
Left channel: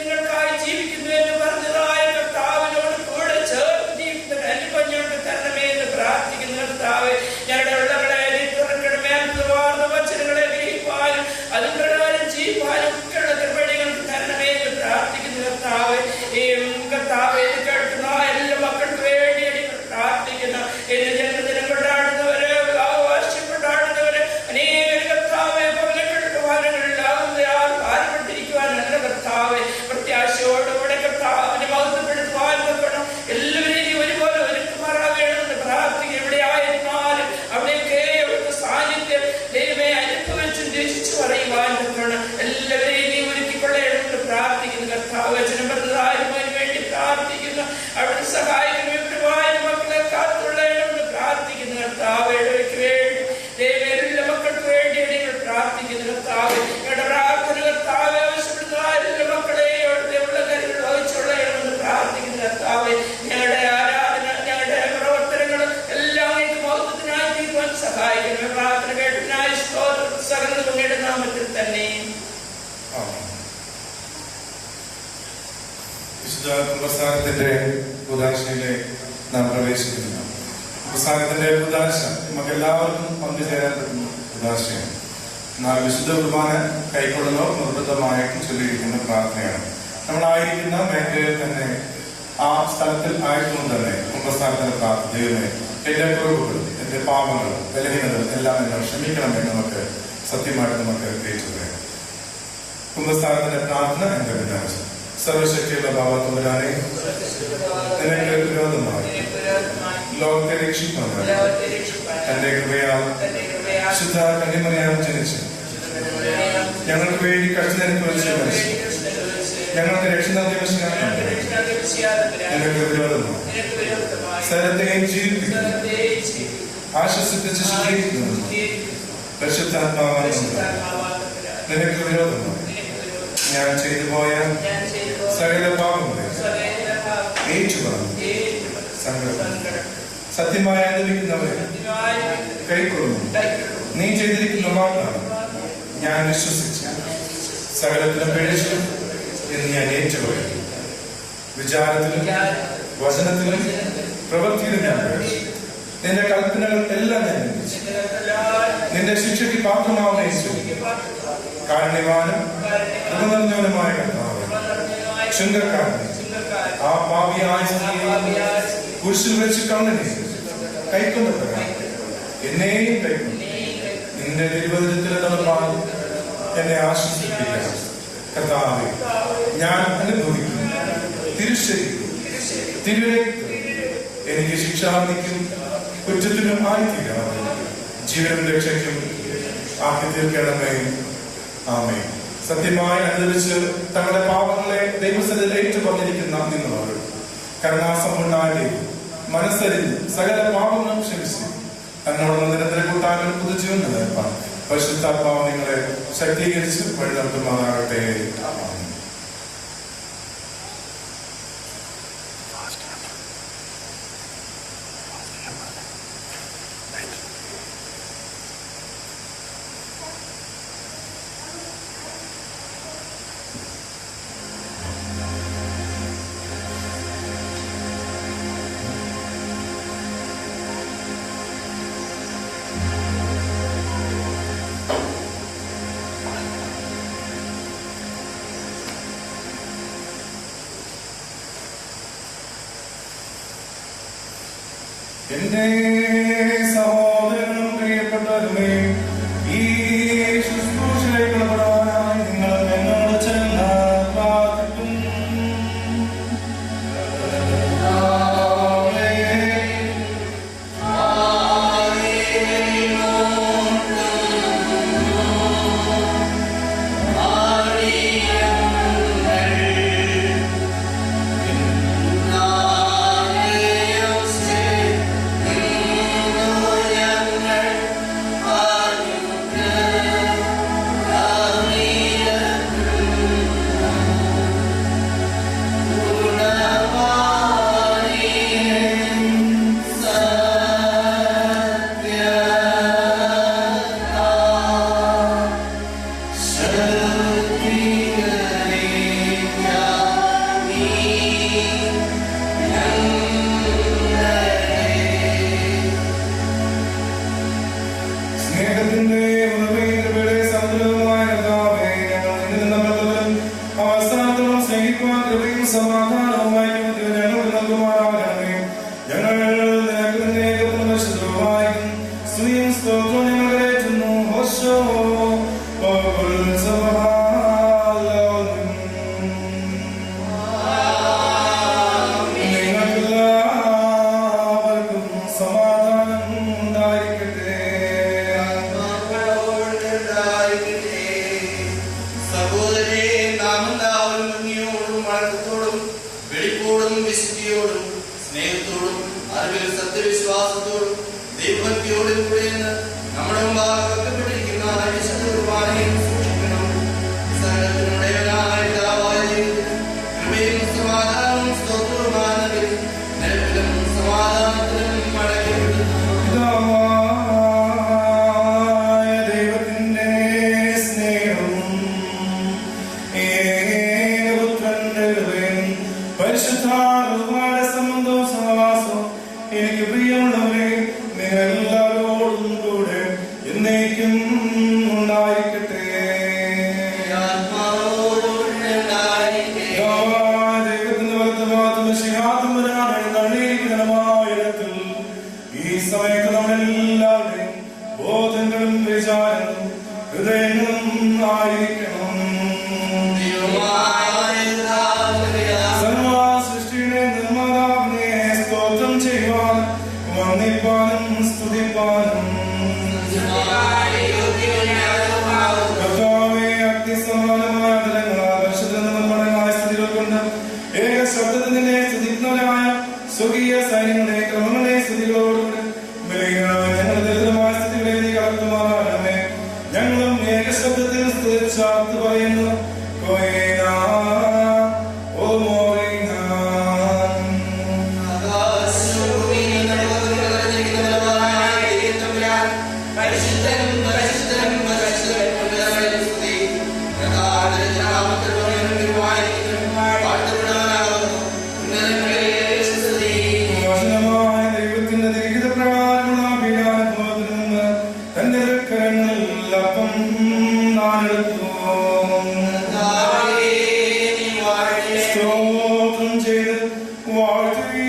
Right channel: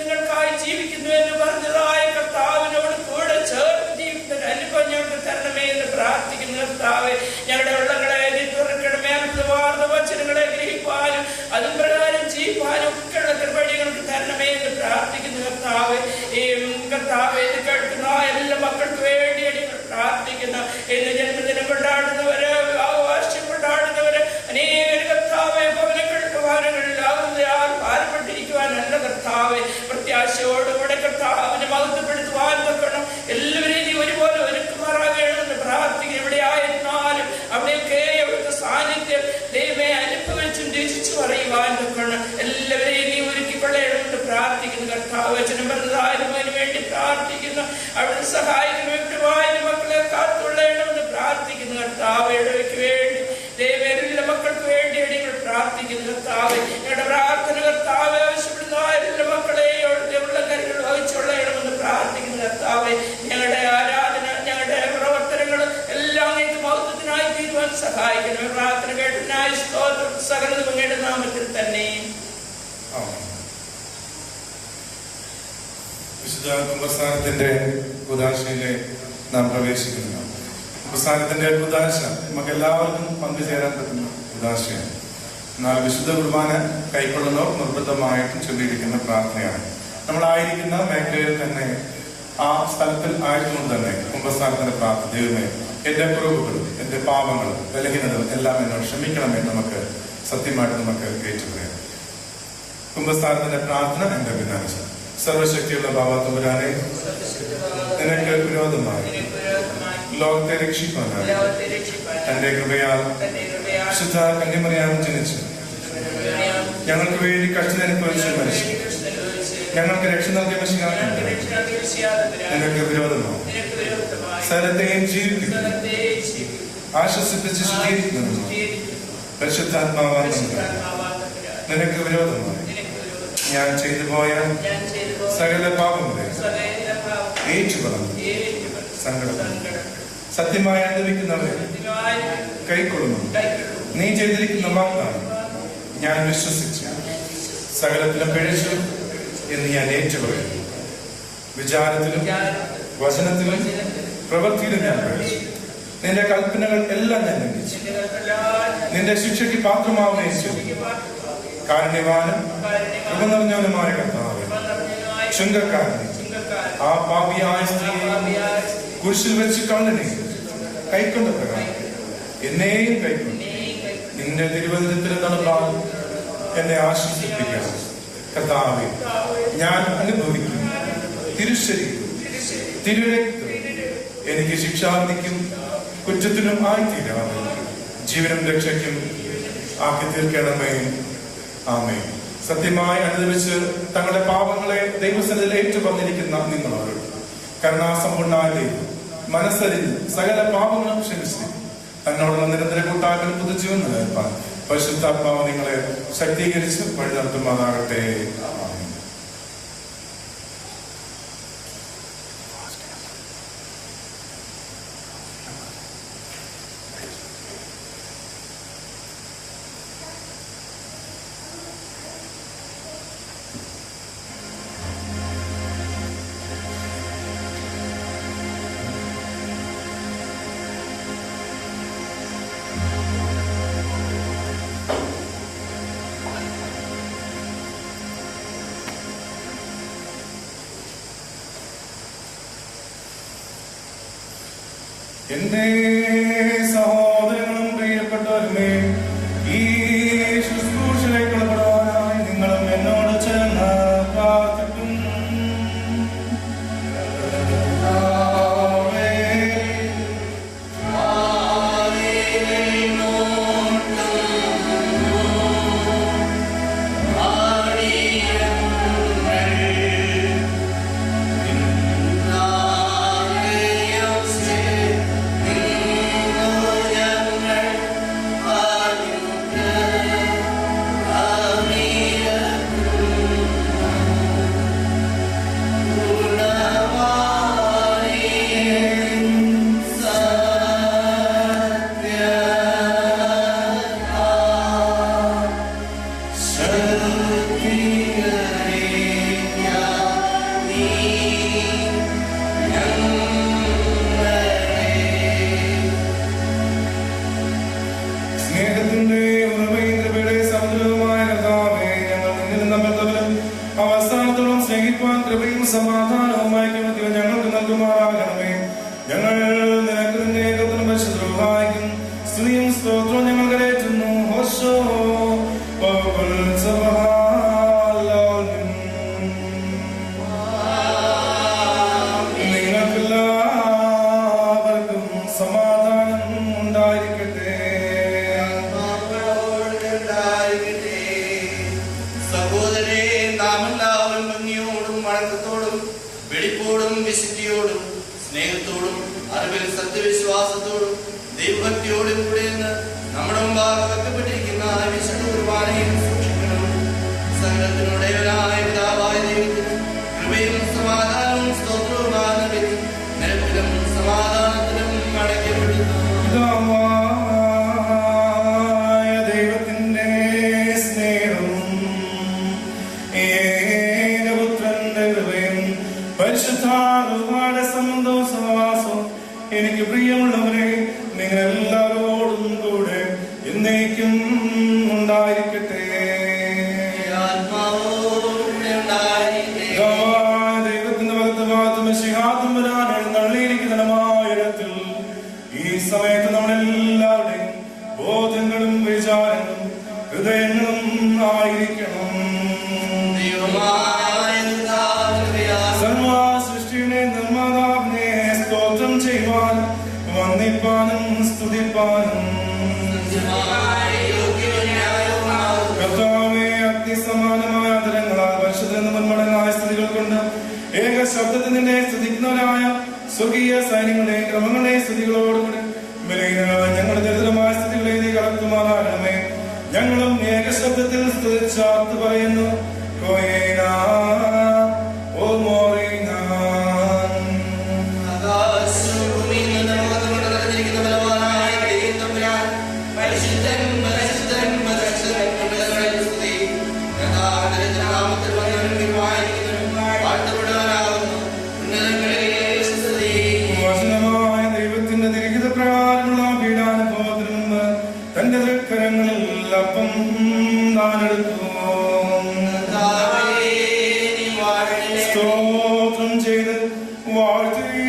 നിങ്ങൾക്കായി ജീവിക്കുന്നു എന്ന് പറഞ്ഞതായ കർത്താവിനോട് കൂടെ ചേർന്ന് ജീവിക്കുന്ന അനുഭവം ഞങ്ങൾക്ക് തരണമേ എന്ന് പ്രാർത്ഥിക്കുന്ന കർത്താവെ. ഞങ്ങളുടെ ഉള്ളങ്ങളെ നീ തുറക്കണമേ, അർത്ഥവാർന്ന വചനങ്ങളെ ഗ്രഹിപ്പാനും അതും പ്രകാരം ജീവിപ്പാനും ഒക്കെയുള്ള കൃപടികൾക്ക് തരണമേ എന്ന് പ്രാർത്ഥിക്കുന്ന കർത്താവെ. ഈ കർത്താവെ കേൾക്കുന്ന എല്ലാ മക്കൾക്ക് വേണ്ടി പ്രാർത്ഥിക്കുന്നു. എന്റെ ജന്മദിനം കൊണ്ടാടുന്നവര്, വിവാഹവാർഷികം കൊണ്ടാടുന്നവര്, അനേകം കർത്താവെ ഭവനങ്ങളിലാകുന്ന ആൾ ഭാരപ്പെട്ടിരിക്കുവാനല്ല കർത്താവെ. പ്രത്യാശയോടുകൂടെ കർത്താവിനെ മഹത്വപ്പെടുത്തുവാൻ വെക്കണം. എല്ലാവരെയും ഒരുപോലെ ഒരുക്കുമാറാകണമെന്ന് പ്രാർത്ഥിക്കുന്നു. ഇവിടെ ആയിരുന്നാലും അവിടെയൊക്കെ അവിടുത്തെ സാന്നിധ്യം ദൈവമേ അനുഭവിച്ചും രചിച്ചു പറയുവാൻ വെക്കണം. എല്ലാവരെയും നീ ഒരുക്കിക്കൊള്ളണമെന്ന് പ്രാർത്ഥിക്കുന്നു കർത്താവ്. വചനം പറഞ്ഞതായാലും അതിന് വേണ്ടി പ്രാർത്ഥിക്കുന്നു. അവിടെ സഹായിക്കുന്നവരുമായാലും മക്കളെ കാത്തുകൊള്ളണമെന്ന് പ്രാർത്ഥിക്കുന്നു കർത്താവ്. ഇടവയ്ക്ക് വേണ്ടി ദൈവം മക്കൾക്ക് വേണ്ടി നിങ്ങൾ പ്രാർത്ഥിക്കുന്നു കർത്താവ്. ഞങ്ങളുടെ പ്രാർത്ഥന കർത്താവ് ആവശ്യപ്പെടുന്ന എല്ലാ മക്കളെയും അവിടുത്തെ ഉള്ള കരുകൾ വഹിച്ചുകൊള്ളണമെന്ന് പ്രാർത്ഥിക്കുന്നു കർത്താവ്. ഞങ്ങളുടെ ആരാധന, ഞങ്ങളുടെ പ്രവർത്തനങ്ങൾ എല്ലാം മഹത്വത്തിനായി തീരുവാൻ സഹായിക്കുന്നു. പ്രാർത്ഥന കേട്ടതിനായി സ്തോത്രം. സകല അങ്ങയുടെ നാമത്തിൽ തന്നെ. വിശുദ്ധ കുംഭസാരത്തിന്റെ ഉദാശയിലെ നാം പ്രവേശിക്കുന്നു. കുംഭസാരത്തിന്റെ ഉദാശ നമുക്ക് എല്ലാവർക്കും പങ്കുചേരാൻ പറ്റുന്ന ഉദാശയാണ്. എന്നാൽ വിശുദ്ധ കുർബാന കൈക്കൊള്ളുന്ന നിർബന്ധമായിട്ടും ചൊല്ലിയിരിക്കുന്ന പ്രാർത്ഥനയാണ്. നമ്മളായിരിക്കുന്ന മേഖലയിൽ തന്നെ ആ സ്ഥലത്തിൽ ആയതുകൊണ്ട് തന്നെ കുംഭസാരത്തിന്റെ പ്രാർത്ഥന, ദൈവമേ എന്റെ കുറവുകൾ, എന്റെ പാപങ്ങൾ, ബലഹീനതകൾ എല്ലാം എന്നെ ക്ഷമിക്കണമെന്ന് നമുക്ക് സത്യമായിട്ട് നമുക്ക് ഏറ്റുപറയാം. കുംഭസാരത്തിന്റെ പ്രാർത്ഥന എന്റെ വിനാശ. സർവശക്തിയുള്ള ഭാവത്തോരാനെ നിനക്ക് വിരോധമായി ലോകത്തെ രക്ഷിക്കാനായി തന്റെ കൃപയാൽ ശുദ്ധ കന്യമറിയാൻ ജനിച്ച് ഞങ്ങൾക്ക് വേണ്ടി കഷ്ടനുഭവിച്ച് മരിച്ചു ഞങ്ങൾക്ക് രക്ഷ നൽകിയ നിനക്ക് വിരോധമായി സ്ഥലത്തെയും ജീവിപ്പിക്കുന്നു, ആശ്വസിപ്പിച്ച് ശുദ്ധീകരിക്കുന്നു. പരിശുദ്ധാത്മാവായ നിനക്ക് വിരോധമായി ഞാൻ ചെയ്തു പോയ സകല പാപങ്ങളെ ഏറ്റുപറഞ്ഞു സങ്കടം സത്യമായി അനുഭവിക്കുന്നവരെ കൈക്കൊള്ളുന്നു. നീ ചെയ്തിരിക്കുന്ന വാഗ്ദാനം ഞാൻ വിശ്വസിച്ചു, സകലത്തിലും പിഴച്ചു എന്ന് ഞാൻ ഏറ്റുപറയുന്നു. വിചാരത്തിലും വചനത്തിലും പ്രവൃത്തിയിലും ഞാൻ പിഴച്ചു. നിന്റെ കൽപ്പനകൾ എല്ലാം ഞാൻ ലംഘിച്ചു. നിന്റെ ശിക്ഷയ്ക്ക് പാത്രമാവുകയും ചെയ്തു. കാരുണ്യവാനും നിറഞ്ഞവനുമായ കർത്താവേ, ചുങ്കക്കാരനെ, ആ പാപിയായ സ്ത്രീയെ കുരിശിൽ വെച്ച് കണ്ണനെ കൈക്കൊണ്ട പ്രകാരം എന്നെയും കൈക്കൊണ്ട് നിന്റെ തിരുവചനത്തിൽ നടപ്പാൻ എന്നെ ആശ്വസിപ്പിക്കണം. കർത്താവേ, ഞാൻ അനുഭവിക്കുന്നു തിരുശരീരം തിരുരക്തം എനിക്ക് ശിക്ഷാവിധിക്കും കുറ്റത്തിനും ആയിത്തീരാതെ ജീവനും രക്ഷയ്ക്കും ആക്കി തീർക്കണമേ. ആമേൻ. സത്യമായി അനുദപിച്ച് തങ്ങളുടെ പാപങ്ങളെ ദൈവസന്നിധിയിൽ ഏറ്റുപറഞ്ഞിരിക്കുന്ന നിങ്ങളോട് കരുണാസമ്പൂർണ്ണായ ദൈവം മനസ്സരിഞ്ഞ് സകല പാപങ്ങളും ക്ഷമിച്ച് തന്നോടുള്ള നിരന്തര കൂട്ടാനും പുതുജീവൻ നിലനിർത്താൻ പരിശുദ്ധാത്മാവ് നിങ്ങളെ ശക്തീകരിച്ച് വഴി നടത്തുന്നതാകട്ടെ. എന്റെ സഹോദരനും പ്രിയപ്പെട്ടവരുമേ, ഈ ശുശ്രൂഷയിലേക്ക് കടപ്പെടാനായി നിങ്ങളും എന്നോട് ചേർന്ന് പ്രാർത്ഥിക്കും. ും ഇപ്രകാരമുള്ള പീഡാനുഭവത്തിൽ നിന്ന് തന്റെ കരങ്ങളിൽ അപ്പം നാനെടുത്തു. സ്തോത്രം ചെയ്ത് വാഴ്ത്തി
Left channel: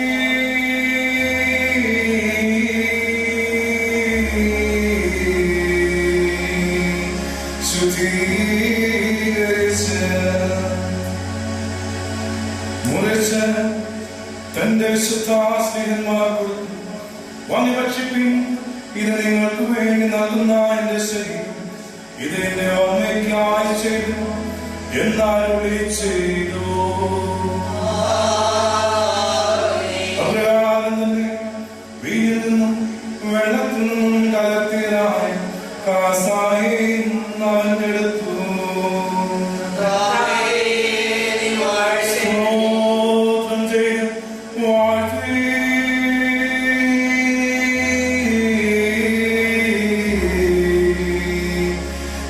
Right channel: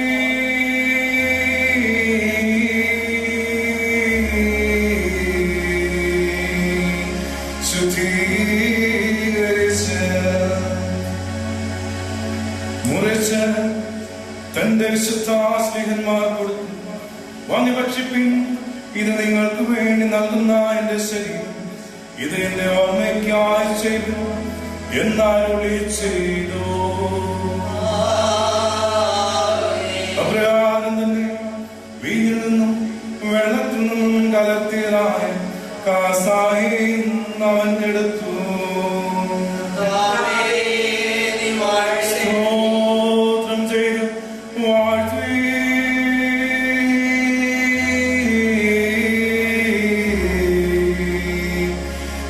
മുറിച്ച് തന്റെ ശുദ്ധാസ്ലിഹന്മാർ കൊടുത്തു. വാങ്ങി ഭക്ഷിപ്പിൻ, ഇത് നിങ്ങൾക്ക് വേണ്ടി നൽകുന്ന എന്റെ ശരീരം, ഇത് എന്റെ ഓർമ്മയ്ക്കായി ചെയ്തു എന്നാലൊളി ചെയ്തു. അപ്രകാരം തന്നെ വീട്ടിൽ നിന്നും വെള്ളത്തിൽ നിന്നും കലർത്തിയതായ കാസായും അവൻ എടുത്തു. സ്തോത്രം ചെയ്ത് വാഴ്ത്തി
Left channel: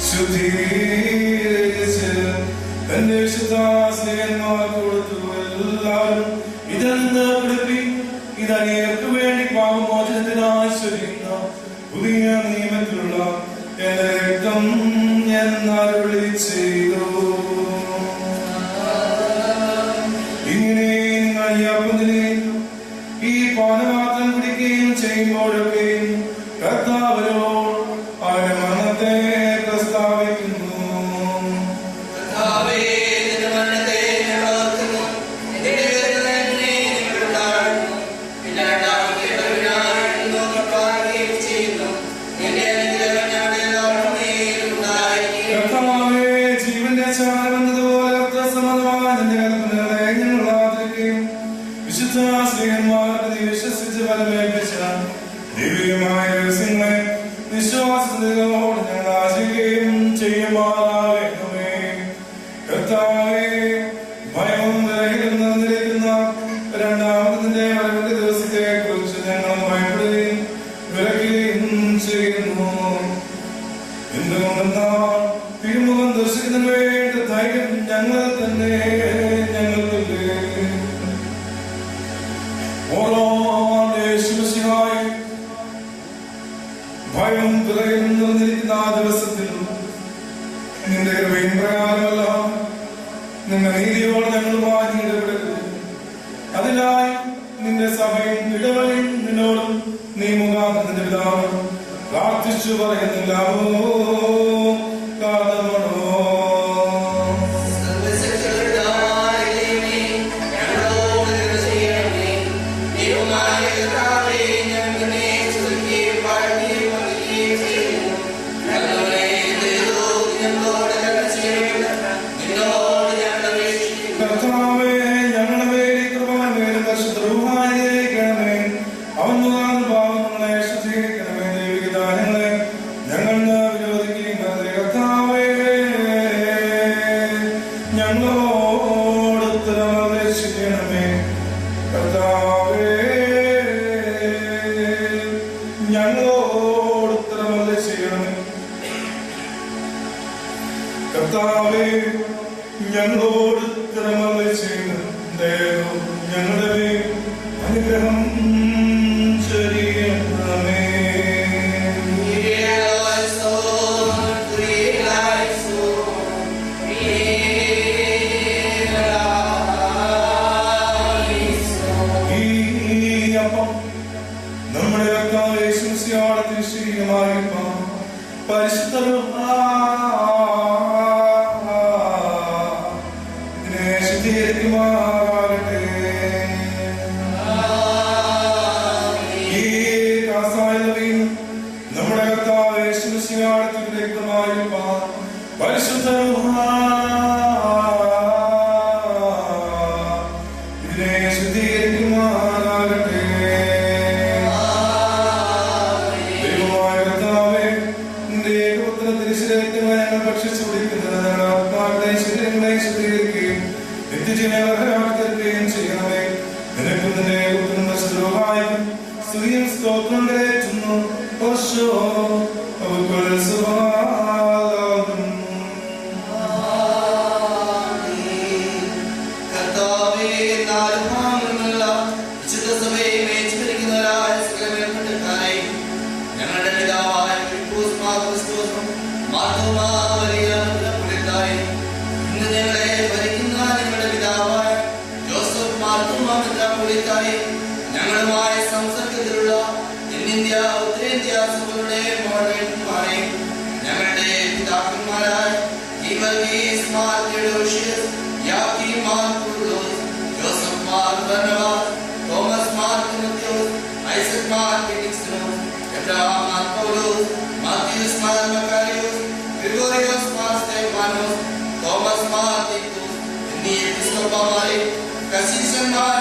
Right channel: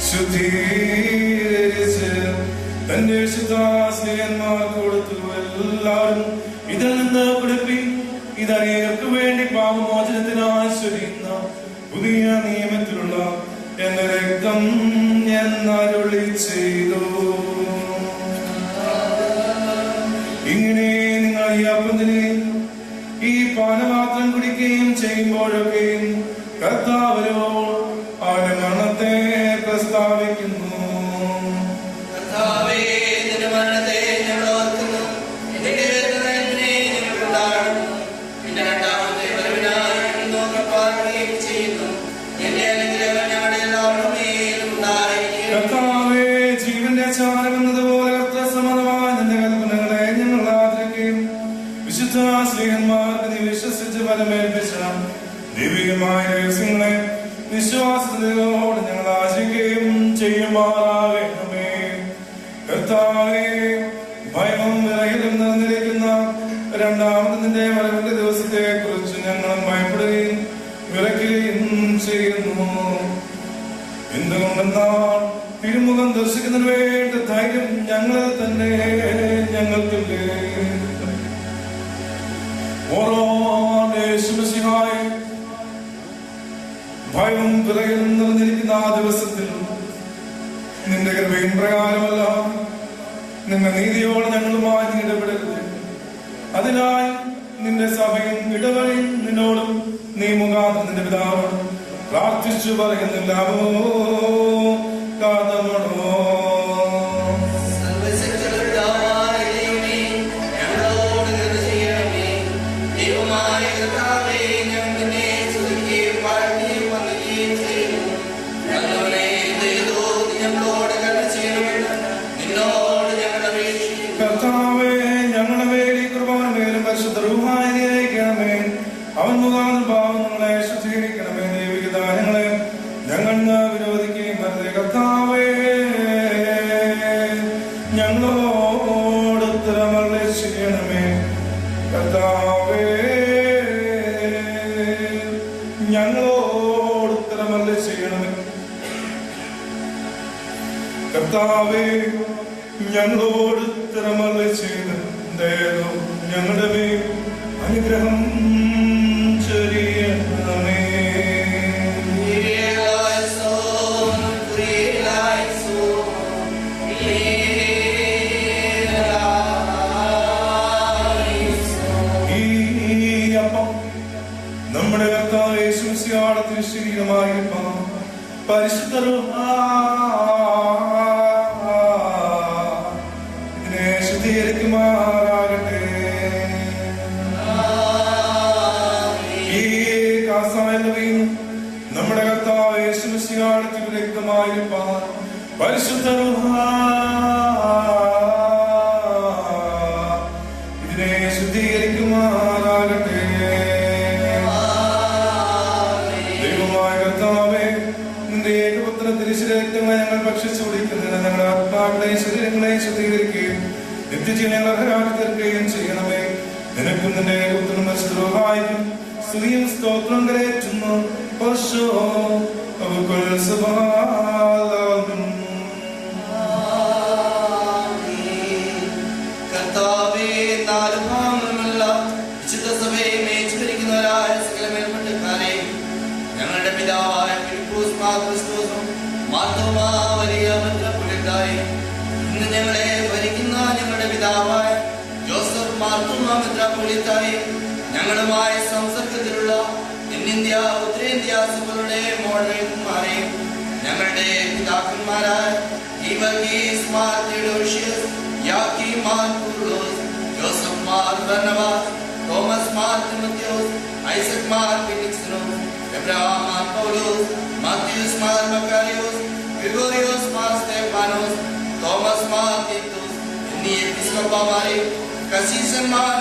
ശുദ്ധീകരിച്ച് തന്റെ ശുദ്ധാസ്ലിഹന്മാർ കൊടുത്തു. എല്ലാവരും ഇതിൽ നിന്ന് പിടിപ്പി, ഇതങ്ങേർക്ക് വേണ്ടി പാപമോചനത്തിനായി ചൊരിയുന്ന പുതിയ നിയമത്തിലുള്ള എന്റെ രക്തം എന്നരുളി ചെയ്തു. ഇങ്ങനെ നിങ്ങൾ ഈ അപ്പത്തിനെയും ഈ പാനപാത്രം കുടിക്കുകയും ചെയ്യുമ്പോഴൊക്കെയും കർത്താവരോട് അവന്റെ മരണത്തെ പ്രസ്താവിക്കുന്നു. കർത്താവേ, ജീവന്റെ ചാരമെന്നതുപോലെ അർത്ഥസംബന്ധമായ നിന്റെ കൽപ്പനകളെ ഞങ്ങൾ ആദരിക്കുകയും വിശുദ്ധ സ്ത്രീയന്മാർക്ക് നീ വിശ്വസിച്ച് ഫലമേൽപ്പിച്ച ദൈവികമായ രഹസ്യങ്ങളെ വിശ്വാസത്തോട് ഞങ്ങൾ ആശിക്കുകയും ചെയ്യുമാറാകണമേ. കർത്താവേ, ഭയവും വിറയലും നിറഞ്ഞിരിക്കുന്ന രണ്ടാമതിന്റെ വരവിന്റെ ദിവസത്തെ കുറിച്ച് ഞങ്ങൾ ഭയപ്പെടുകയും വിറയ്ക്കുകയും ചെയ്യുന്നു. എന്തുകൊണ്ടെന്നാൽ തിരുമുഖം ദർശിക്കുന്നതിന് വേണ്ട ധൈര്യം ഞങ്ങൾ തന്നെ ഞങ്ങൾക്കില്ലേ. ഓരോ യേശുമിശിഹായെ, ഭയം വിറയലും നിറഞ്ഞിരിക്കുന്ന ആ ദിവസത്തിൽ നിന്റെ കൃപയും പ്രകാരമല്ല നിന്റെ നീതിയോടെ ഞങ്ങളുമായി ഇടപെടുക. അതിനായി നിന്റെ സഭയും ഇടവഴിയും നിന്നോടും നീ മുഖാന്തരം നിന്റെ പിതാവ് പ്രാർത്ഥിച്ചു പറയുന്നില്ലാവോ കാരണമാണോ. കർത്താവേ, ഞങ്ങളുടെ മേൽ ഈ കൃപാവരമേലും പരിശുദ്ധ റൂഹായിരിക്കണമേ. അവൻ മുഖാന്തരം പാപങ്ങളെ ശുദ്ധീകരിക്കണമേ. ദൈവിക ദാനങ്ങളെ ഞങ്ങൾ വിരോധിക്കുകയും തന്നെ. കർത്താവേ, ഞങ്ങളോട് ഉത്തരം ചെയ്യണമേ. കർത്താവേ, ഞങ്ങളോട് ഉത്തരം ചെയ്യണമേ. കർത്താവേ, ഞങ്ങളോട് ഉത്തരമരുളി ചെയ്ത് ഞങ്ങളുടെ മേൽ അനുഗ്രഹം ചൊരിയണമേ. ഈ അപ്പം നമ്മുടെ കർത്താവ് യേശു മിശിഹായുടെ തിരുശരീരമായിരിക്കും. പരിശുദ്ധ ശുദ്ധീകരിക്കുമാറാകട്ടെ. ഈ കാസായവയും നമ്മുടെ കർത്താവ് യേശു മിശിഹായുടെ രക്തമായിരിക്കാൻ പരിശുദ്ധ ഇതിനെ ശുദ്ധീകരിക്കുമാറാകട്ടെ. ദൈവമായ കർത്താവേ, നിന്റെ ഏകപുത്ര തിരുശരീരത്വങ്ങളെ ഞങ്ങൾ ഭക്ഷിച്ചു കുടിക്കുന്നത് ഞങ്ങളുടെ ആത്മാക്കളെ ശരീരങ്ങളെ ശുദ്ധീകരിക്കുകയും നിത്യജീവനെ അർഹരാക്കുകയും ചെയ്യണമേ. നിനക്കും നിന്റെ പുത്രനും പരിശുദ്ധരൂഹായിക്കും സ്തുതിയും സ്തോത്രം കരേറ്റുന്നു. കർത്താവേ, നാല് ഭാഗങ്ങളുള്ള വിശുദ്ധ സഭയെ മേച്ചുഭരിക്കുന്നവരായ സകല മേൽപ്പെട്ടക്കാരെ ഞങ്ങളുമായി സംസർഗത്തിലുള്ള ഇന്ത്യ ഉത്തരേന്ത്യ സഭകളുടെ മോഡൽമാരെ ഞങ്ങളുടെ പിതാക്കന്മാരായ ജോസഫ് മാർ ധനവാദ്, Thomas Mar Timotheos, Isaac Mar Philoxenos, Abraham Mar Paulos, Mathews Mar Makarios, Gregorios Mar Stephanos, Thomas Mar Theethos എന്നീ എപ്പിസ്കോപ്പമാരെ കസീസന്മാർ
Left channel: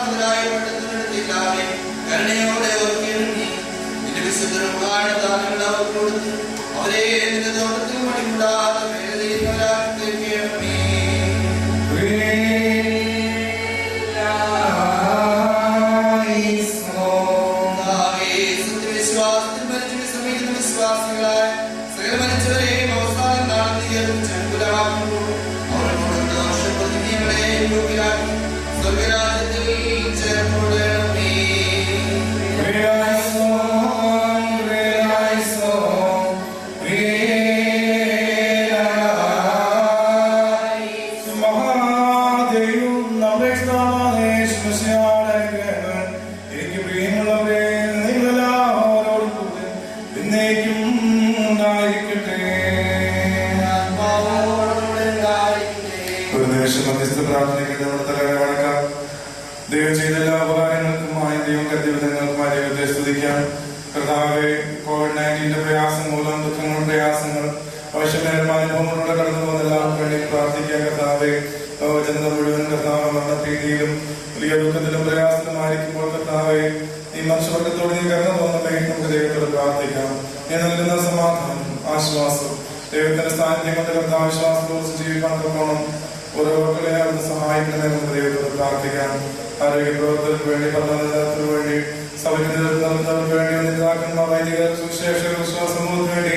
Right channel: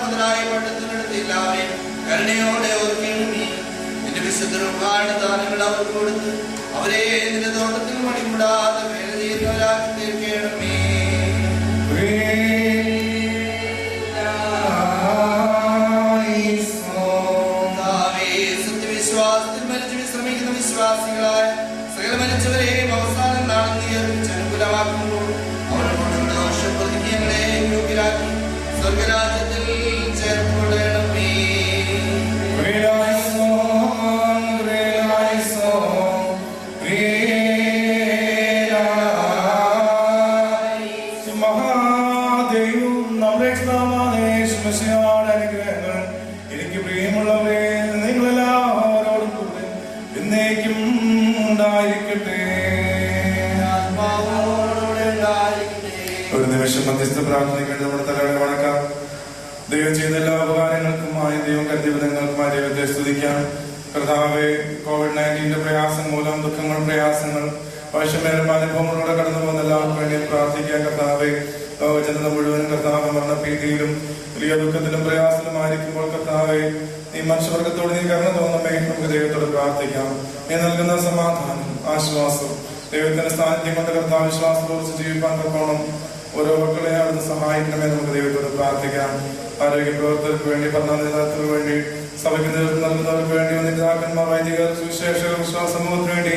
മുതലായ പട്ടത്തിനെടുത്തിട്ടാവെ കരുണയോടെ ഓർക്കണമേ. നിന്റെ വിശുദ്ധരുമായ ദാനങ്ങൾ അവർക്ക് കൊടുത്ത് അവരെ നിന്റെ തോട്ടത്തിൽ മണിക്കൂടാതെ തീർക്കണമേ. വിശ്വാസത്തിൽ മരിച്ചു വിശ്രമിക്കുന്ന വിശ്വാസികളായ സകലമനുഷ്യരെയും അവസാനം നാം അനുകൂലമാക്കുമ്പോൾ അവരോടുള്ള ദോഷപ്രതിജ്ഞകളെയും യോഗ്യരാക്കി സ്വർഗരാജ്യത്തിൽ ചേർക്കപ്പെടണമേ. ഒരു നിമിഷം മധ്യസ്ഥ പ്രാർത്ഥനയ്ക്ക് നമ്മുടെ തലകളെ വണക്കാം. ദൈവം ചെയ്ത എല്ലാ ഉപകാരങ്ങൾക്കുമായി ദൈവം കരുതിയ വിധങ്ങൾക്കുമായി ദൈവത്തെ സ്തുതിക്കാം. കർത്താവെ, COVID-19 പ്രയാസം മൂലം ദുഃഖങ്ങൾ, പ്രയാസങ്ങൾ, ആവശ്യമേറുന്ന അനുഭവങ്ങളിലൂടെ കടന്നു പോകുന്ന എല്ലാവർക്കും വേണ്ടി പ്രാർത്ഥിക്കാം. കർത്താവെ, ജനത മുഴുവനും കർത്താവ് മരണഭീതിയിലും വലിയ ദുഃഖത്തിലും പ്രയാസത്തിലുമായിരിക്കുമ്പോൾ കർത്താവെ, ഈ മനുഷ്യവർഗത്തോട് നീ കരുണ തോന്നണമേ. നമുക്ക് ദൈവത്തോട് പ്രാർത്ഥിക്കാം. നീ നൽകുന്ന സമാധാനം, ആശ്വാസം, ദൈവത്തിന്റെ സ്ഥാനത്തെ കൊണ്ട് കർത്താവ് വിശ്വാസത്തോട് ജീവിക്കാൻ തക്കോണം ഓരോ മക്കളെ അവിടുന്ന് സഹായിക്കണമേ. നമുക്ക് ദൈവത്തോട് പ്രാർത്ഥിക്കാം. ആരോഗ്യ പ്രവർത്തകർക്ക് വേണ്ടി, പഠനത്തിന് വേണ്ടി, സഭയ്ക്ക് നൽകുന്നവർക്ക് വേണ്ടി, നേതാക്കന്മാർ, വൈദികർ, സുവിശേഷകർ, വിശ്വാസ സമൂഹത്തിന് വേണ്ടി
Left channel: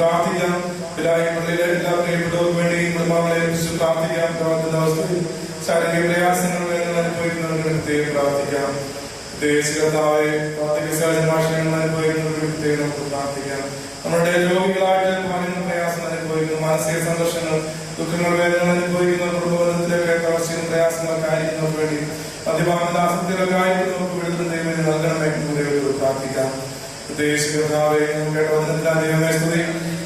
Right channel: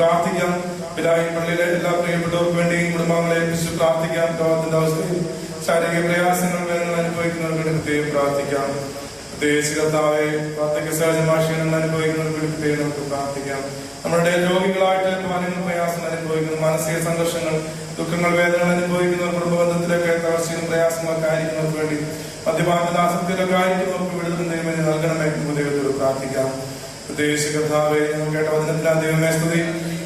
പ്രാർത്ഥിക്കാം. പിതായി പള്ളിയിലെ എല്ലാ പ്രിയപ്പെട്ടവർക്ക് വേണ്ടി കുടുംബങ്ങളെ കുറിച്ച് പ്രാർത്ഥിക്കാം. പ്രവർത്തന അവസ്ഥയിൽ ശാരീരിക പ്രയാസങ്ങൾ വേദനകൾ അനുഭവിക്കുന്നവർക്ക് പ്രത്യേകം പ്രാർത്ഥിക്കാം. പ്രത്യേകിച്ച് കർത്താവെ, പ്രാർത്ഥിക സഹജമാശയങ്ങൾ അനുഭവിക്കുന്നവർക്ക് പ്രത്യേകം നമുക്ക് പ്രാർത്ഥിക്കാം. നമ്മുടെ രോഗികളായിട്ട് അനുഭവങ്ങൾ, പ്രയാസങ്ങൾ അനുഭവിക്കുന്ന മാനസിക സംഘർഷങ്ങൾ, ദുഃഖങ്ങൾ, വേദനകൾ അനുഭവിക്കുന്ന കുടുംബബന്ധത്തിലേക്ക് അവസ്ഥയും പ്രയാസങ്ങളൊക്കെ ആയിരിക്കുന്നവർക്ക് വേണ്ടി, മദ്യപാനത്തിന്റെ ആസക്തിയിലൊക്കെ ആയിരിക്കുന്നവർക്ക് വിടുതൽ ദൈവം നൽകണമേ. ദൈവത്തോട് പ്രാർത്ഥിക്കാം. പ്രത്യേകിച്ച് കർത്താവെ, കേട്ട വചനത്തിലാണ് ദൈവമേ സ്തുതി.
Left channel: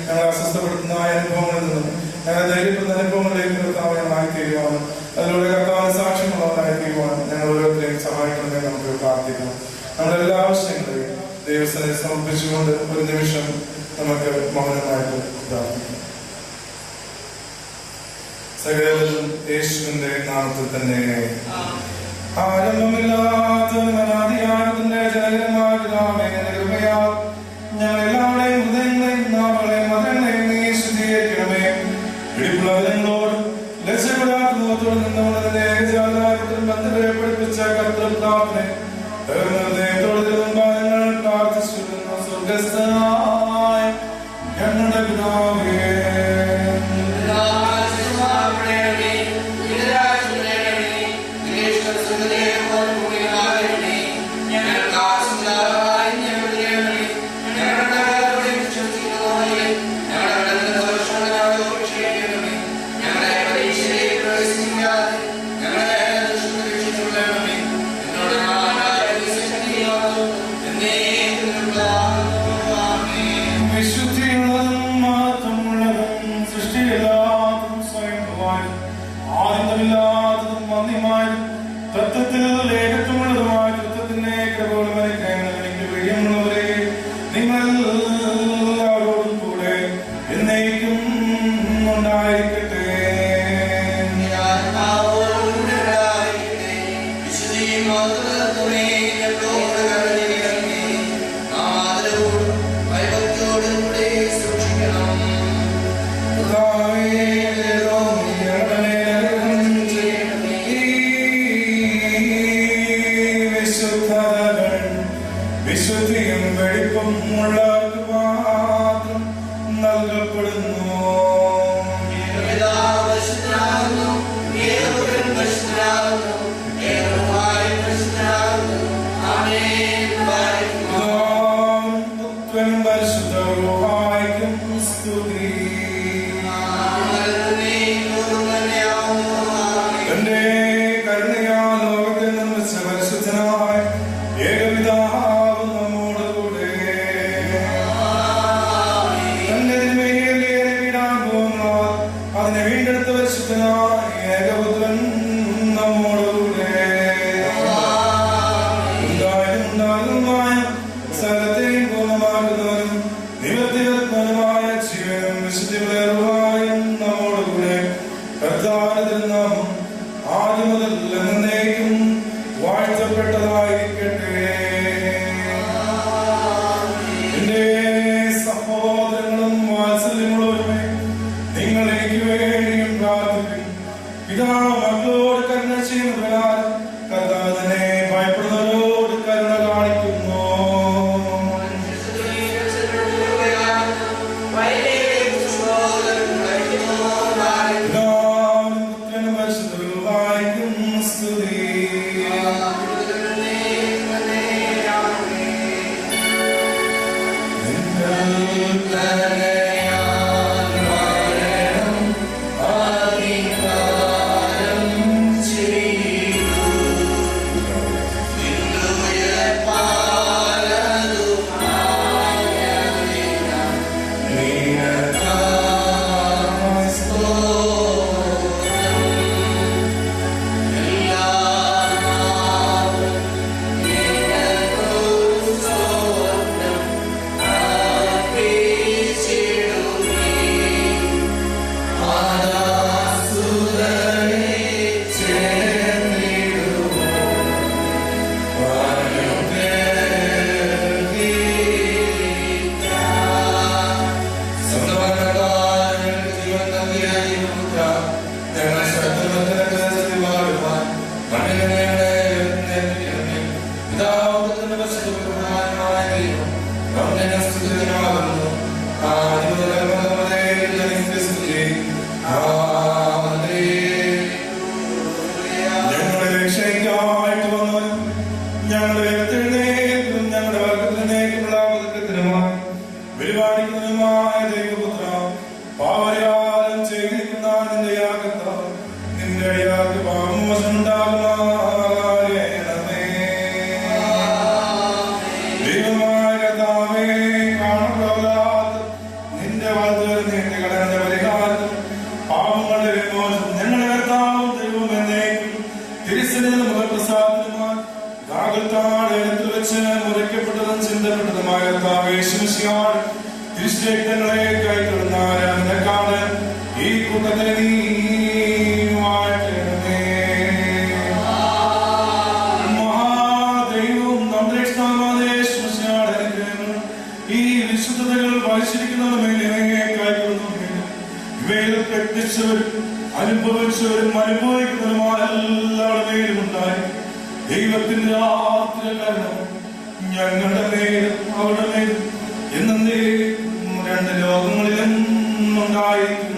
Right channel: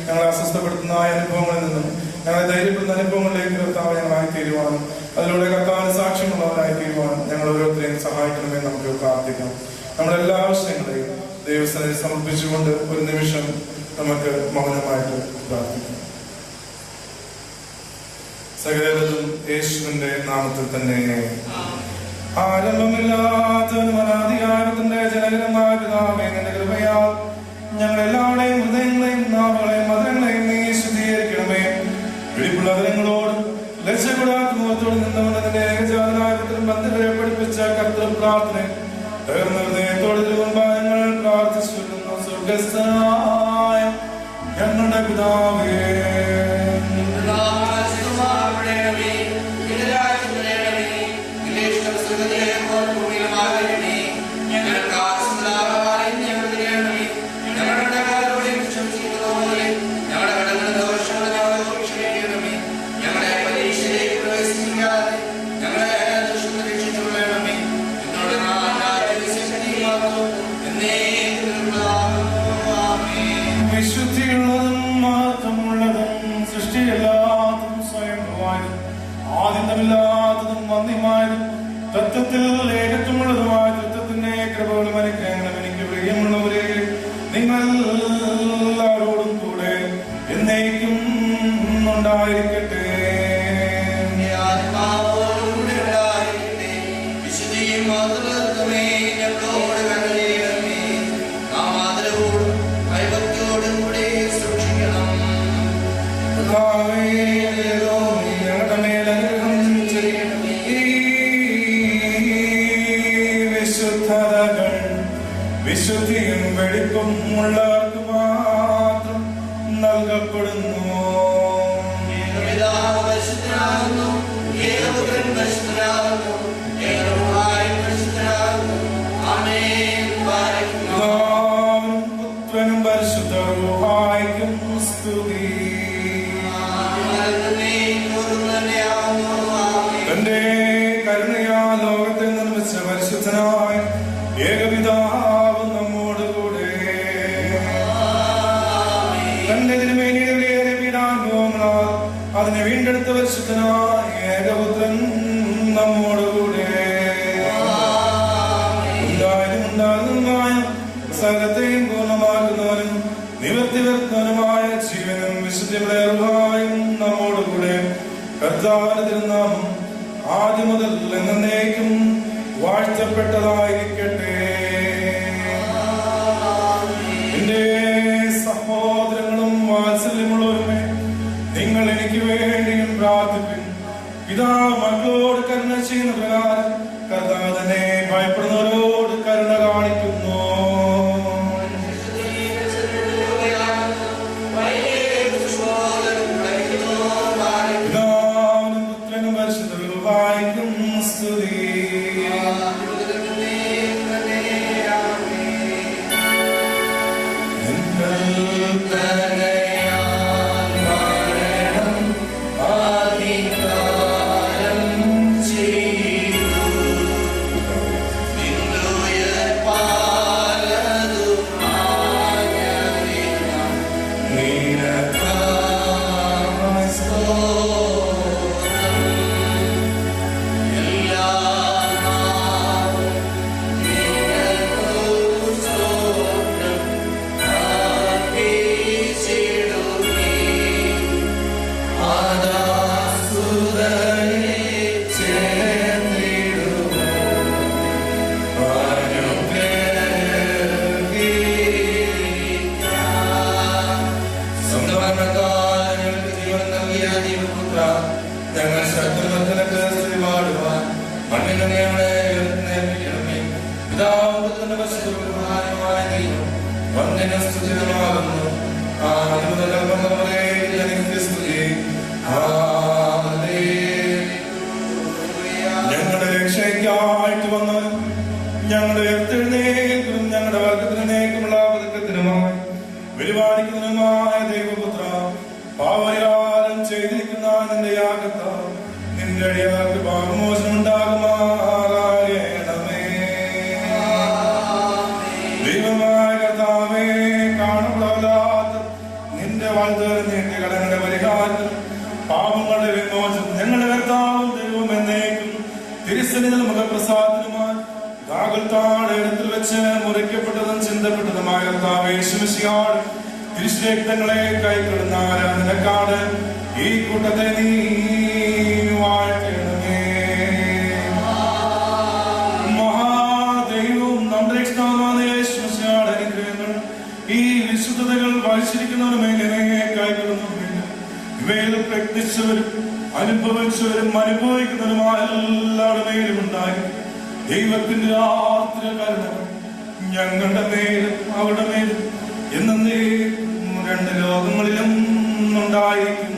ഞങ്ങളെ അസ്വസ്ഥപ്പെടുത്തുന്ന അനുഭവങ്ങളിൽ നിന്നും ഞങ്ങളെ ധൈര്യപ്പെടുന്ന അനുഭവങ്ങളിലേക്ക് കർത്താവ് ഞങ്ങളായി തീരുവാനും അതിലൂടെ കർത്താവിന് സാക്ഷ്യമുള്ളവരായി തീരുവാനും ഞങ്ങൾ ഓരോരുത്തരെയും സഹായിക്കണമെന്ന് നമുക്ക് പ്രാർത്ഥിക്കാം. നമ്മുടെ എല്ലാ ആവശ്യങ്ങളെയും ദൈവസ്ഥനെ സമർപ്പിച്ചുകൊണ്ട് ഒരു നിമിഷം നമുക്ക് മൗനമായിട്ട് പ്രാർത്ഥിക്കാം. സകലതും യേശുവിന്റെ നാമത്തിൽ തന്നെ. ആരംഭമില്ലാത്ത അനാദികാലത്തിന്റെ ജനകരമായ പിതാവേ, കൃപയാൽ ഞങ്ങളെല്ലാവരുടെയും ഹൃദയങ്ങളെയും നാമങ്ങളെയും മതങ്ങളെയും നീ ശുദ്ധീകരിക്കണമേ. പിടിപ്പുള്ളവരങ്ങളോട് ലക്ഷ്യപ്പെടാക്കുന്നതോട് നിന്നവരുടെ ഏകജാതനായത്തിൽ ബന്ധുവരെ പഠിപ്പിച്ച കർത്തൃപ്രാർത്ഥന ഹൃദയത്തോട് തിരുവമ്പായങ്ങൾ പ്രാർത്ഥിച്ചു. സ്വർഗസ്ഥനായ ഞങ്ങളുടെ പിതാവേ, തത്വത്തിൽ ഏകത്വമുള്ളതുമായ തത്വത്തിന്റെ കൃപകളും അനുഗ്രഹങ്ങളും എനിക്ക് പ്രിയമുള്ളവരെ നിങ്ങളെല്ലാവരോടും കൂടെ എന്നേക്കും ഉണ്ടായിരിക്കട്ടെ. വിശുദ്ധിയും വെടിപ്പും ഉള്ളവർക്ക് മാത്രം നൽകപ്പെടുന്നു. പരിശുദ്ധ നിവർത്തിവരുന്നതുമായ ജീവനും വിശുദ്ധിയും നമ്മോടുകൂടെ കർത്താവിന്റെ നാമം ആദ്യം മുതൽ എന്നേക്കും വാഴ്ത്തപ്പെട്ടതായിരിക്കട്ടെ. എന്റെ സഹോദരങ്ങളും വാത്സല്യങ്ങളും നിങ്ങൾ എനിക്ക് വേണ്ടിയും പ്രാർത്ഥിക്കും. പിതാവ് മക്കളോട് കരുണ ചെയ്യുന്ന പ്രകാരം കർത്താവിനെ ഭയപ്പെടുന്നവരോട് കരുണ കാണിക്കുന്നു. തിരുശേഖരങ്ങളെ കൈക്കൊള്ളുന്നാരക്കാട് ഈ കൂട്ടത്തെ നീ വാഴ്ത്തണമേ. മഹാദൈവവും നമ്മുടെ ഇഷ്ടമായ അനുഗ്രഹങ്ങൾ ഈ വിശുദ്ധതകൾ വായിച്ചിരിക്കുന്നവരുടെ മേലെ കൈക്കൊള്ളുന്നു. ഇവയിൽ പ്രത്യക്ഷവരും അനുഭവിച്ചവരും അനുഭവിക്കുന്നവരുമായ എല്ലാവരുടെ മേലും ഉണ്ടായി ദൈവത്തിന്റെ ആത്മകരണം ഞങ്ങളുടെ മേലും അവരുടെ മേലും എന്നേ രണ്ട് ലോകങ്ങളിലും ഉണ്ടായിരിക്കും.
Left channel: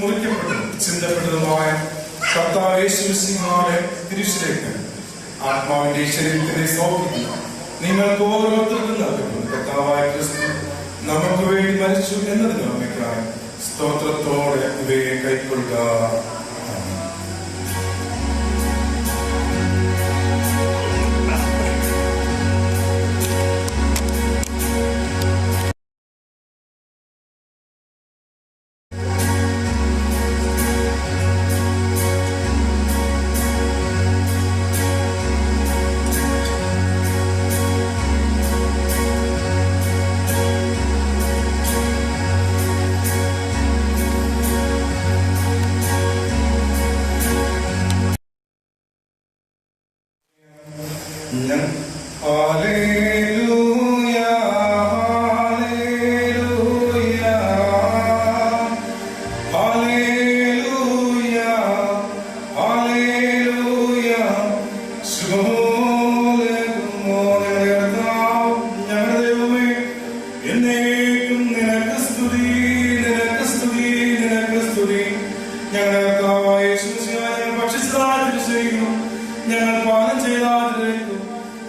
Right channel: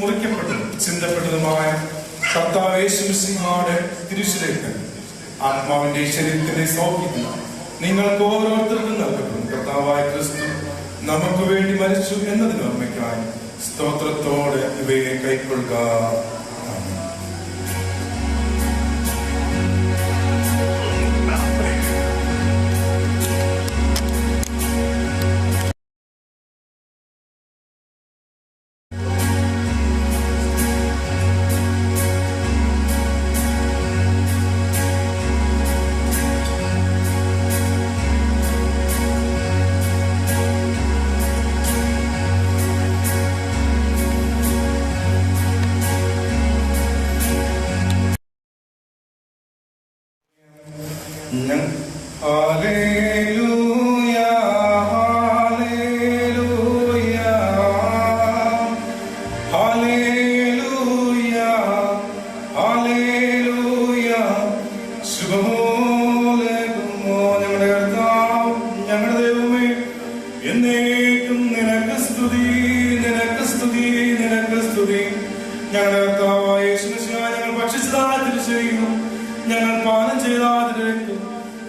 മുറിക്കപ്പെട്ടതും ചിന്തപ്പെട്ടതുമായ കർത്താവ് യേശുമിശിഹായുടെ തിരുശരീരത്തിൽ ആത്മാവിന്റെ ശരീരത്തിന്റെ സൗഖ്യത്തിൽ നിങ്ങൾക്ക് ഓരോരുത്തർക്കും നൽകപ്പെടും. കർത്താവായ ക്രിസ്തു നമുക്ക് വേണ്ടി മരിച്ചു എന്നതിന് ഓർമ്മയ്ക്കായി സ്തോത്രത്തോടെ ഇവയെ കൈക്കൊള്ളുക.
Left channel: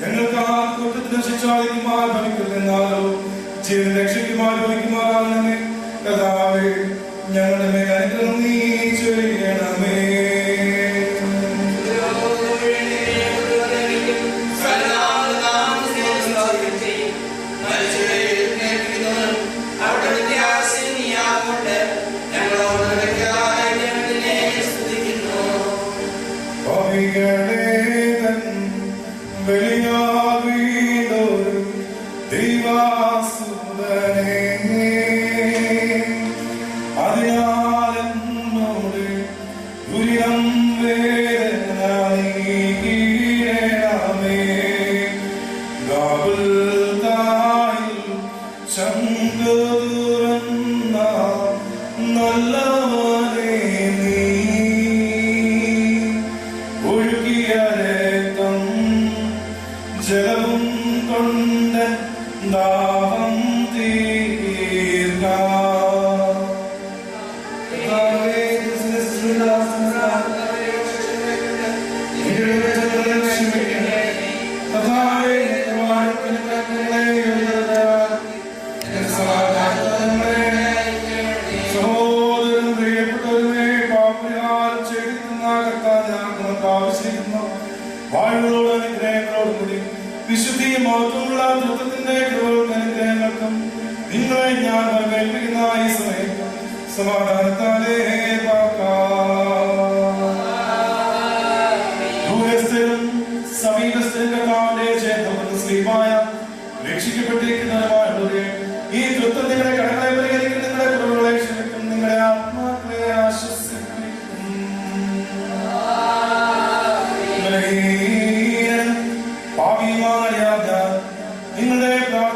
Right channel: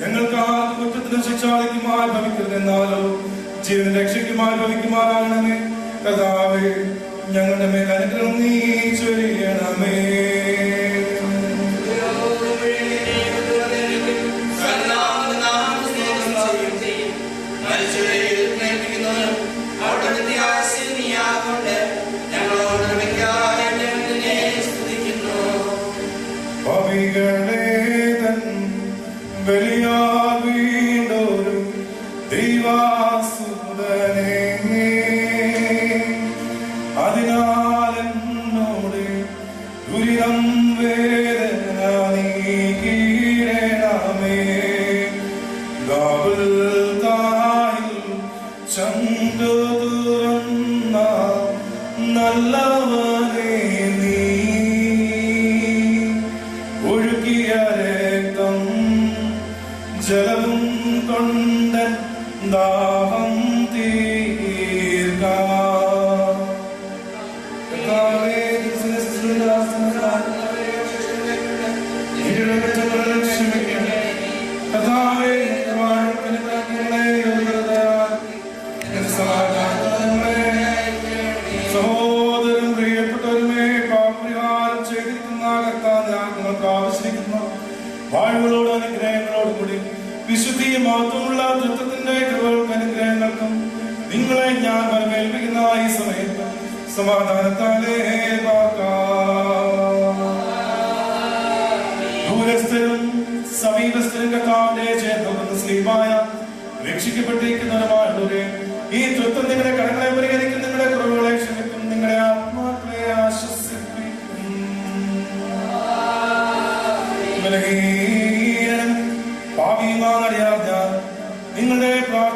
ഞങ്ങൾക്ക് ആ കുറ്റത്തിന് മരണത്തിന് ശിക്ഷാദിക്കുമായി ഭവിക്കുമെന്നാലോ ജീവൻ രക്ഷയ്ക്കുമായി ഭവിക്കുമാറാവണമേ. കർത്താവേ, ഞങ്ങളുടെ മേൽ അനുഗ്രഹം നീ ചൊരിയണമേ. നിങ്ങളുടെ